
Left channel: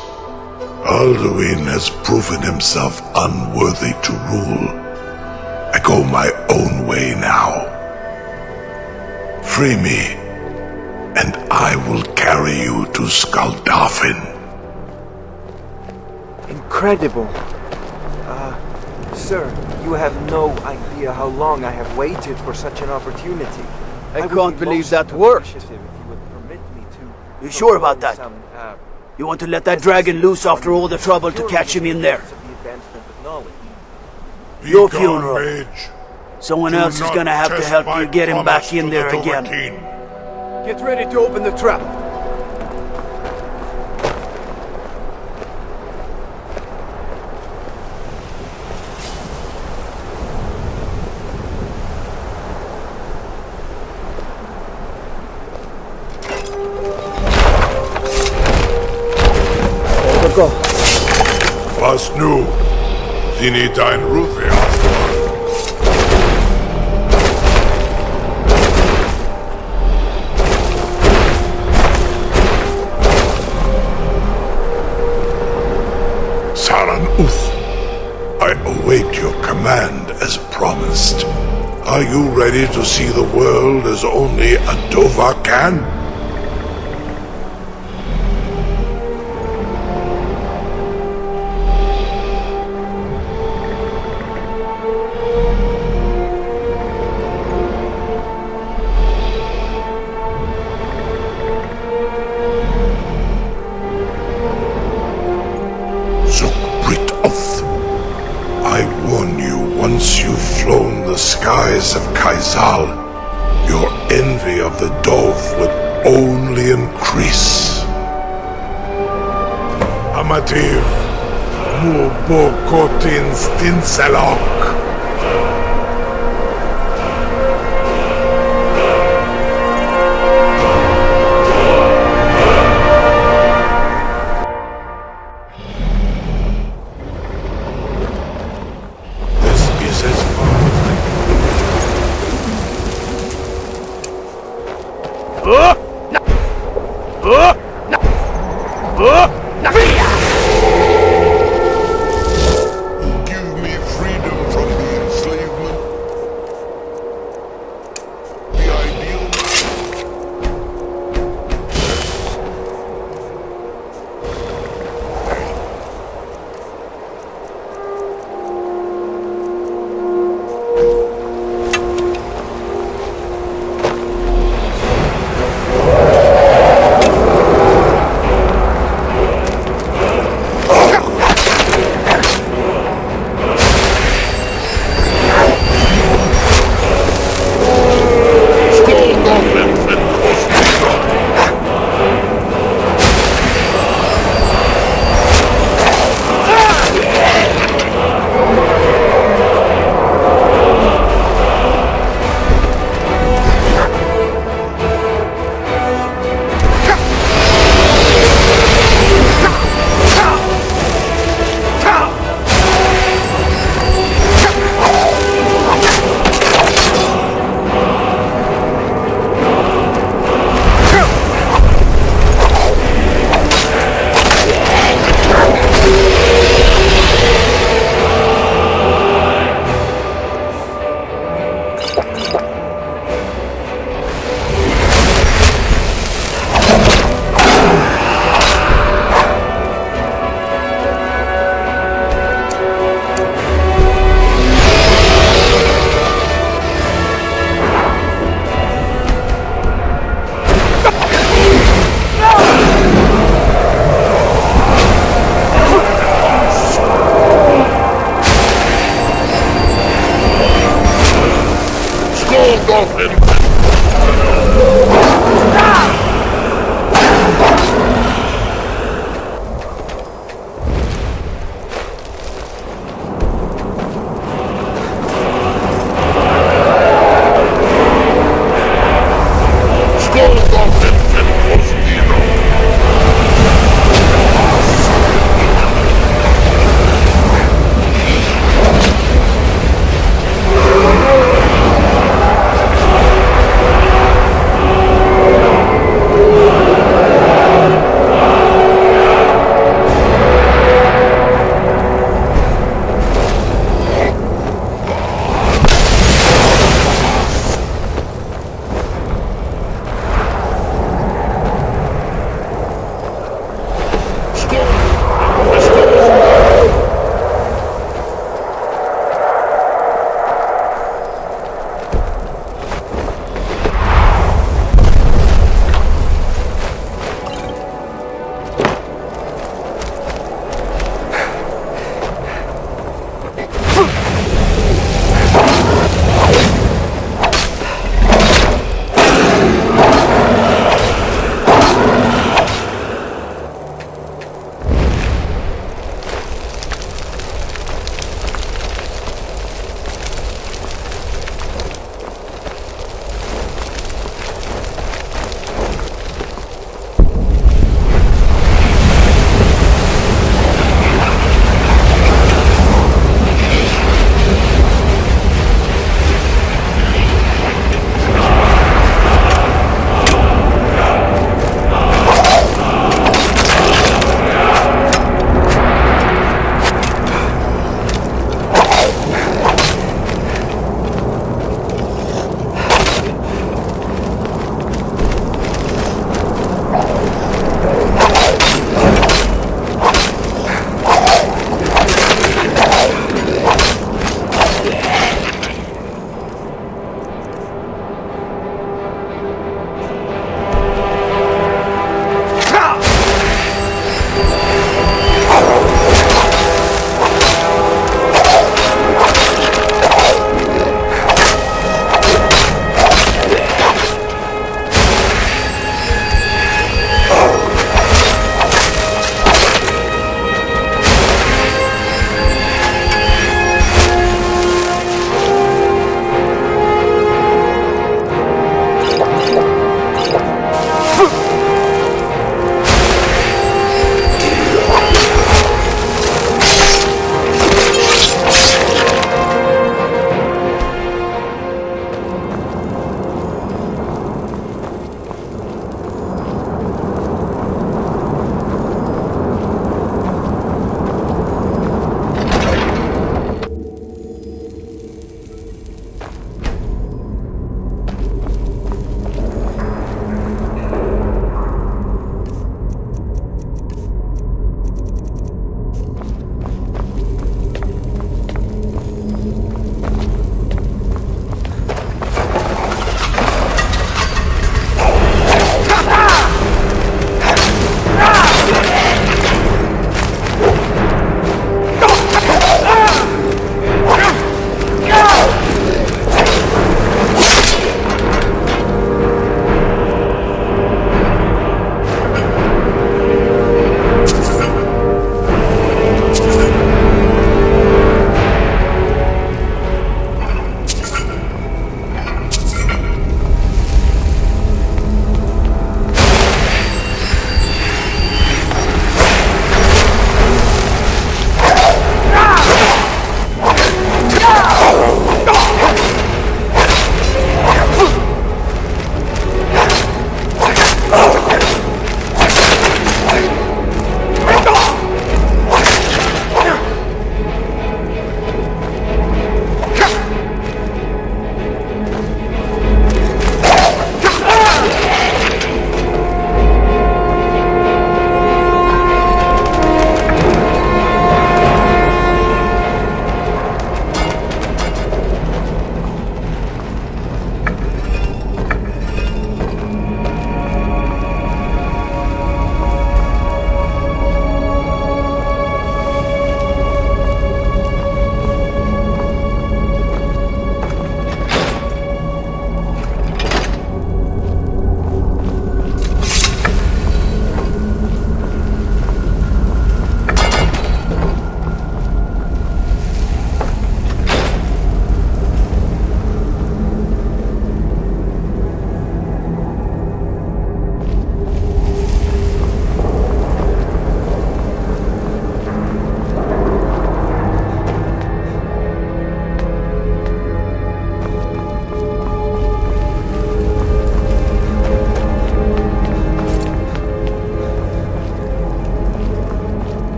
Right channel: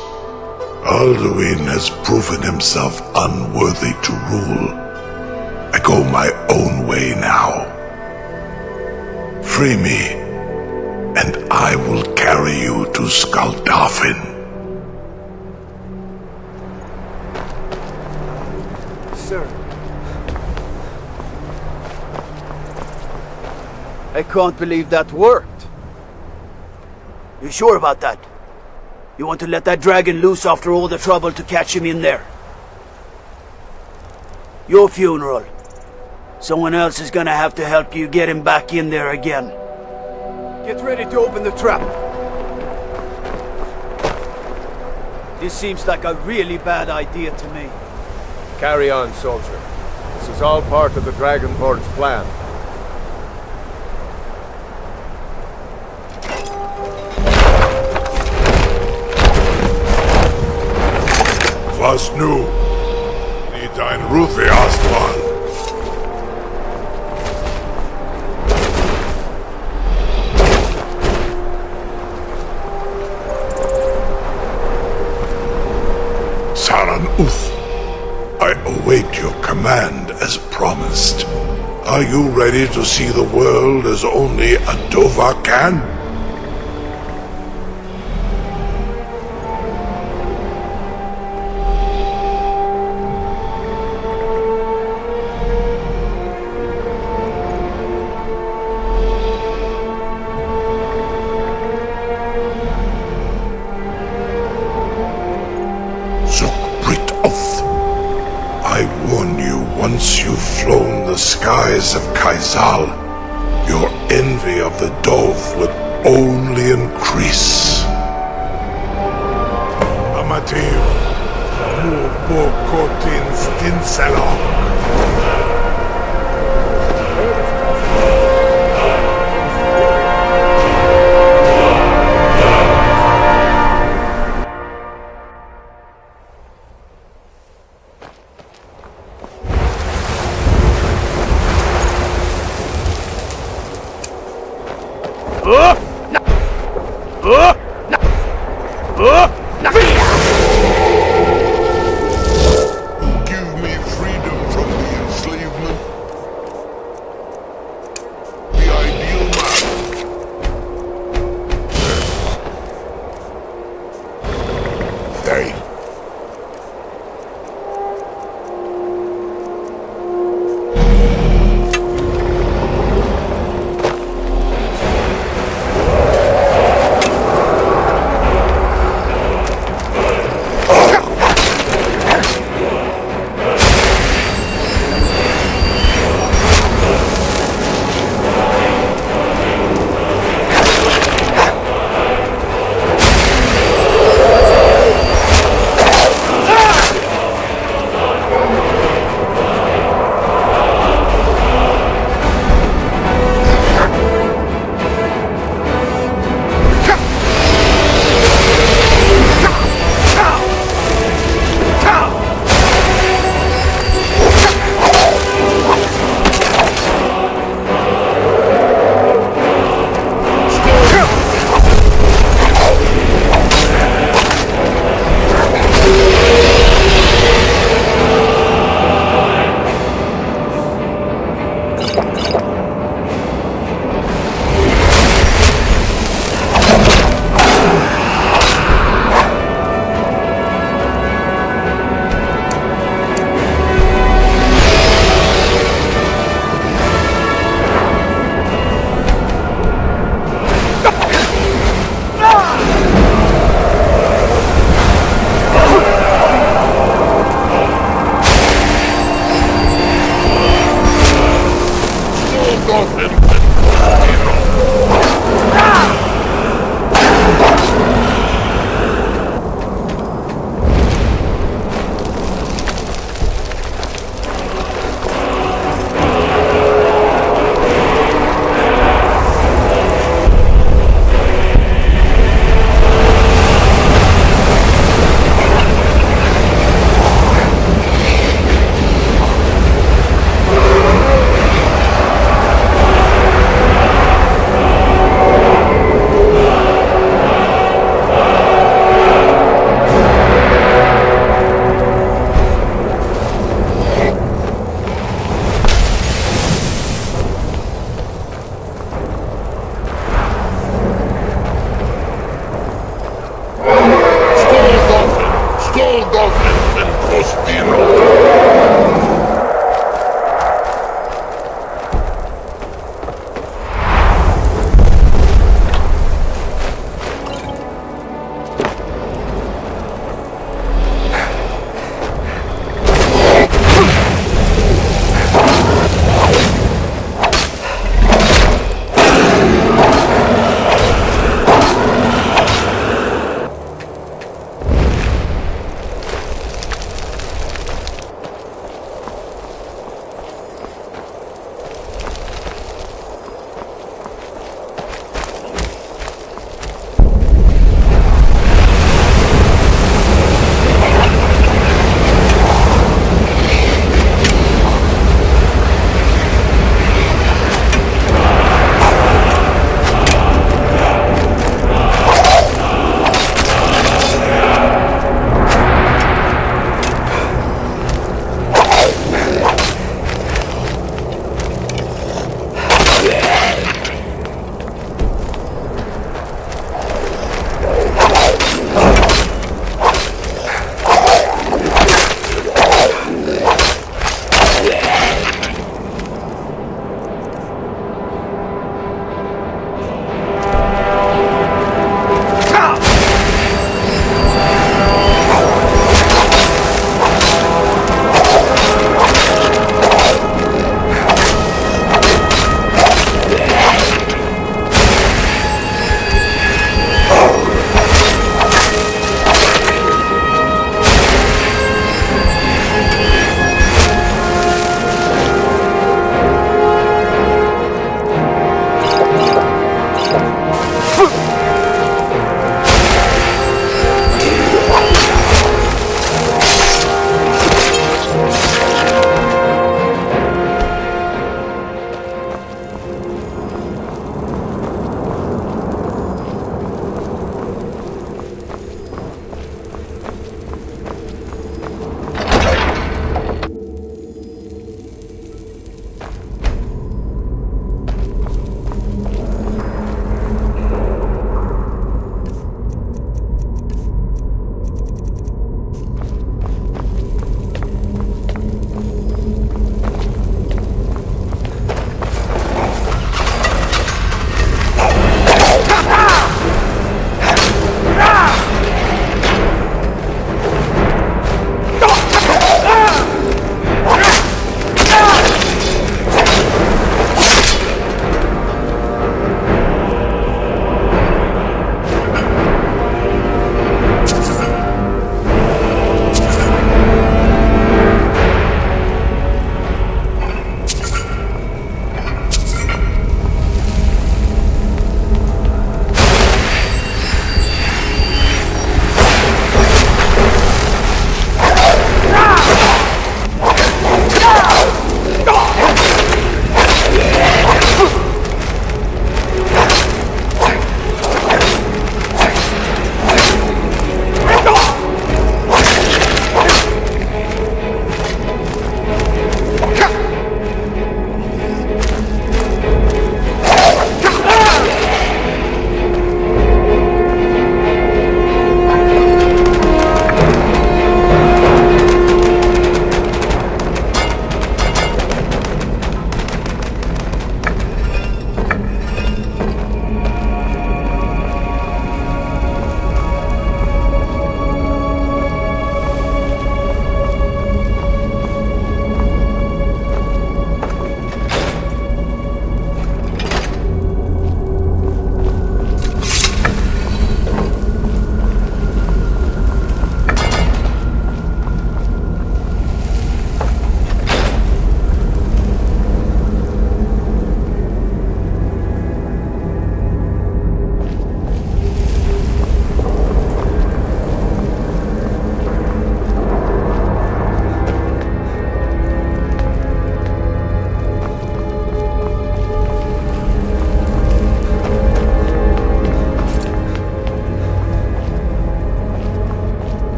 Alduin has proven himself unworthy to rule. I go my own way now. Free me, and I will carry you to Skuldafn. Incredible. Sir, you have no idea how long I have waited for such an opportunity. I can't believe that worked. You sure about that? You want to let that dragon loose after all the trouble to catch him in there? Your funeral. Someone else is gonna have to help you get him back in there again. Get ready to open the trap. This seems like a really bad idea to me. Carry on, soldier. This is all part of the Dragonborn's plan. Was nu? Dini dein Rufe Astwan. Saran Uth, I await your command as promised. Are you ready to see the world as only Adova can? skies of Kaizal, your envy of the Dove would only increase. Amativ, Mubokotin Stinselok. Give me freedom from the enslavement. The ideal man. They.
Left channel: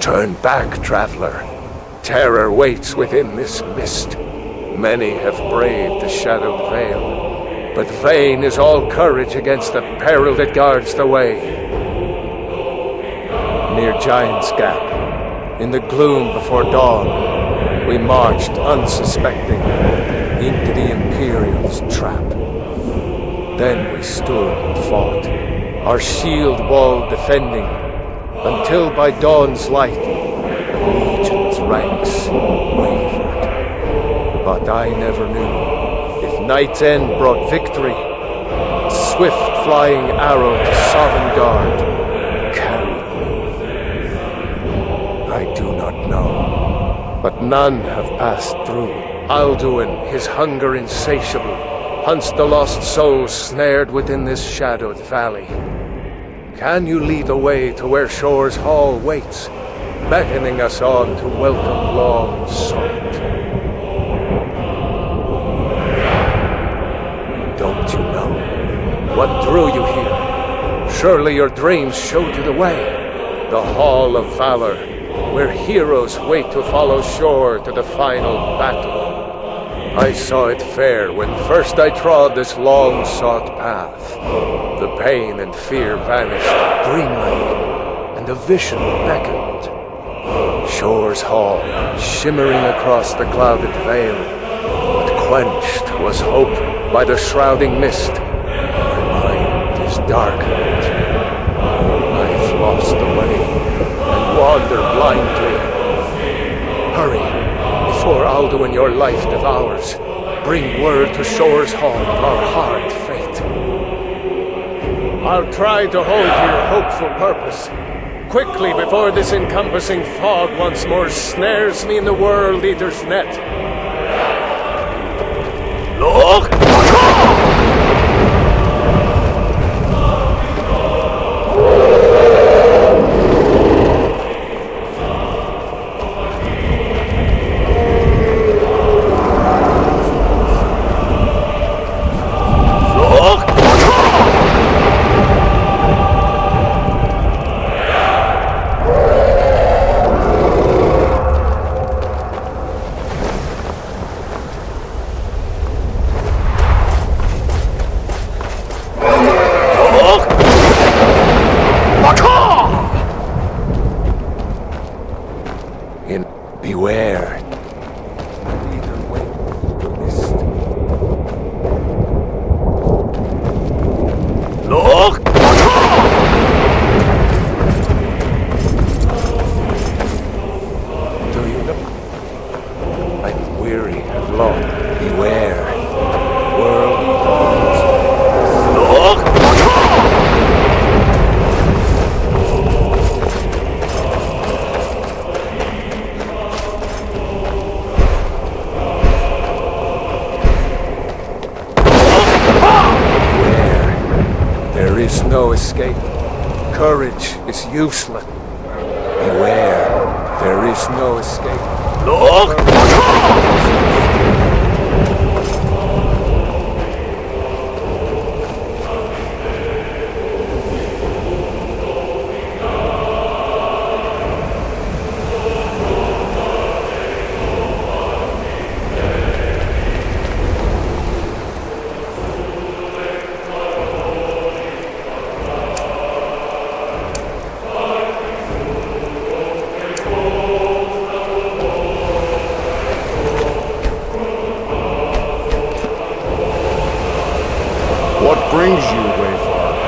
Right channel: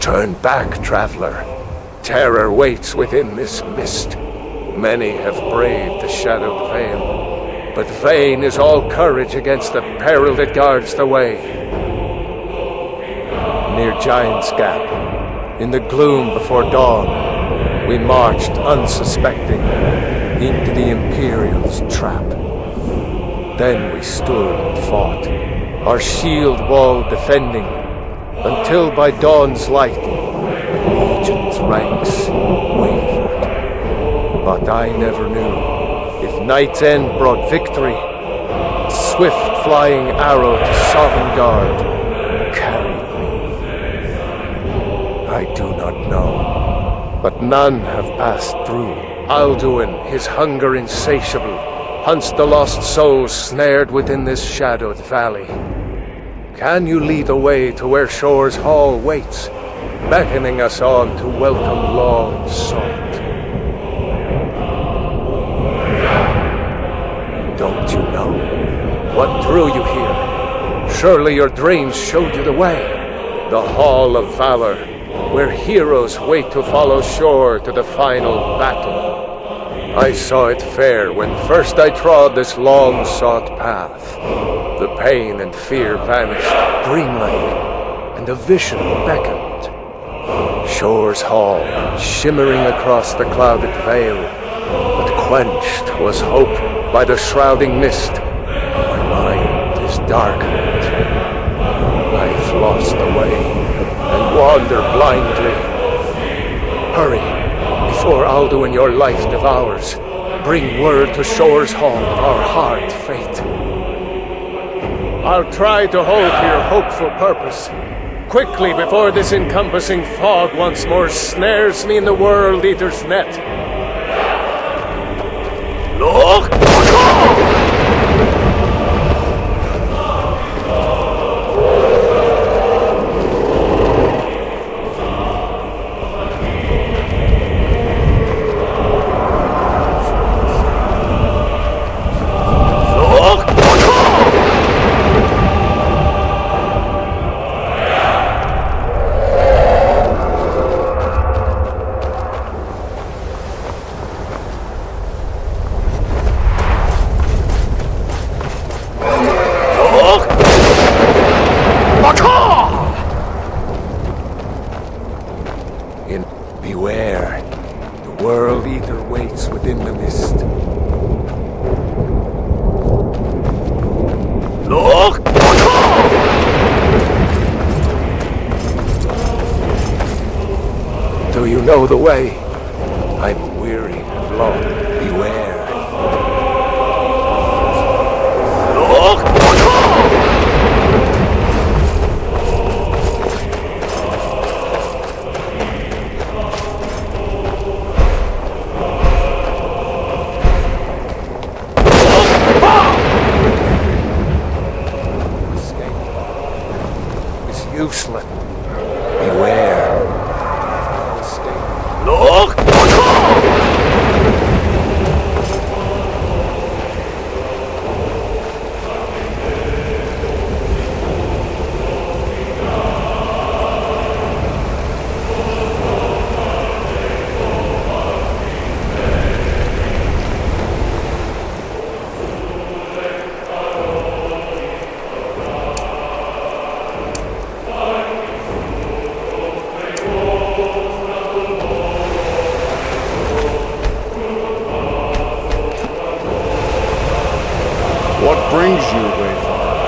Turn back, traveler. Terror waits within this mist. Many have braved the shadowed vale, but vain is all courage against the peril that guards the way. Near Giant's Gap, in the gloom before dawn, we marched unsuspecting into the Imperial's trap. Then we stood and fought, our shield wall defending, until by dawn's light the Legion's ranks wavered. But I never knew if Night's End brought victory, a swift flying arrow to Sovngarde carried me. I do not know, but none have passed through. Alduin, his hunger insatiable, hunts the lost souls snared within this shadowed valley. Can you lead the way to where Shore's Hall waits, beckoning us on to welcome long sought? Don't you know? What drew you here? Surely your dreams showed you the way. The Hall of Valor, where heroes wait to follow Shore to the final battle. I saw it fair when first I trod this long-sought path. The pain and fear vanished, dreamlike, and a vision beckoned. Shore's Hall, shimmering across the clouded vale, but quenched was hope by the shrouding mist. My mind is darkened. I've lost the way and wander blindly. Hurry, before Alduin your life devours. Bring word to Shore's Hall of our hard fate. I'll try to hold to your hopeful purpose. Quickly, before this encompassing fog once more snares me in the World Eater's net. Look! Beware. The World Eater waits within the mist. Look! Do you know the way? I'm weary and long. Beware. Look! No escape. Courage is useless. Beware. There is no escape. Look! What brings you, Wayfarer?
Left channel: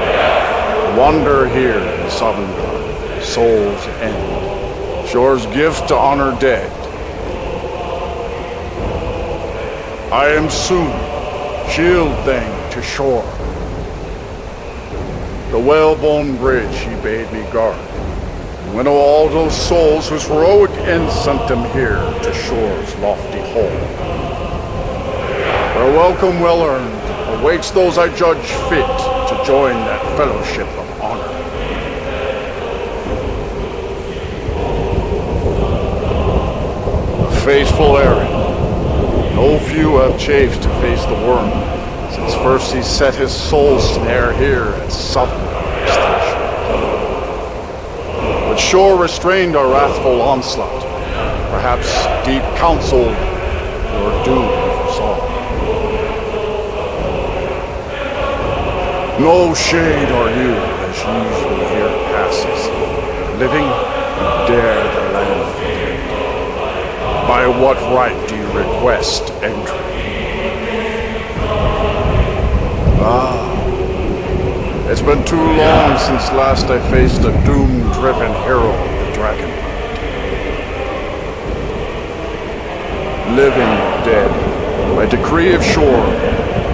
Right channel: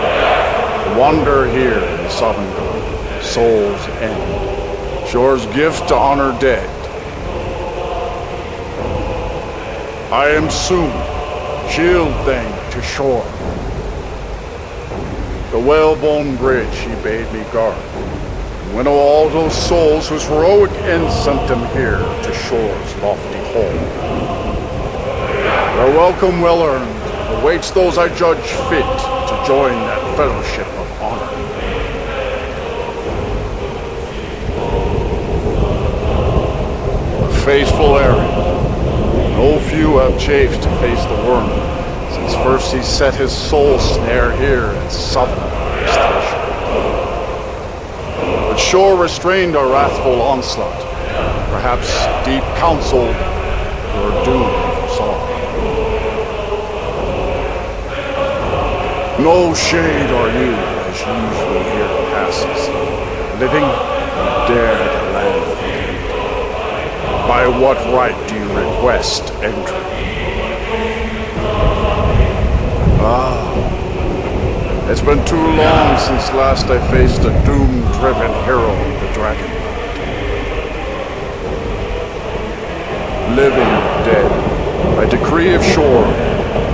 To wander here in Sovngarde, Soul's End, Shore's gift to honor dead. I am soon, shield thing to Shore. The whalebone bridge he bade me guard, and winnow all those souls whose heroic end sent them here to Shore's lofty hall. Their welcome well earned awaits those I judge fit to join that fellowship of honor. A faithful errand. No few have chafed to face the worm, since first he set his soul snare here at Sovngarde's threshold. But Shore restrained our wrathful onslaught. Perhaps deep counseled, your doom he foresaw. No shade are you, as usually here passes, but living, you dare the land of the dead. By what right do you request entry? Ah, it's been too long since last I faced a doom-driven hero of the Dragonland. Living or dead, by decree of Shore,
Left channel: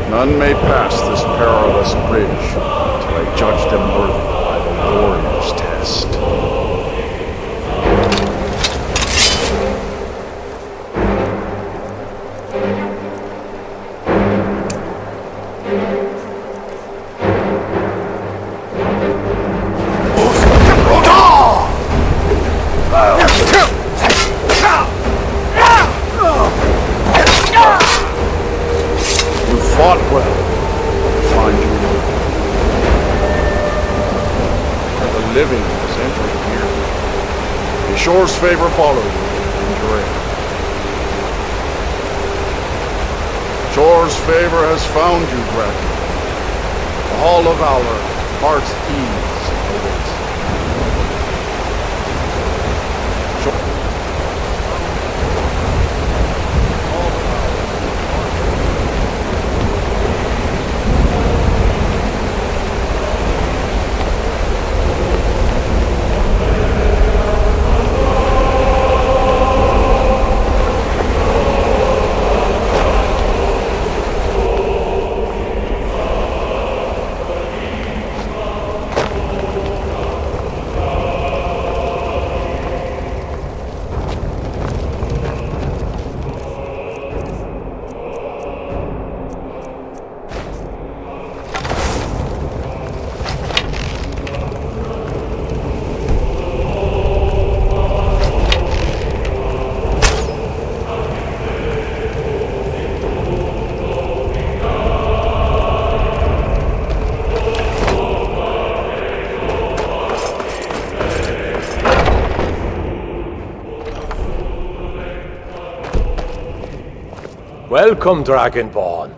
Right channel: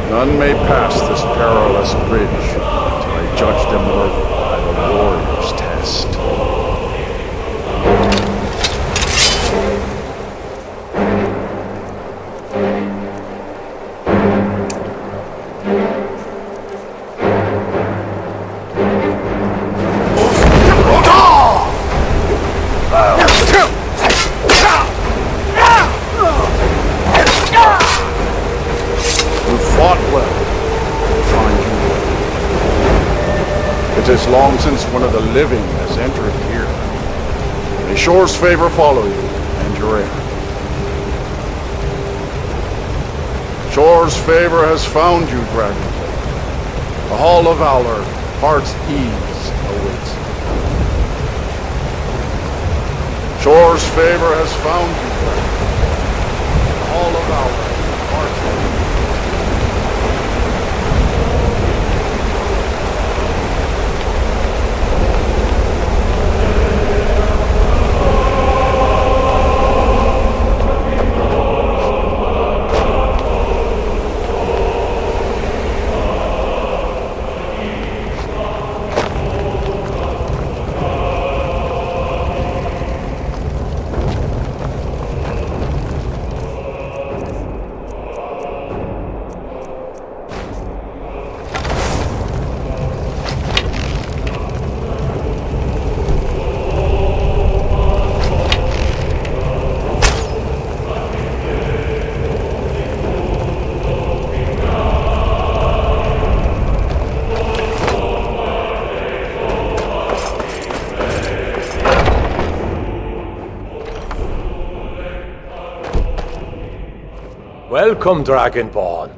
none may pass this perilous bridge till I judge them worthy by the warrior's test. You fought well. I find you worthy. It is long since one of the living has entered here. May Shore's favor follow you and your heir. Shore's favor has found you, Dragon. The Hall of Valor, heart's ease awaits. Shore's favor has found you, Dragon. The Hall of Valor, heart's ease. Welcome, Dragonborn.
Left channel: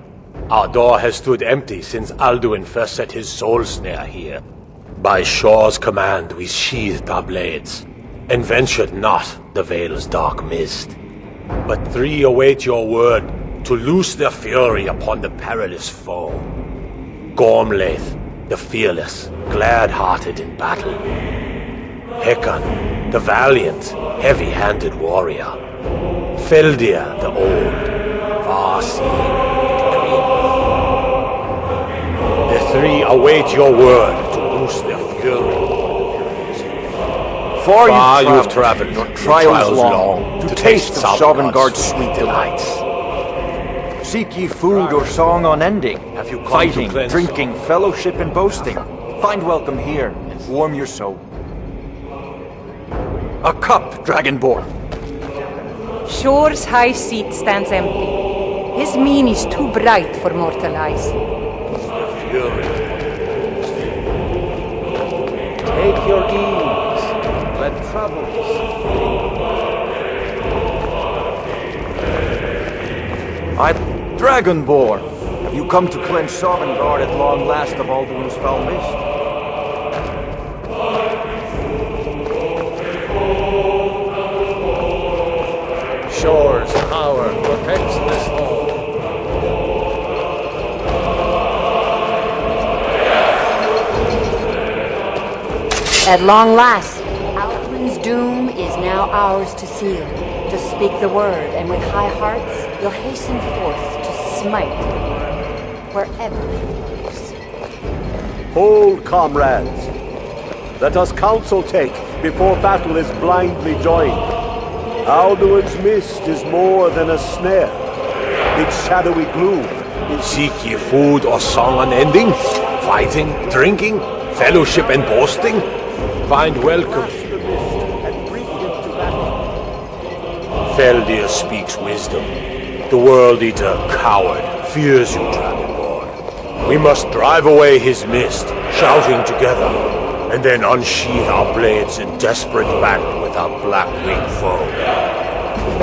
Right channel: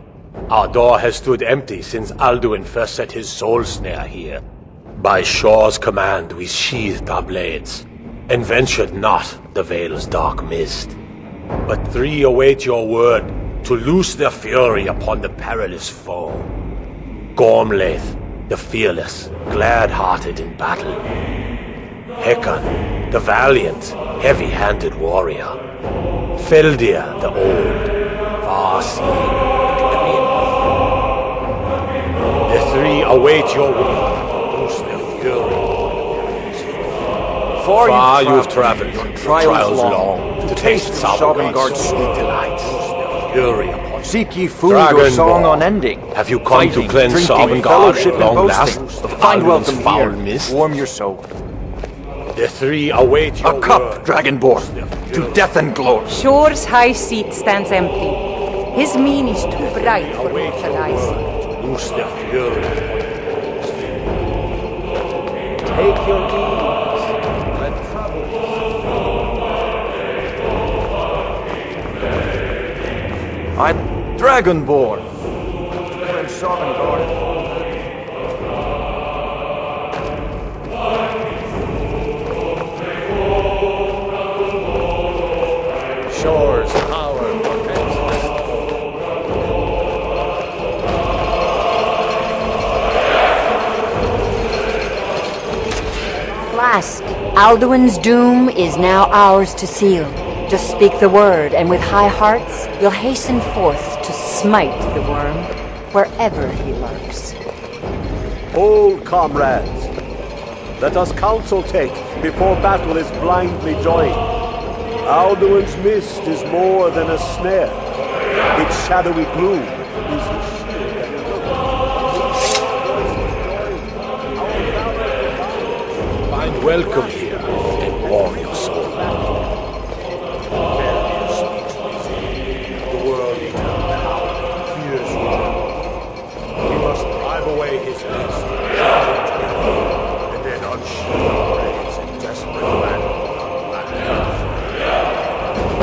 Our door has stood empty since Alduin first set his soul snare here. By Shor's command, we sheathed our blades, and ventured not the Vale's dark mist. But three await your word to loose their fury upon the perilous foe. Gormlaith, the fearless, glad-hearted in battle. Hekon, the valiant, heavy-handed warrior. Feldir, the old, far-seeing and grim. The three await your word to loose their fury upon the perilous foe. Far you've traveled, your trials long, to taste Sovngarde's sweet delights. Seek ye food or song unending. Have you come Fighting, to cleanse drinking, Sovngarde fellowship, at and long boasting. last? Find welcome Alduin's here. foul mist? Warm your soul. The three await your A cup, word. Dragonborn, to death and glory. Shore's high seat stands empty. His mien is too bright for mortal eyes. Loose their fury. Take your ease. Let troubles. I'm Dragonborn. Have you come to cleanse Sovngarde at long last of Alduin's foul mist? Shore's power protects this hall. At long last, Alduin's doom is now ours to seal. Just speak the word, and with high hearts, you'll hasten forth to smite the worm wherever he lurks. Hold, comrades. Let us counsel take before battle is blindly joined. Alduin's mist is more than a snare. Its shadowy gloom is... Seek ye food or song unending? Fighting, drinking, fellowship and boasting? Find welcome here and warm your soul. Feldir speaks wisdom. The World Eater, coward, fears you, Dragonborn. We must drive away his mist, shouting together, and then unsheath our blades in desperate battle with our black-winged foe.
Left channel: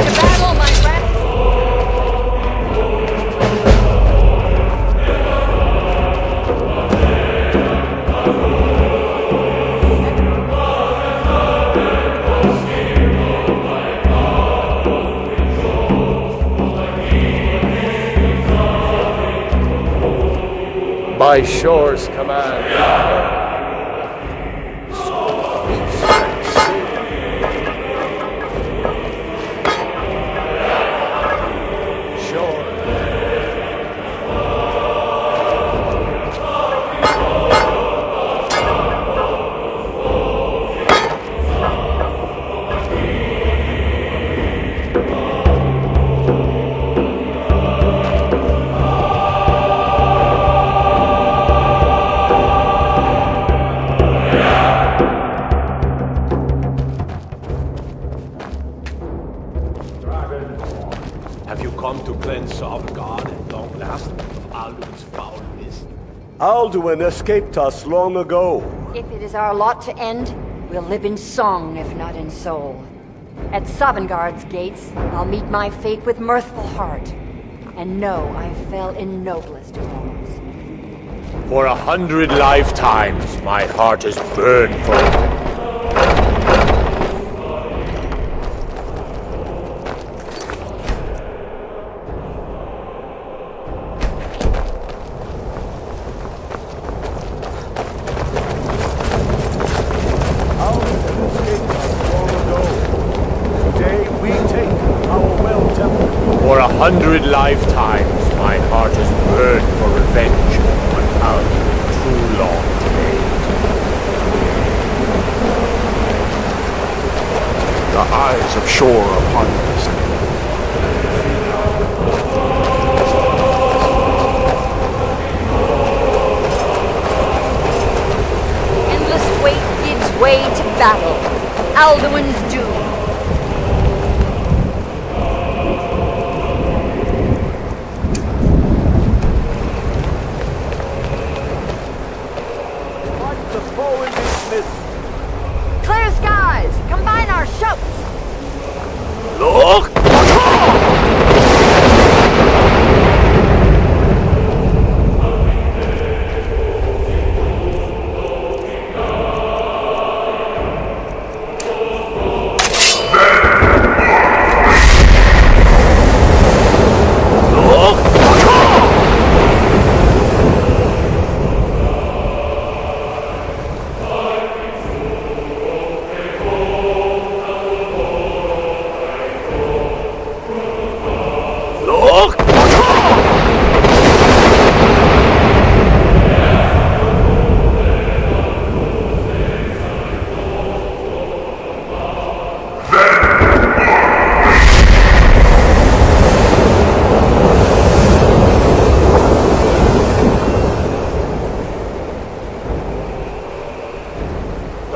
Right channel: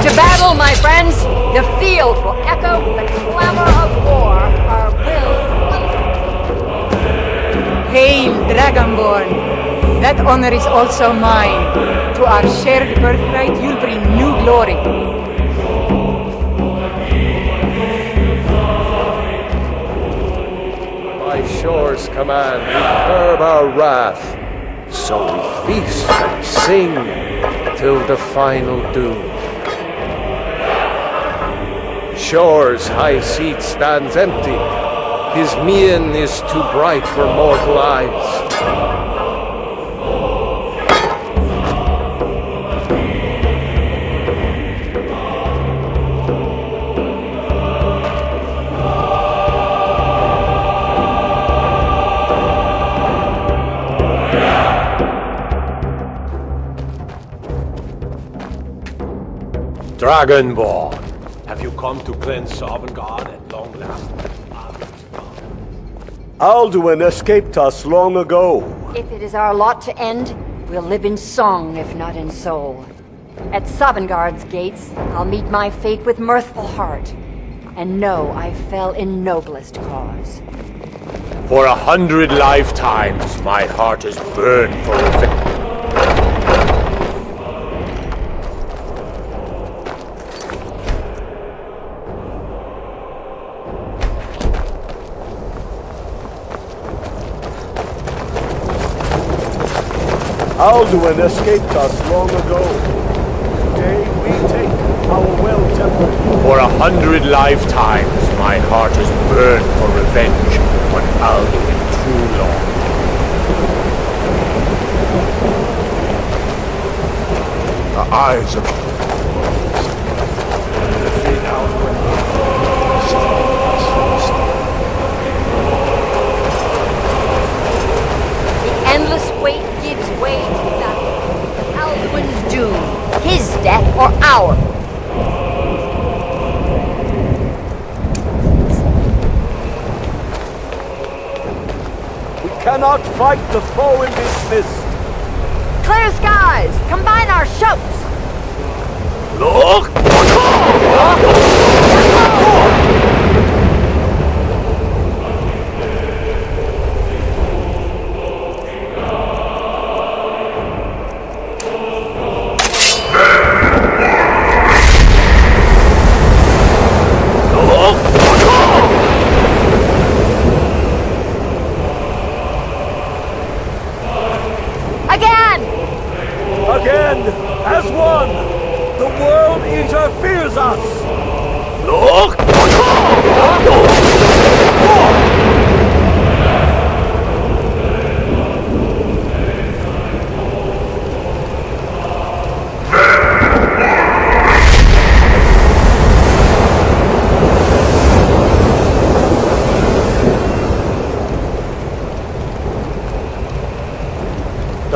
To battle, my friends! The field will echo with the clamor of war. Our will. Hail, Dragonborn! That honor is also mine. To our shared birthright, you bring new glory. By Shore's command, we curb our wrath, so we feast and sing till the final doom. Shore's high seat stands empty. His mien is too bright for mortal eyes. Dragonborn, have you come to cleanse Sovngarde at long last of Alduin's foul mist? Alduin escaped us long ago. If it is our lot to end, we'll live in song if not in soul. At Sovngarde's gates, I'll meet my fate with mirthful heart, and know I fell in noblest cause. For 100 lifetimes, my heart has burned for revenge. Alduin escaped us long ago. Today we take our well-tempered... For 100 lifetimes, my heart has burned for revenge on Alduin too long today. The eyes of Shore upon this day. Defeat Alduin. Endless wait gives way to battle. Alduin's doom. His death or ours. We cannot fight the foe in this mist. Clear skies! Combine our shouts! Look!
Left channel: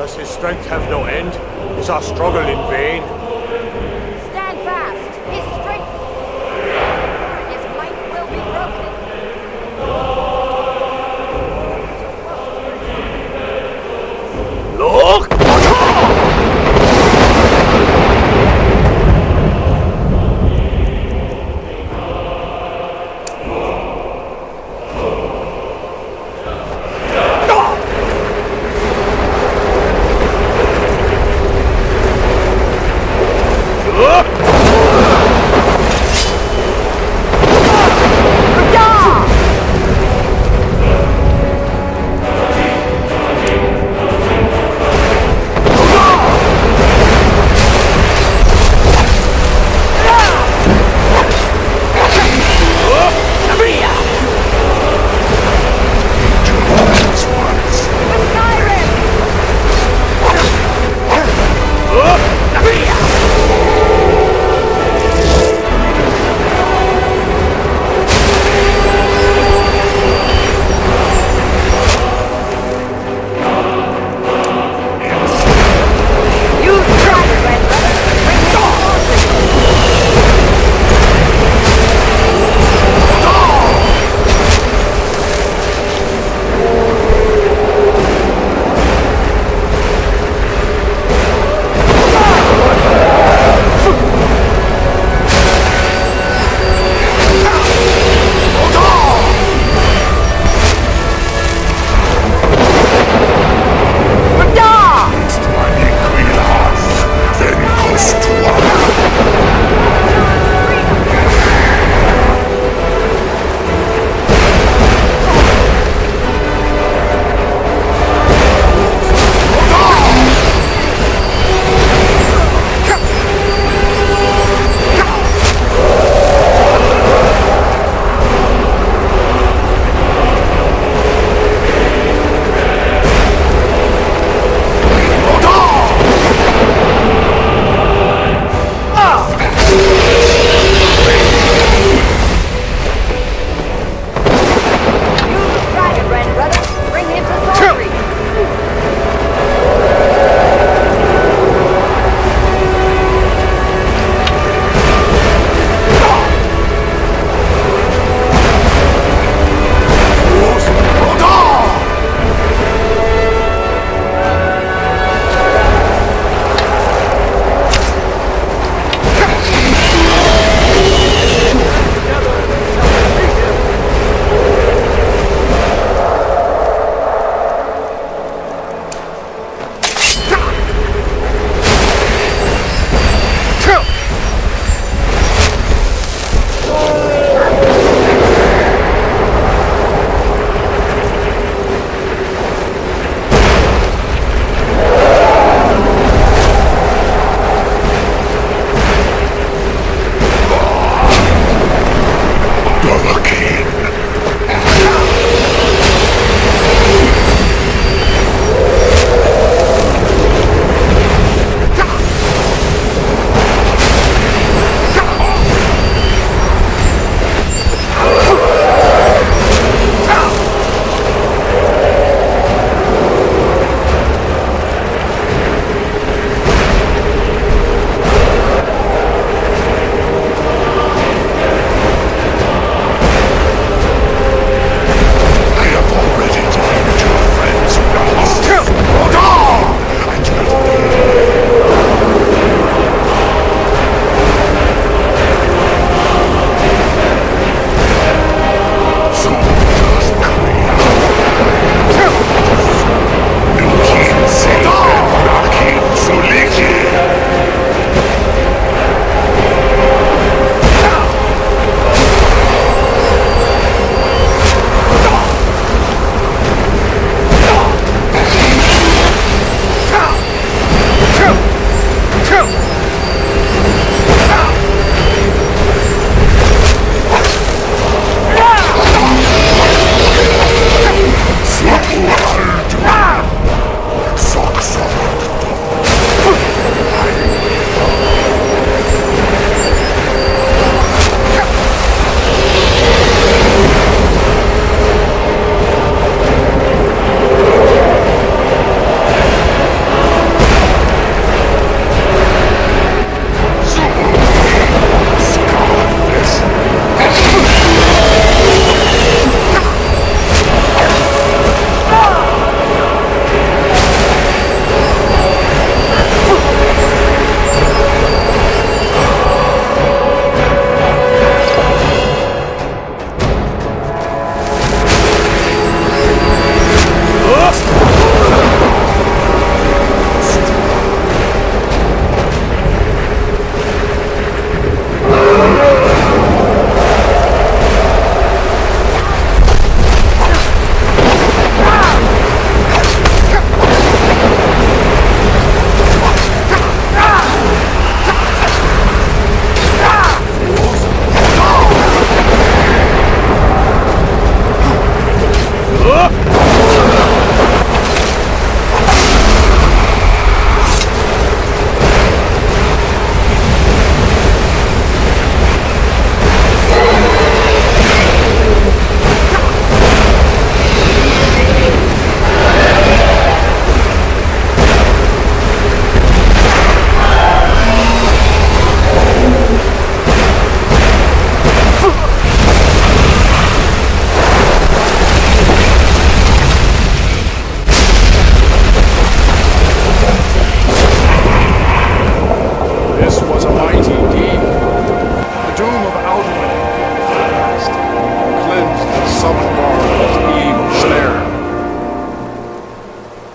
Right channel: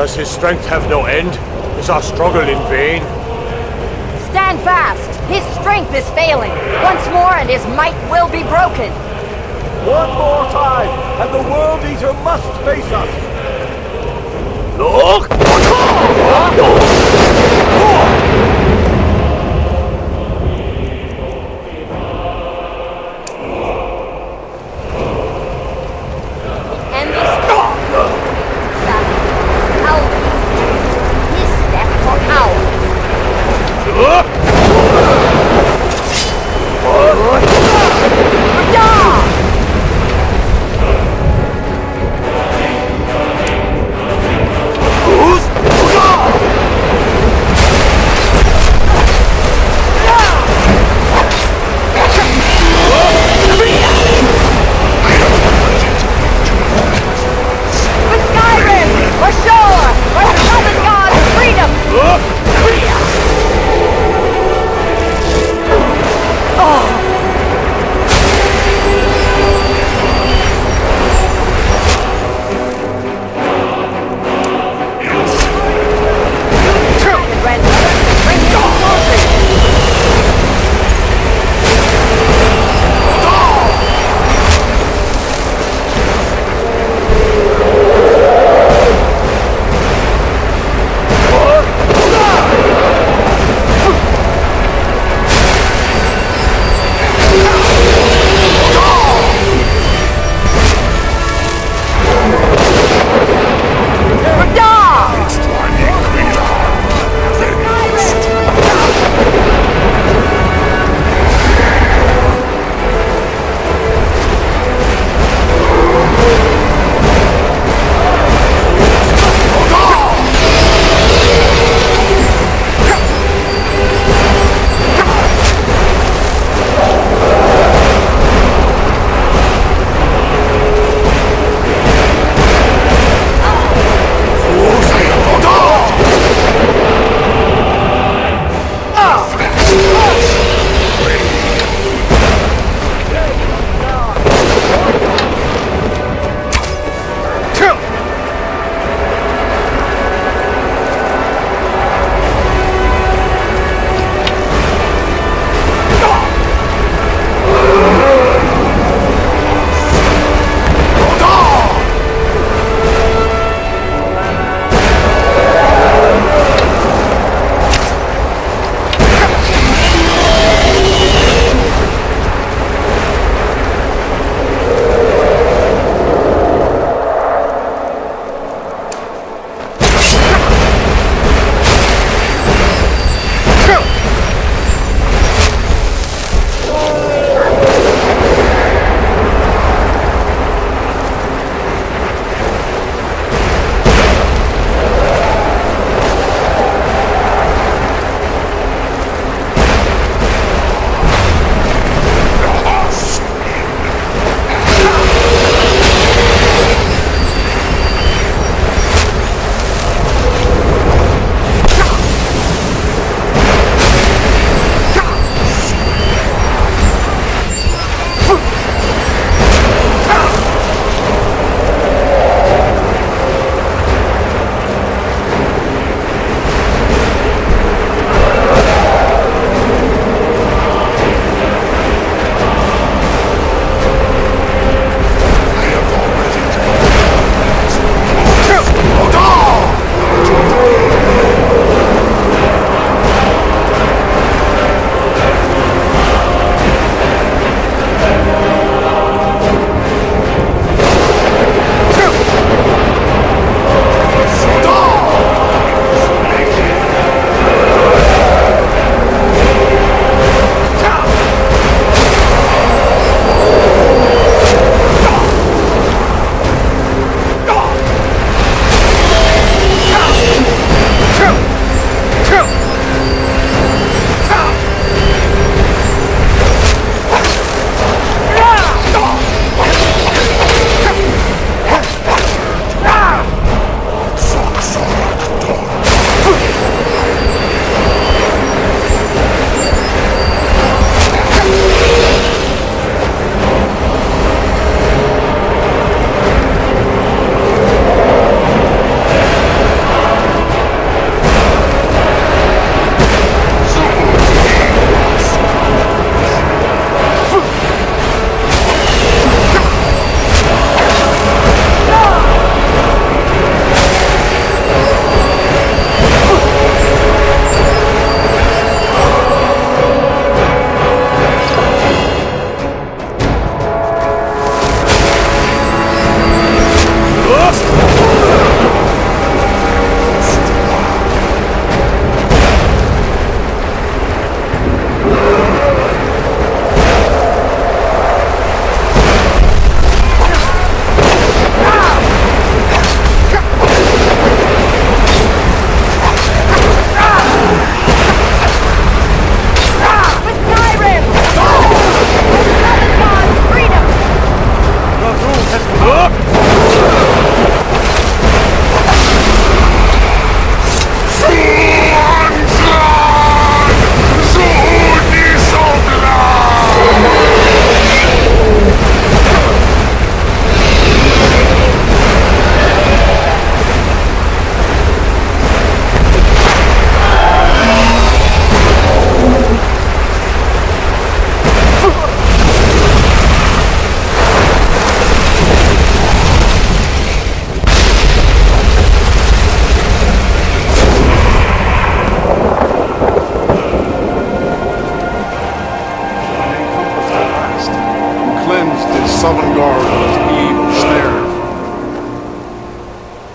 Does his strength have no end? Is our struggle in vain? Stand fast! His strength is failing! Once more and his might will be broken! One more time, and the World Eater must face us! Look!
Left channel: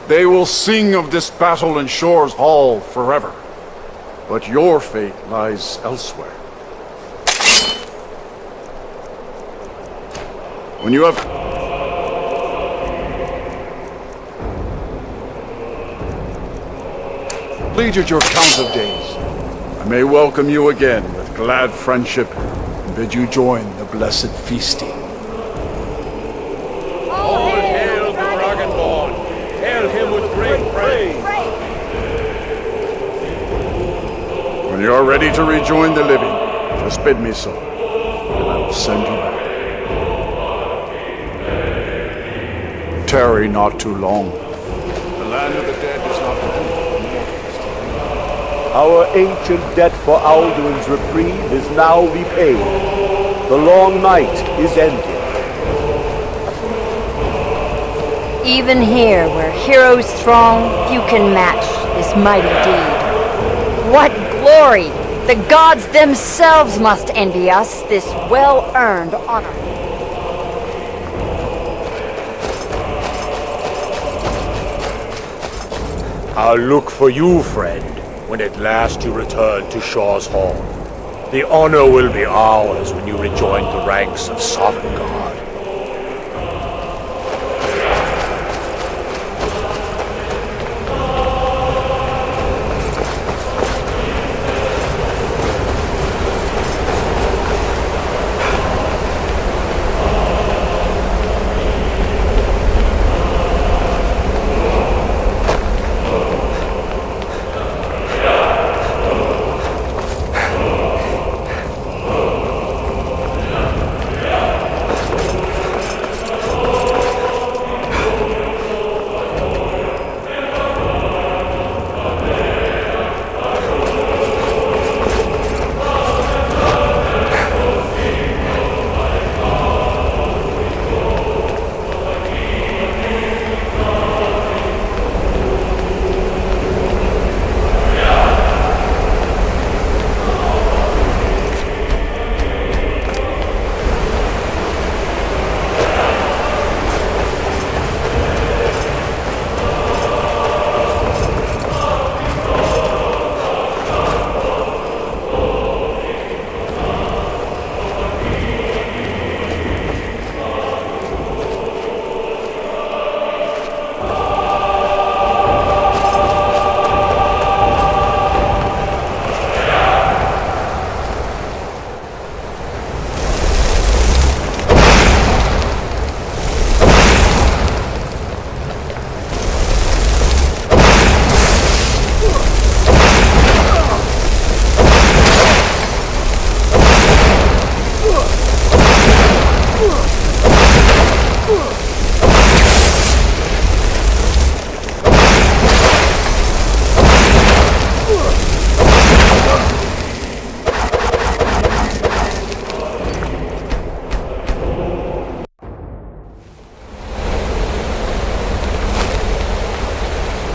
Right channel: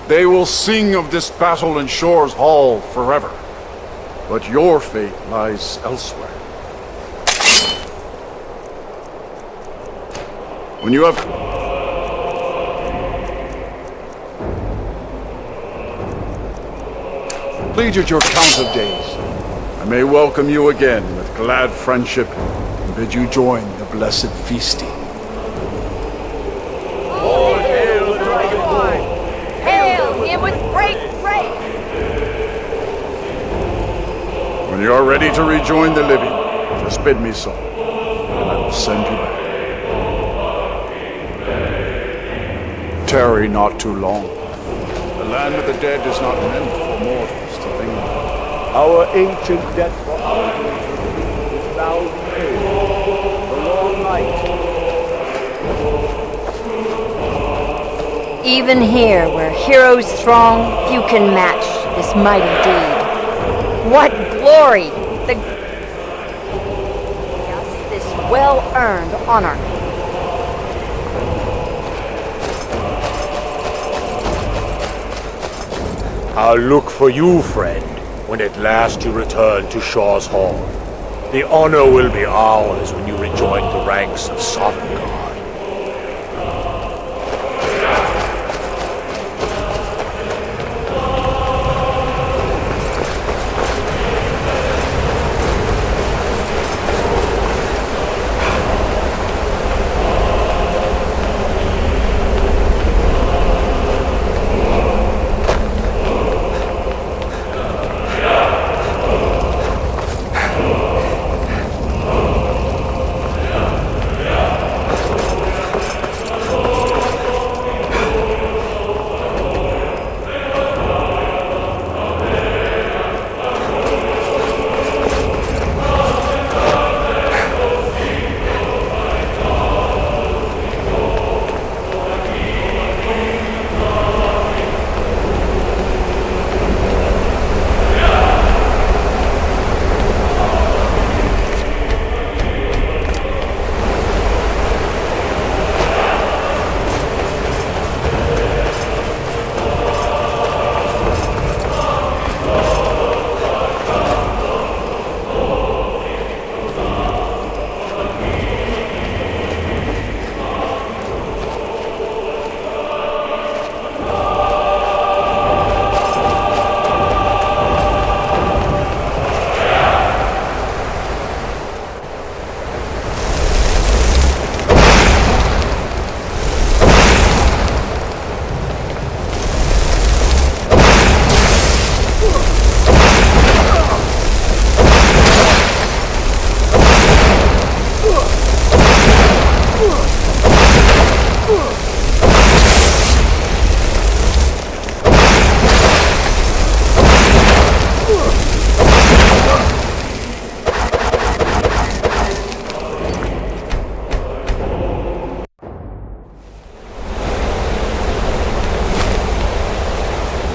They will sing of this battle in Shore's Hall forever. But your fate lies elsewhere. When you have completed your count of days, I may welcome you again with glad friendship and bid you join the blessed feasting. When you are ready to rejoin the living, just bid me so, and I will send you back. Tarry not too long. The land of the dead is not meant for mortals to linger. Our ancient debt for Alduin's reprieve is now repaid. The long night is ended. Even here, where heroes throng, few can match this mighty deed. What glory! The gods themselves must envy us this well-earned honor. I'll look for you, friend, when at last you return to Shaw's Hall. The honor will be ours when you rejoin the ranks of Sovngarde.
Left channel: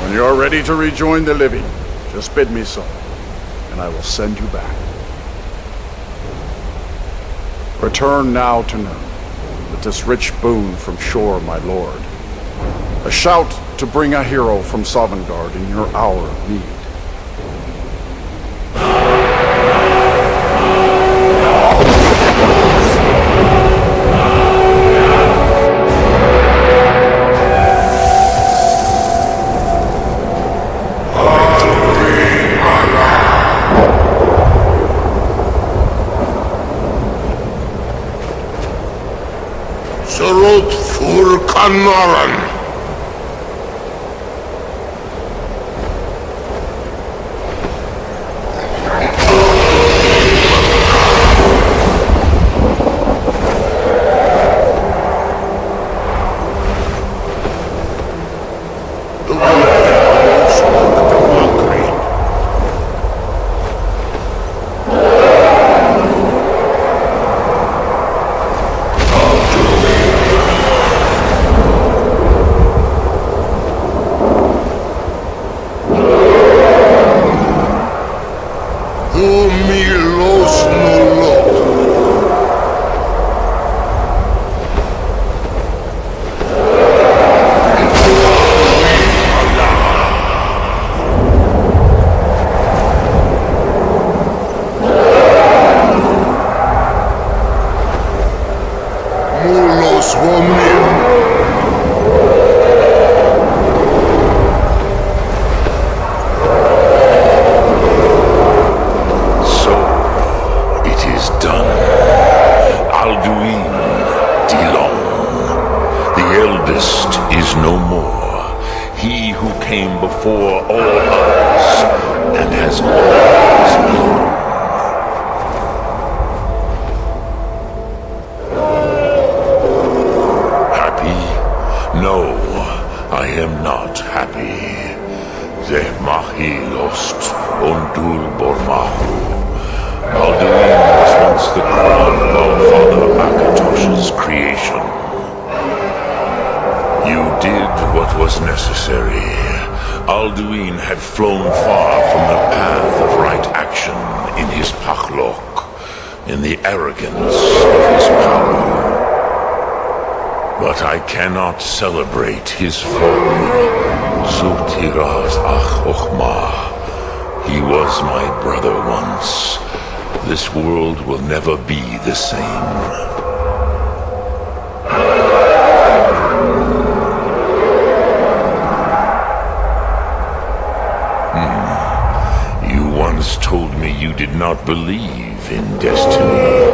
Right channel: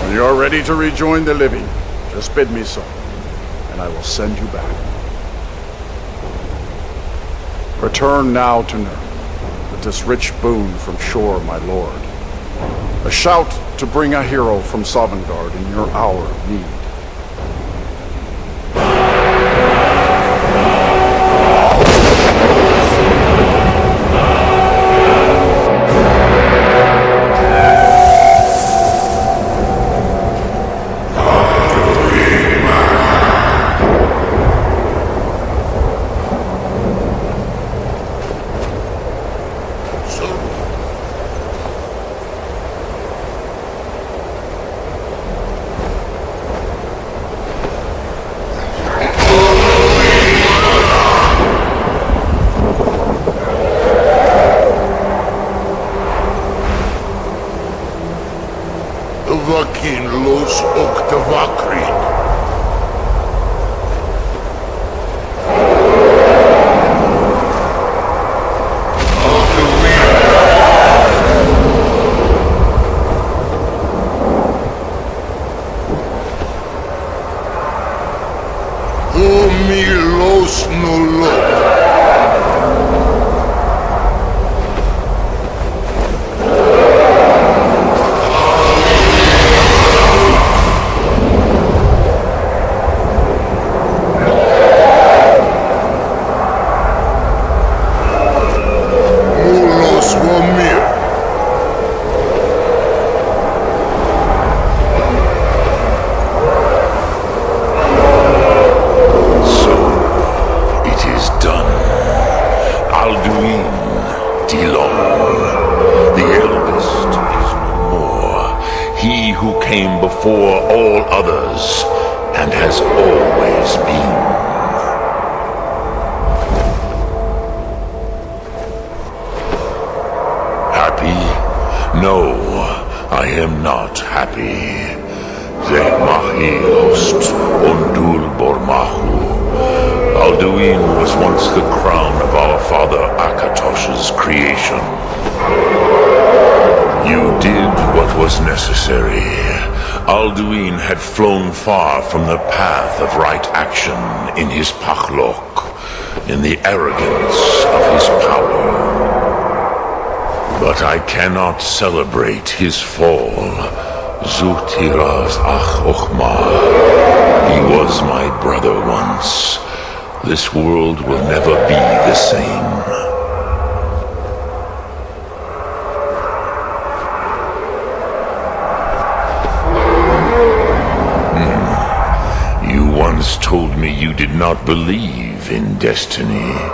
When you are ready to rejoin the living, just bid me so, and I will send you back. Return now to Nurn, with this rich boon from Shore, my lord. A shout to bring a hero from Sovngarde in your hour of need. Surut fur Kanaran. Before all others, and has always been. Happy? No, I am not happy. Zeh mahi ost ondul bormahu. Alduin was once the crown of our father Akatosh's creation. You did what was necessary. Alduin had flown far from the path of right action in his pachlok, in the arrogance of his power. But I cannot celebrate his fall. Zutiraz ach ochma. He was my brother once. This world will never be the same. Once told me you did not believe in destiny.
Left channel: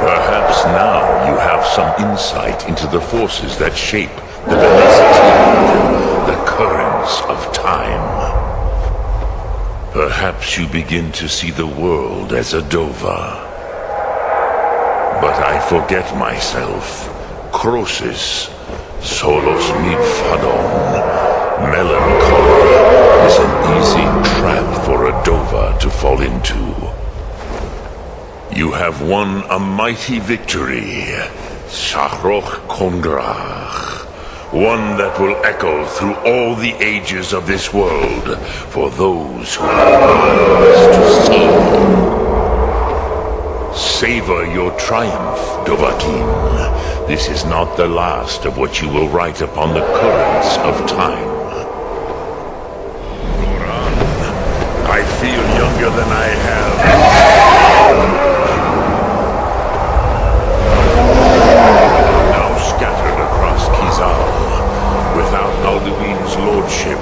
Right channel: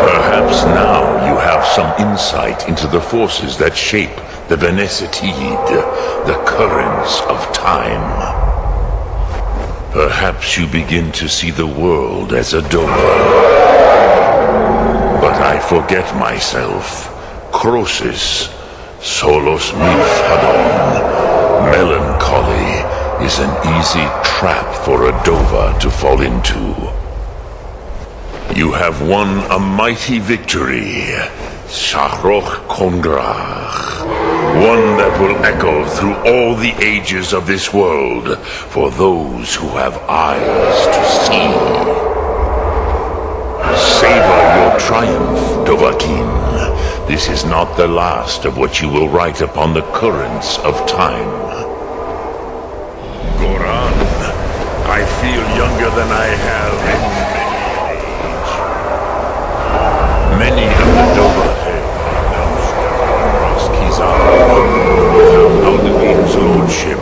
Perhaps now you have some insight into the forces that shape the Benesitid, the currents of time. Perhaps you begin to see the world as a Dova. But I forget myself. Crosis, solos milfadon, melancholy, is an easy trap for a Dova to fall into. You have won a mighty victory, Shahroch Kongrach, one that will echo through all the ages of this world for those who have eyes to see. Savor your triumph, Dovahkiin. This is not the last of what you will write upon the currents of time. I feel younger than I have. Many of the Dova are now scattered across Kizar. Without Alduin's lordship,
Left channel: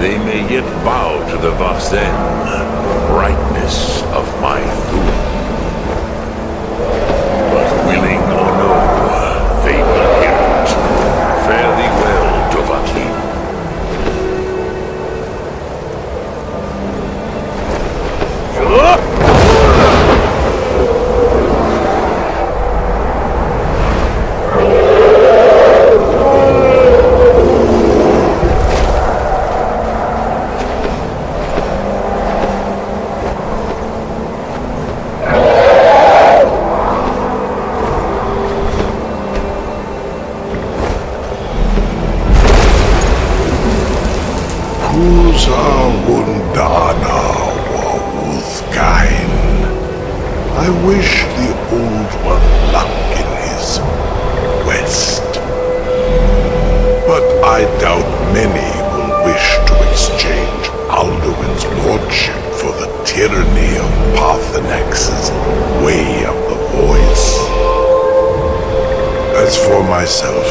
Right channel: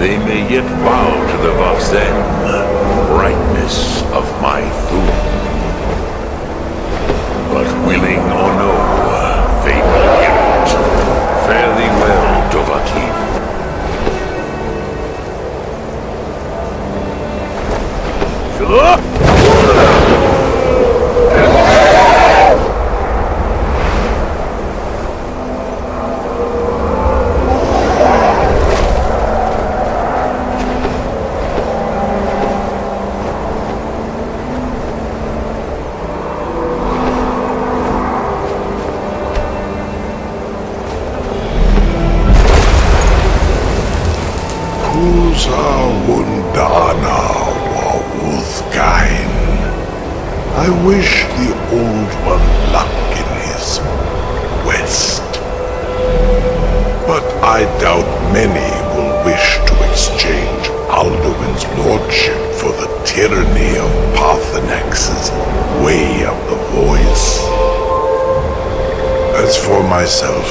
they may yet bow to the Vasen, brightness of my Thum. But willing or no, they will hear it. Fare thee well, Dovahkiin. Kuza Wundana Wawuthkain. I wish the Old One luck in his quest. But I doubt many will wish to exchange Alduin's lordship for the tyranny of Parthenax's Way of the Voice. As for myself,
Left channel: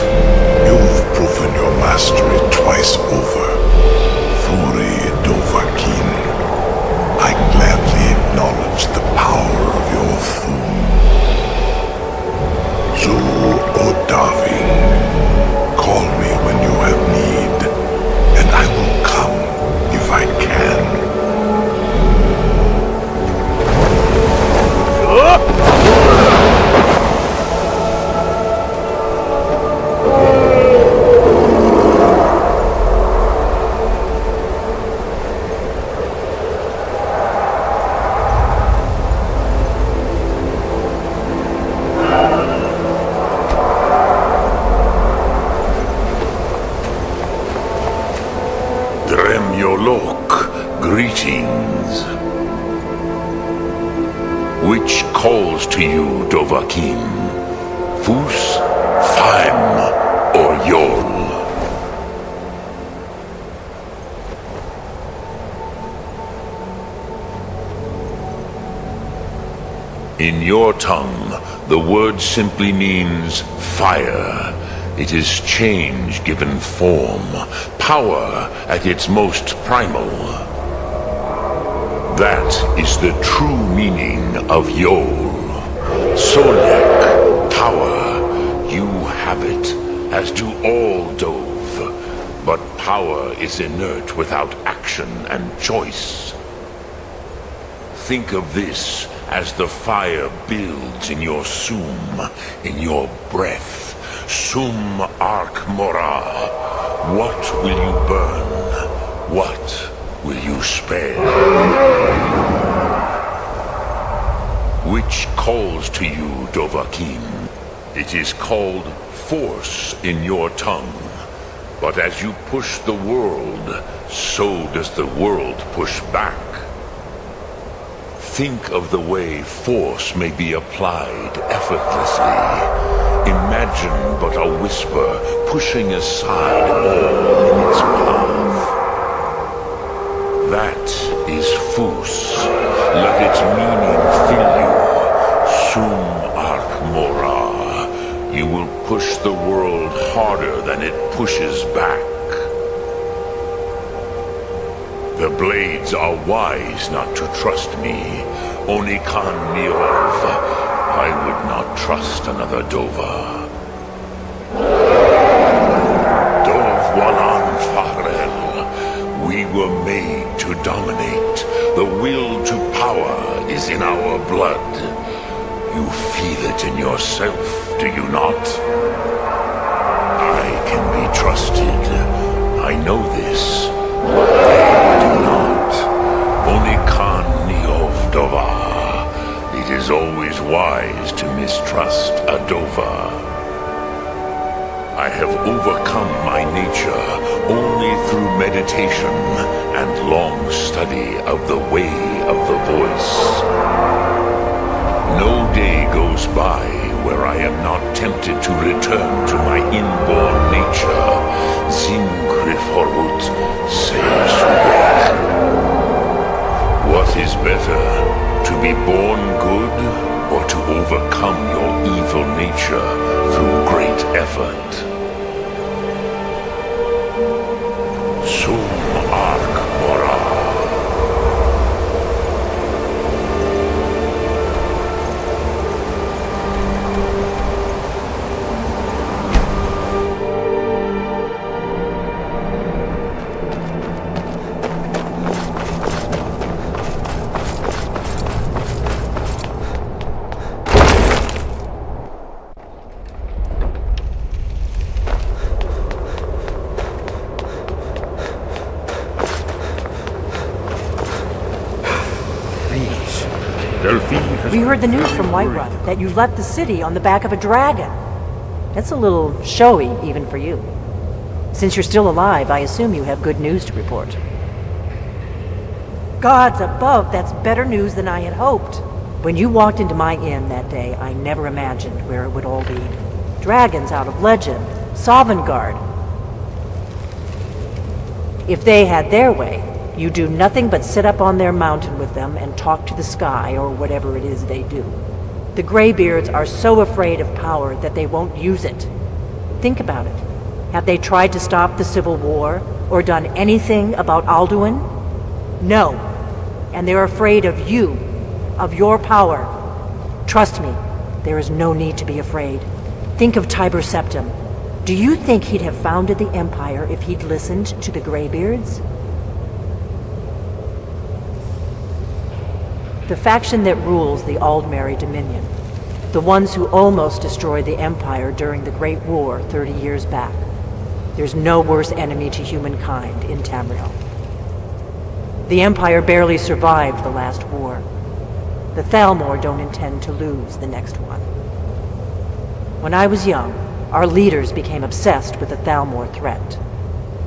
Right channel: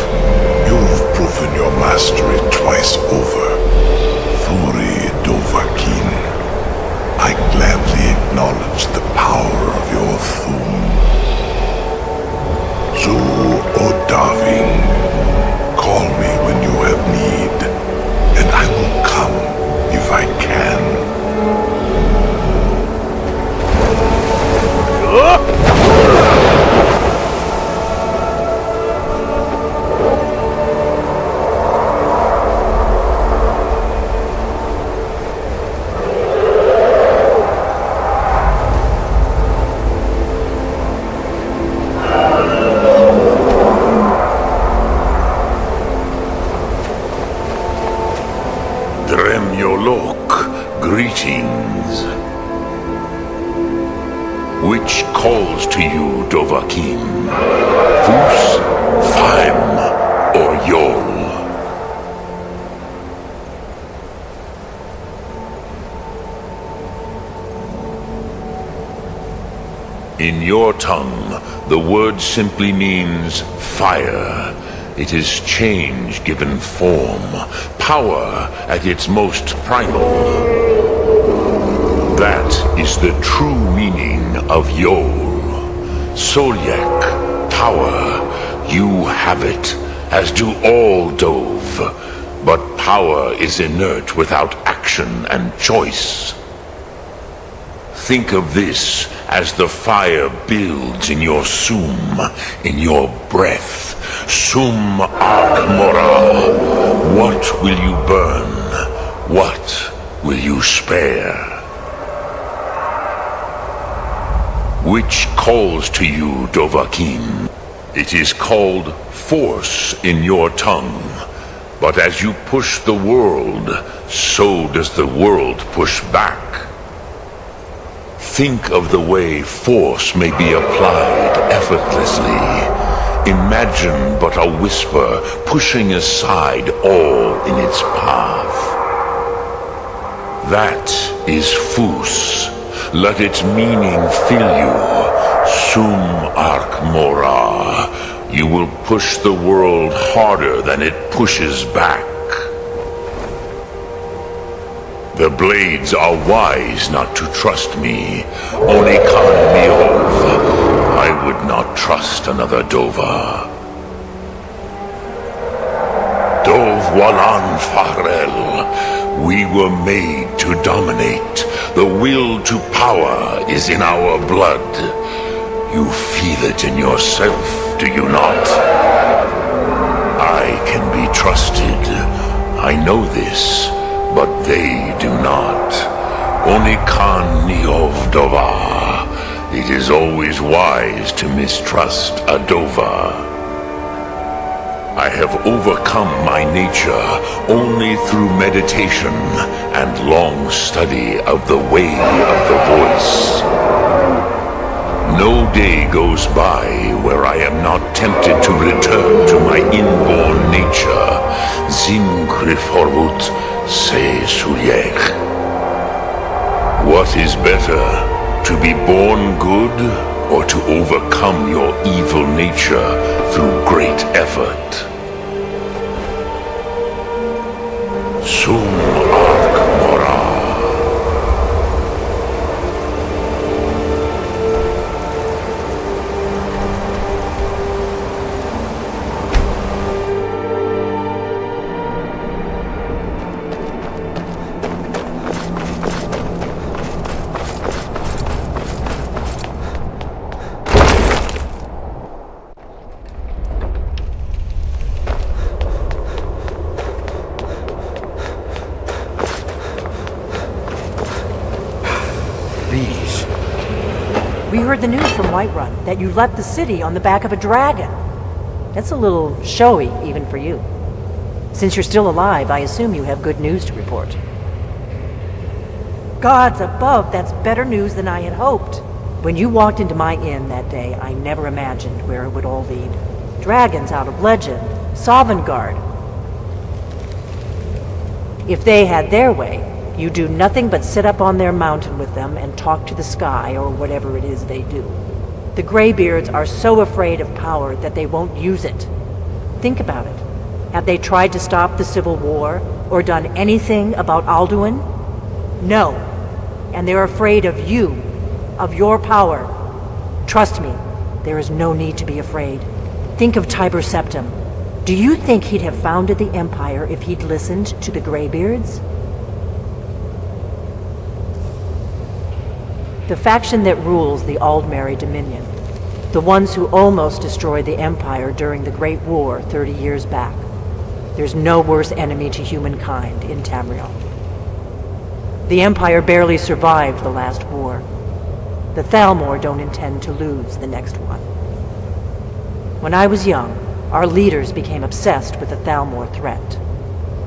you've proven your mastery twice over. Thuri Dovahkiin, I gladly acknowledge the power of your Thum. Zu Odaving, call me when you have need, and I will come if I can. Greetings. Which calls to you, Dovahkiin? Fus, Faim, or Yol? In your tongue, the word simply means fire. It is change given form, power at its most primal. That is the true meaning of Yol. Solyak, power. You have it, as do all Dove. But power is inert without action and choice. Think of this as the fire builds in your Sum, in your breath. Sum Ark Mora. What will you burn? What will you spare? Which calls to you, Dovahkiin? It is called force in your tongue. But as you push the world, so does the world push back. Think of the way force may be applied effortlessly. Imagine but a whisper pushing aside all in its path. That is Fus. Let its meaning fill you. Sum Ark Mora. You will push the world harder than it pushes back. The blades are wise not to trust me. Onikan Miov. I would not trust another Dova. Dov Walan Farel. We were made to dominate. The will to power is in our blood. You feel it in yourself, do you not? I can be trusted. I know this, but they do not. Onikan Niov Dova. It is always wise to mistrust a Dova. I have overcome my nature only through meditation and long study of the way of the voice. No day goes by where I am not tempted to return to my inborn nature. Zimgriforwut se suyech. What is better, to be born good or to overcome your evil nature through great effort? Sum Ark Mora. We heard the news from Whiterun that you left the city on the back of a dragon. That's a little showy, even for you. Since you're still alive, I assume you have good news to report. Gods above, that's better news than I had hoped. When you walked into my inn that day, I never imagined where it would all lead. Dragons out of legend, Sovngarde. If they had their way, you do nothing but sit up on their mountain with them and talk to the sky or whatever it is they do. The Greybeards are so afraid of power that they won't use it. Think about it. Have they tried to stop the Civil War or done anything about Alduin? No. And they're afraid of you, of your power. Trust me, there is no need to be afraid. Think of Tiber Septim. Do you think he'd have founded the Empire if he'd listened to the Greybeards? The faction that rules the Aldmeri Dominion, the ones who almost destroyed the Empire during the Great War 30 years back. There's no worse enemy to humankind in Tamriel. The Empire barely survived the last war. The Thalmor don't intend to lose the next one. When I was young, our leaders became obsessed with the Thalmor threat.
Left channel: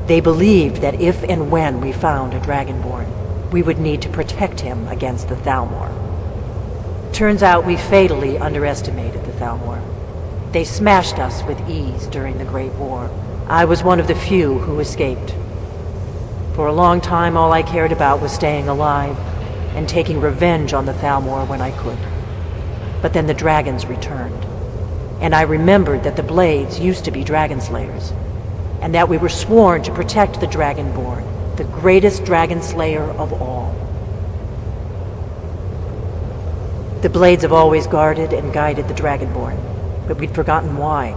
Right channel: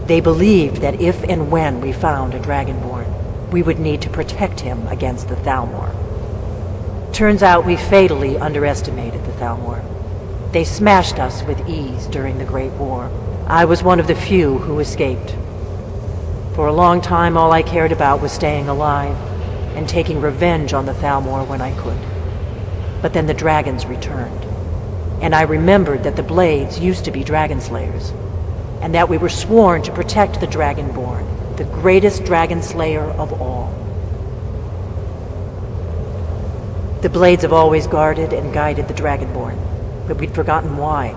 They believed that if and when we found a Dragonborn, we would need to protect him against the Thalmor. Turns out we fatally underestimated the Thalmor. They smashed us with ease during the Great War. I was one of the few who escaped. For a long time, all I cared about was staying alive and taking revenge on the Thalmor when I could. But then the dragons returned, and I remembered that the Blades used to be dragon slayers, and that we were sworn to protect the Dragonborn, the greatest dragon slayer of all. The Blades have always guarded and guided the Dragonborn, but we'd forgotten why.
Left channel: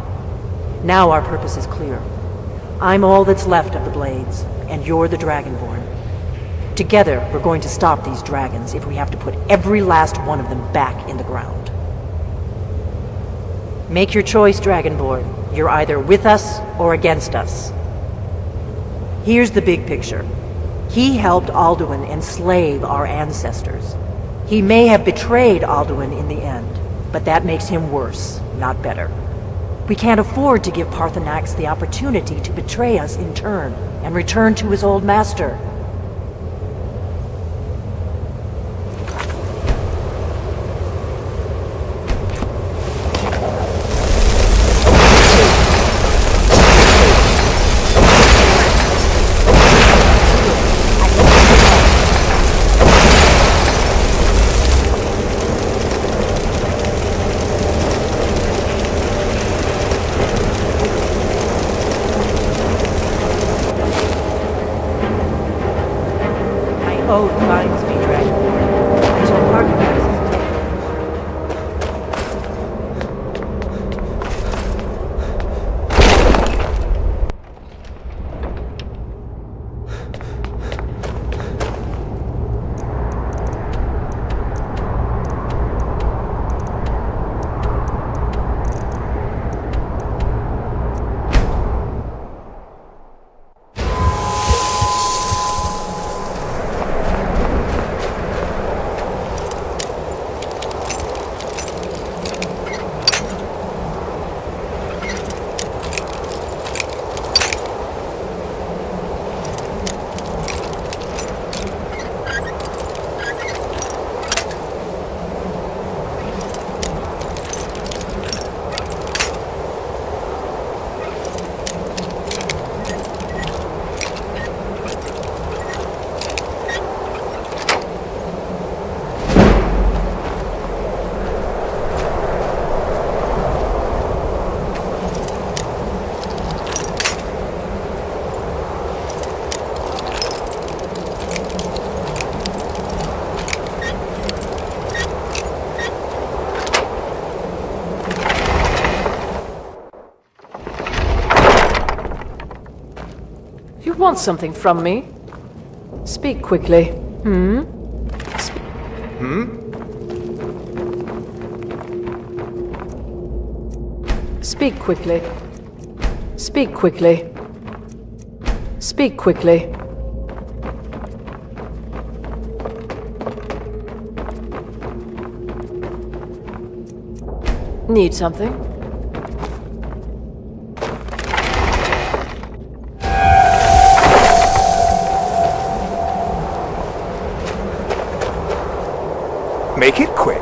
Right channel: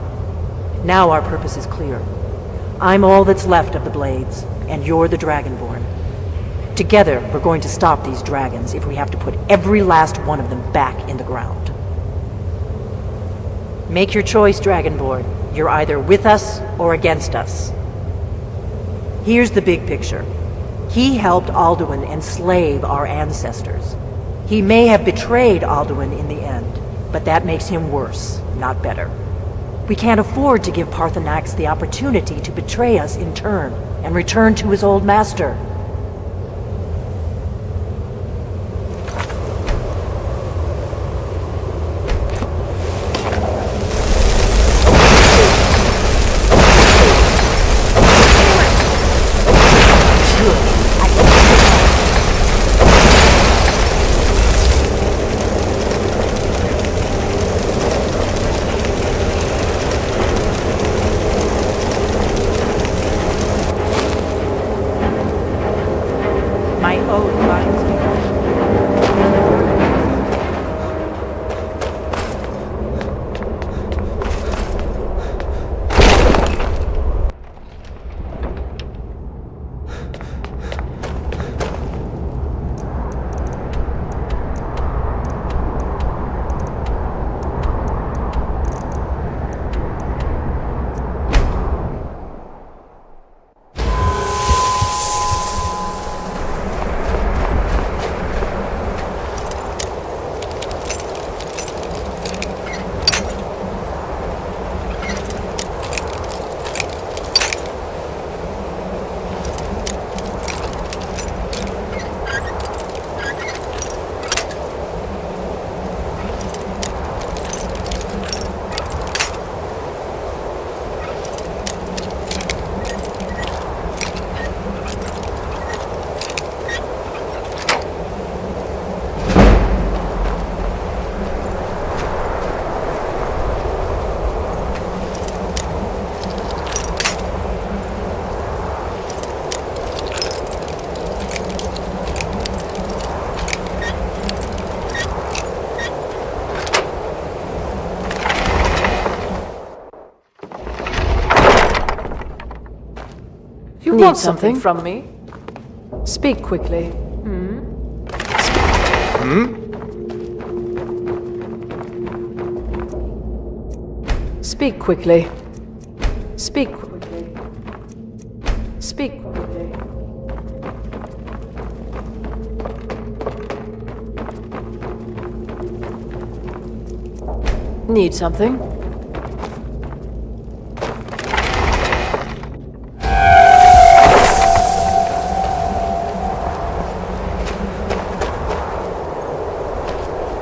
Now our purpose is clear. I'm all that's left of the Blades, and you're the Dragonborn. Together, we're going to stop these dragons if we have to put every last one of them back in the ground. Make your choice, Dragonborn. You're either with us or against us. Here's the big picture. He helped Alduin enslave our ancestors. He may have betrayed Alduin in the end, but that makes him worse, not better. We can't afford to give Parthenax the opportunity to betray us in turn and return to his old master. Oath binds me, You want something from me? Speak quickly. Speak quickly. Speak quickly. Speak quickly. Need something? Make it quick.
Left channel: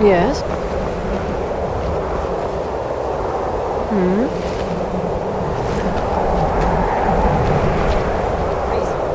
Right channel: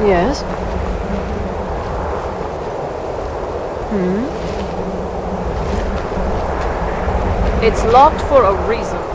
Yes? It's locked for a reason.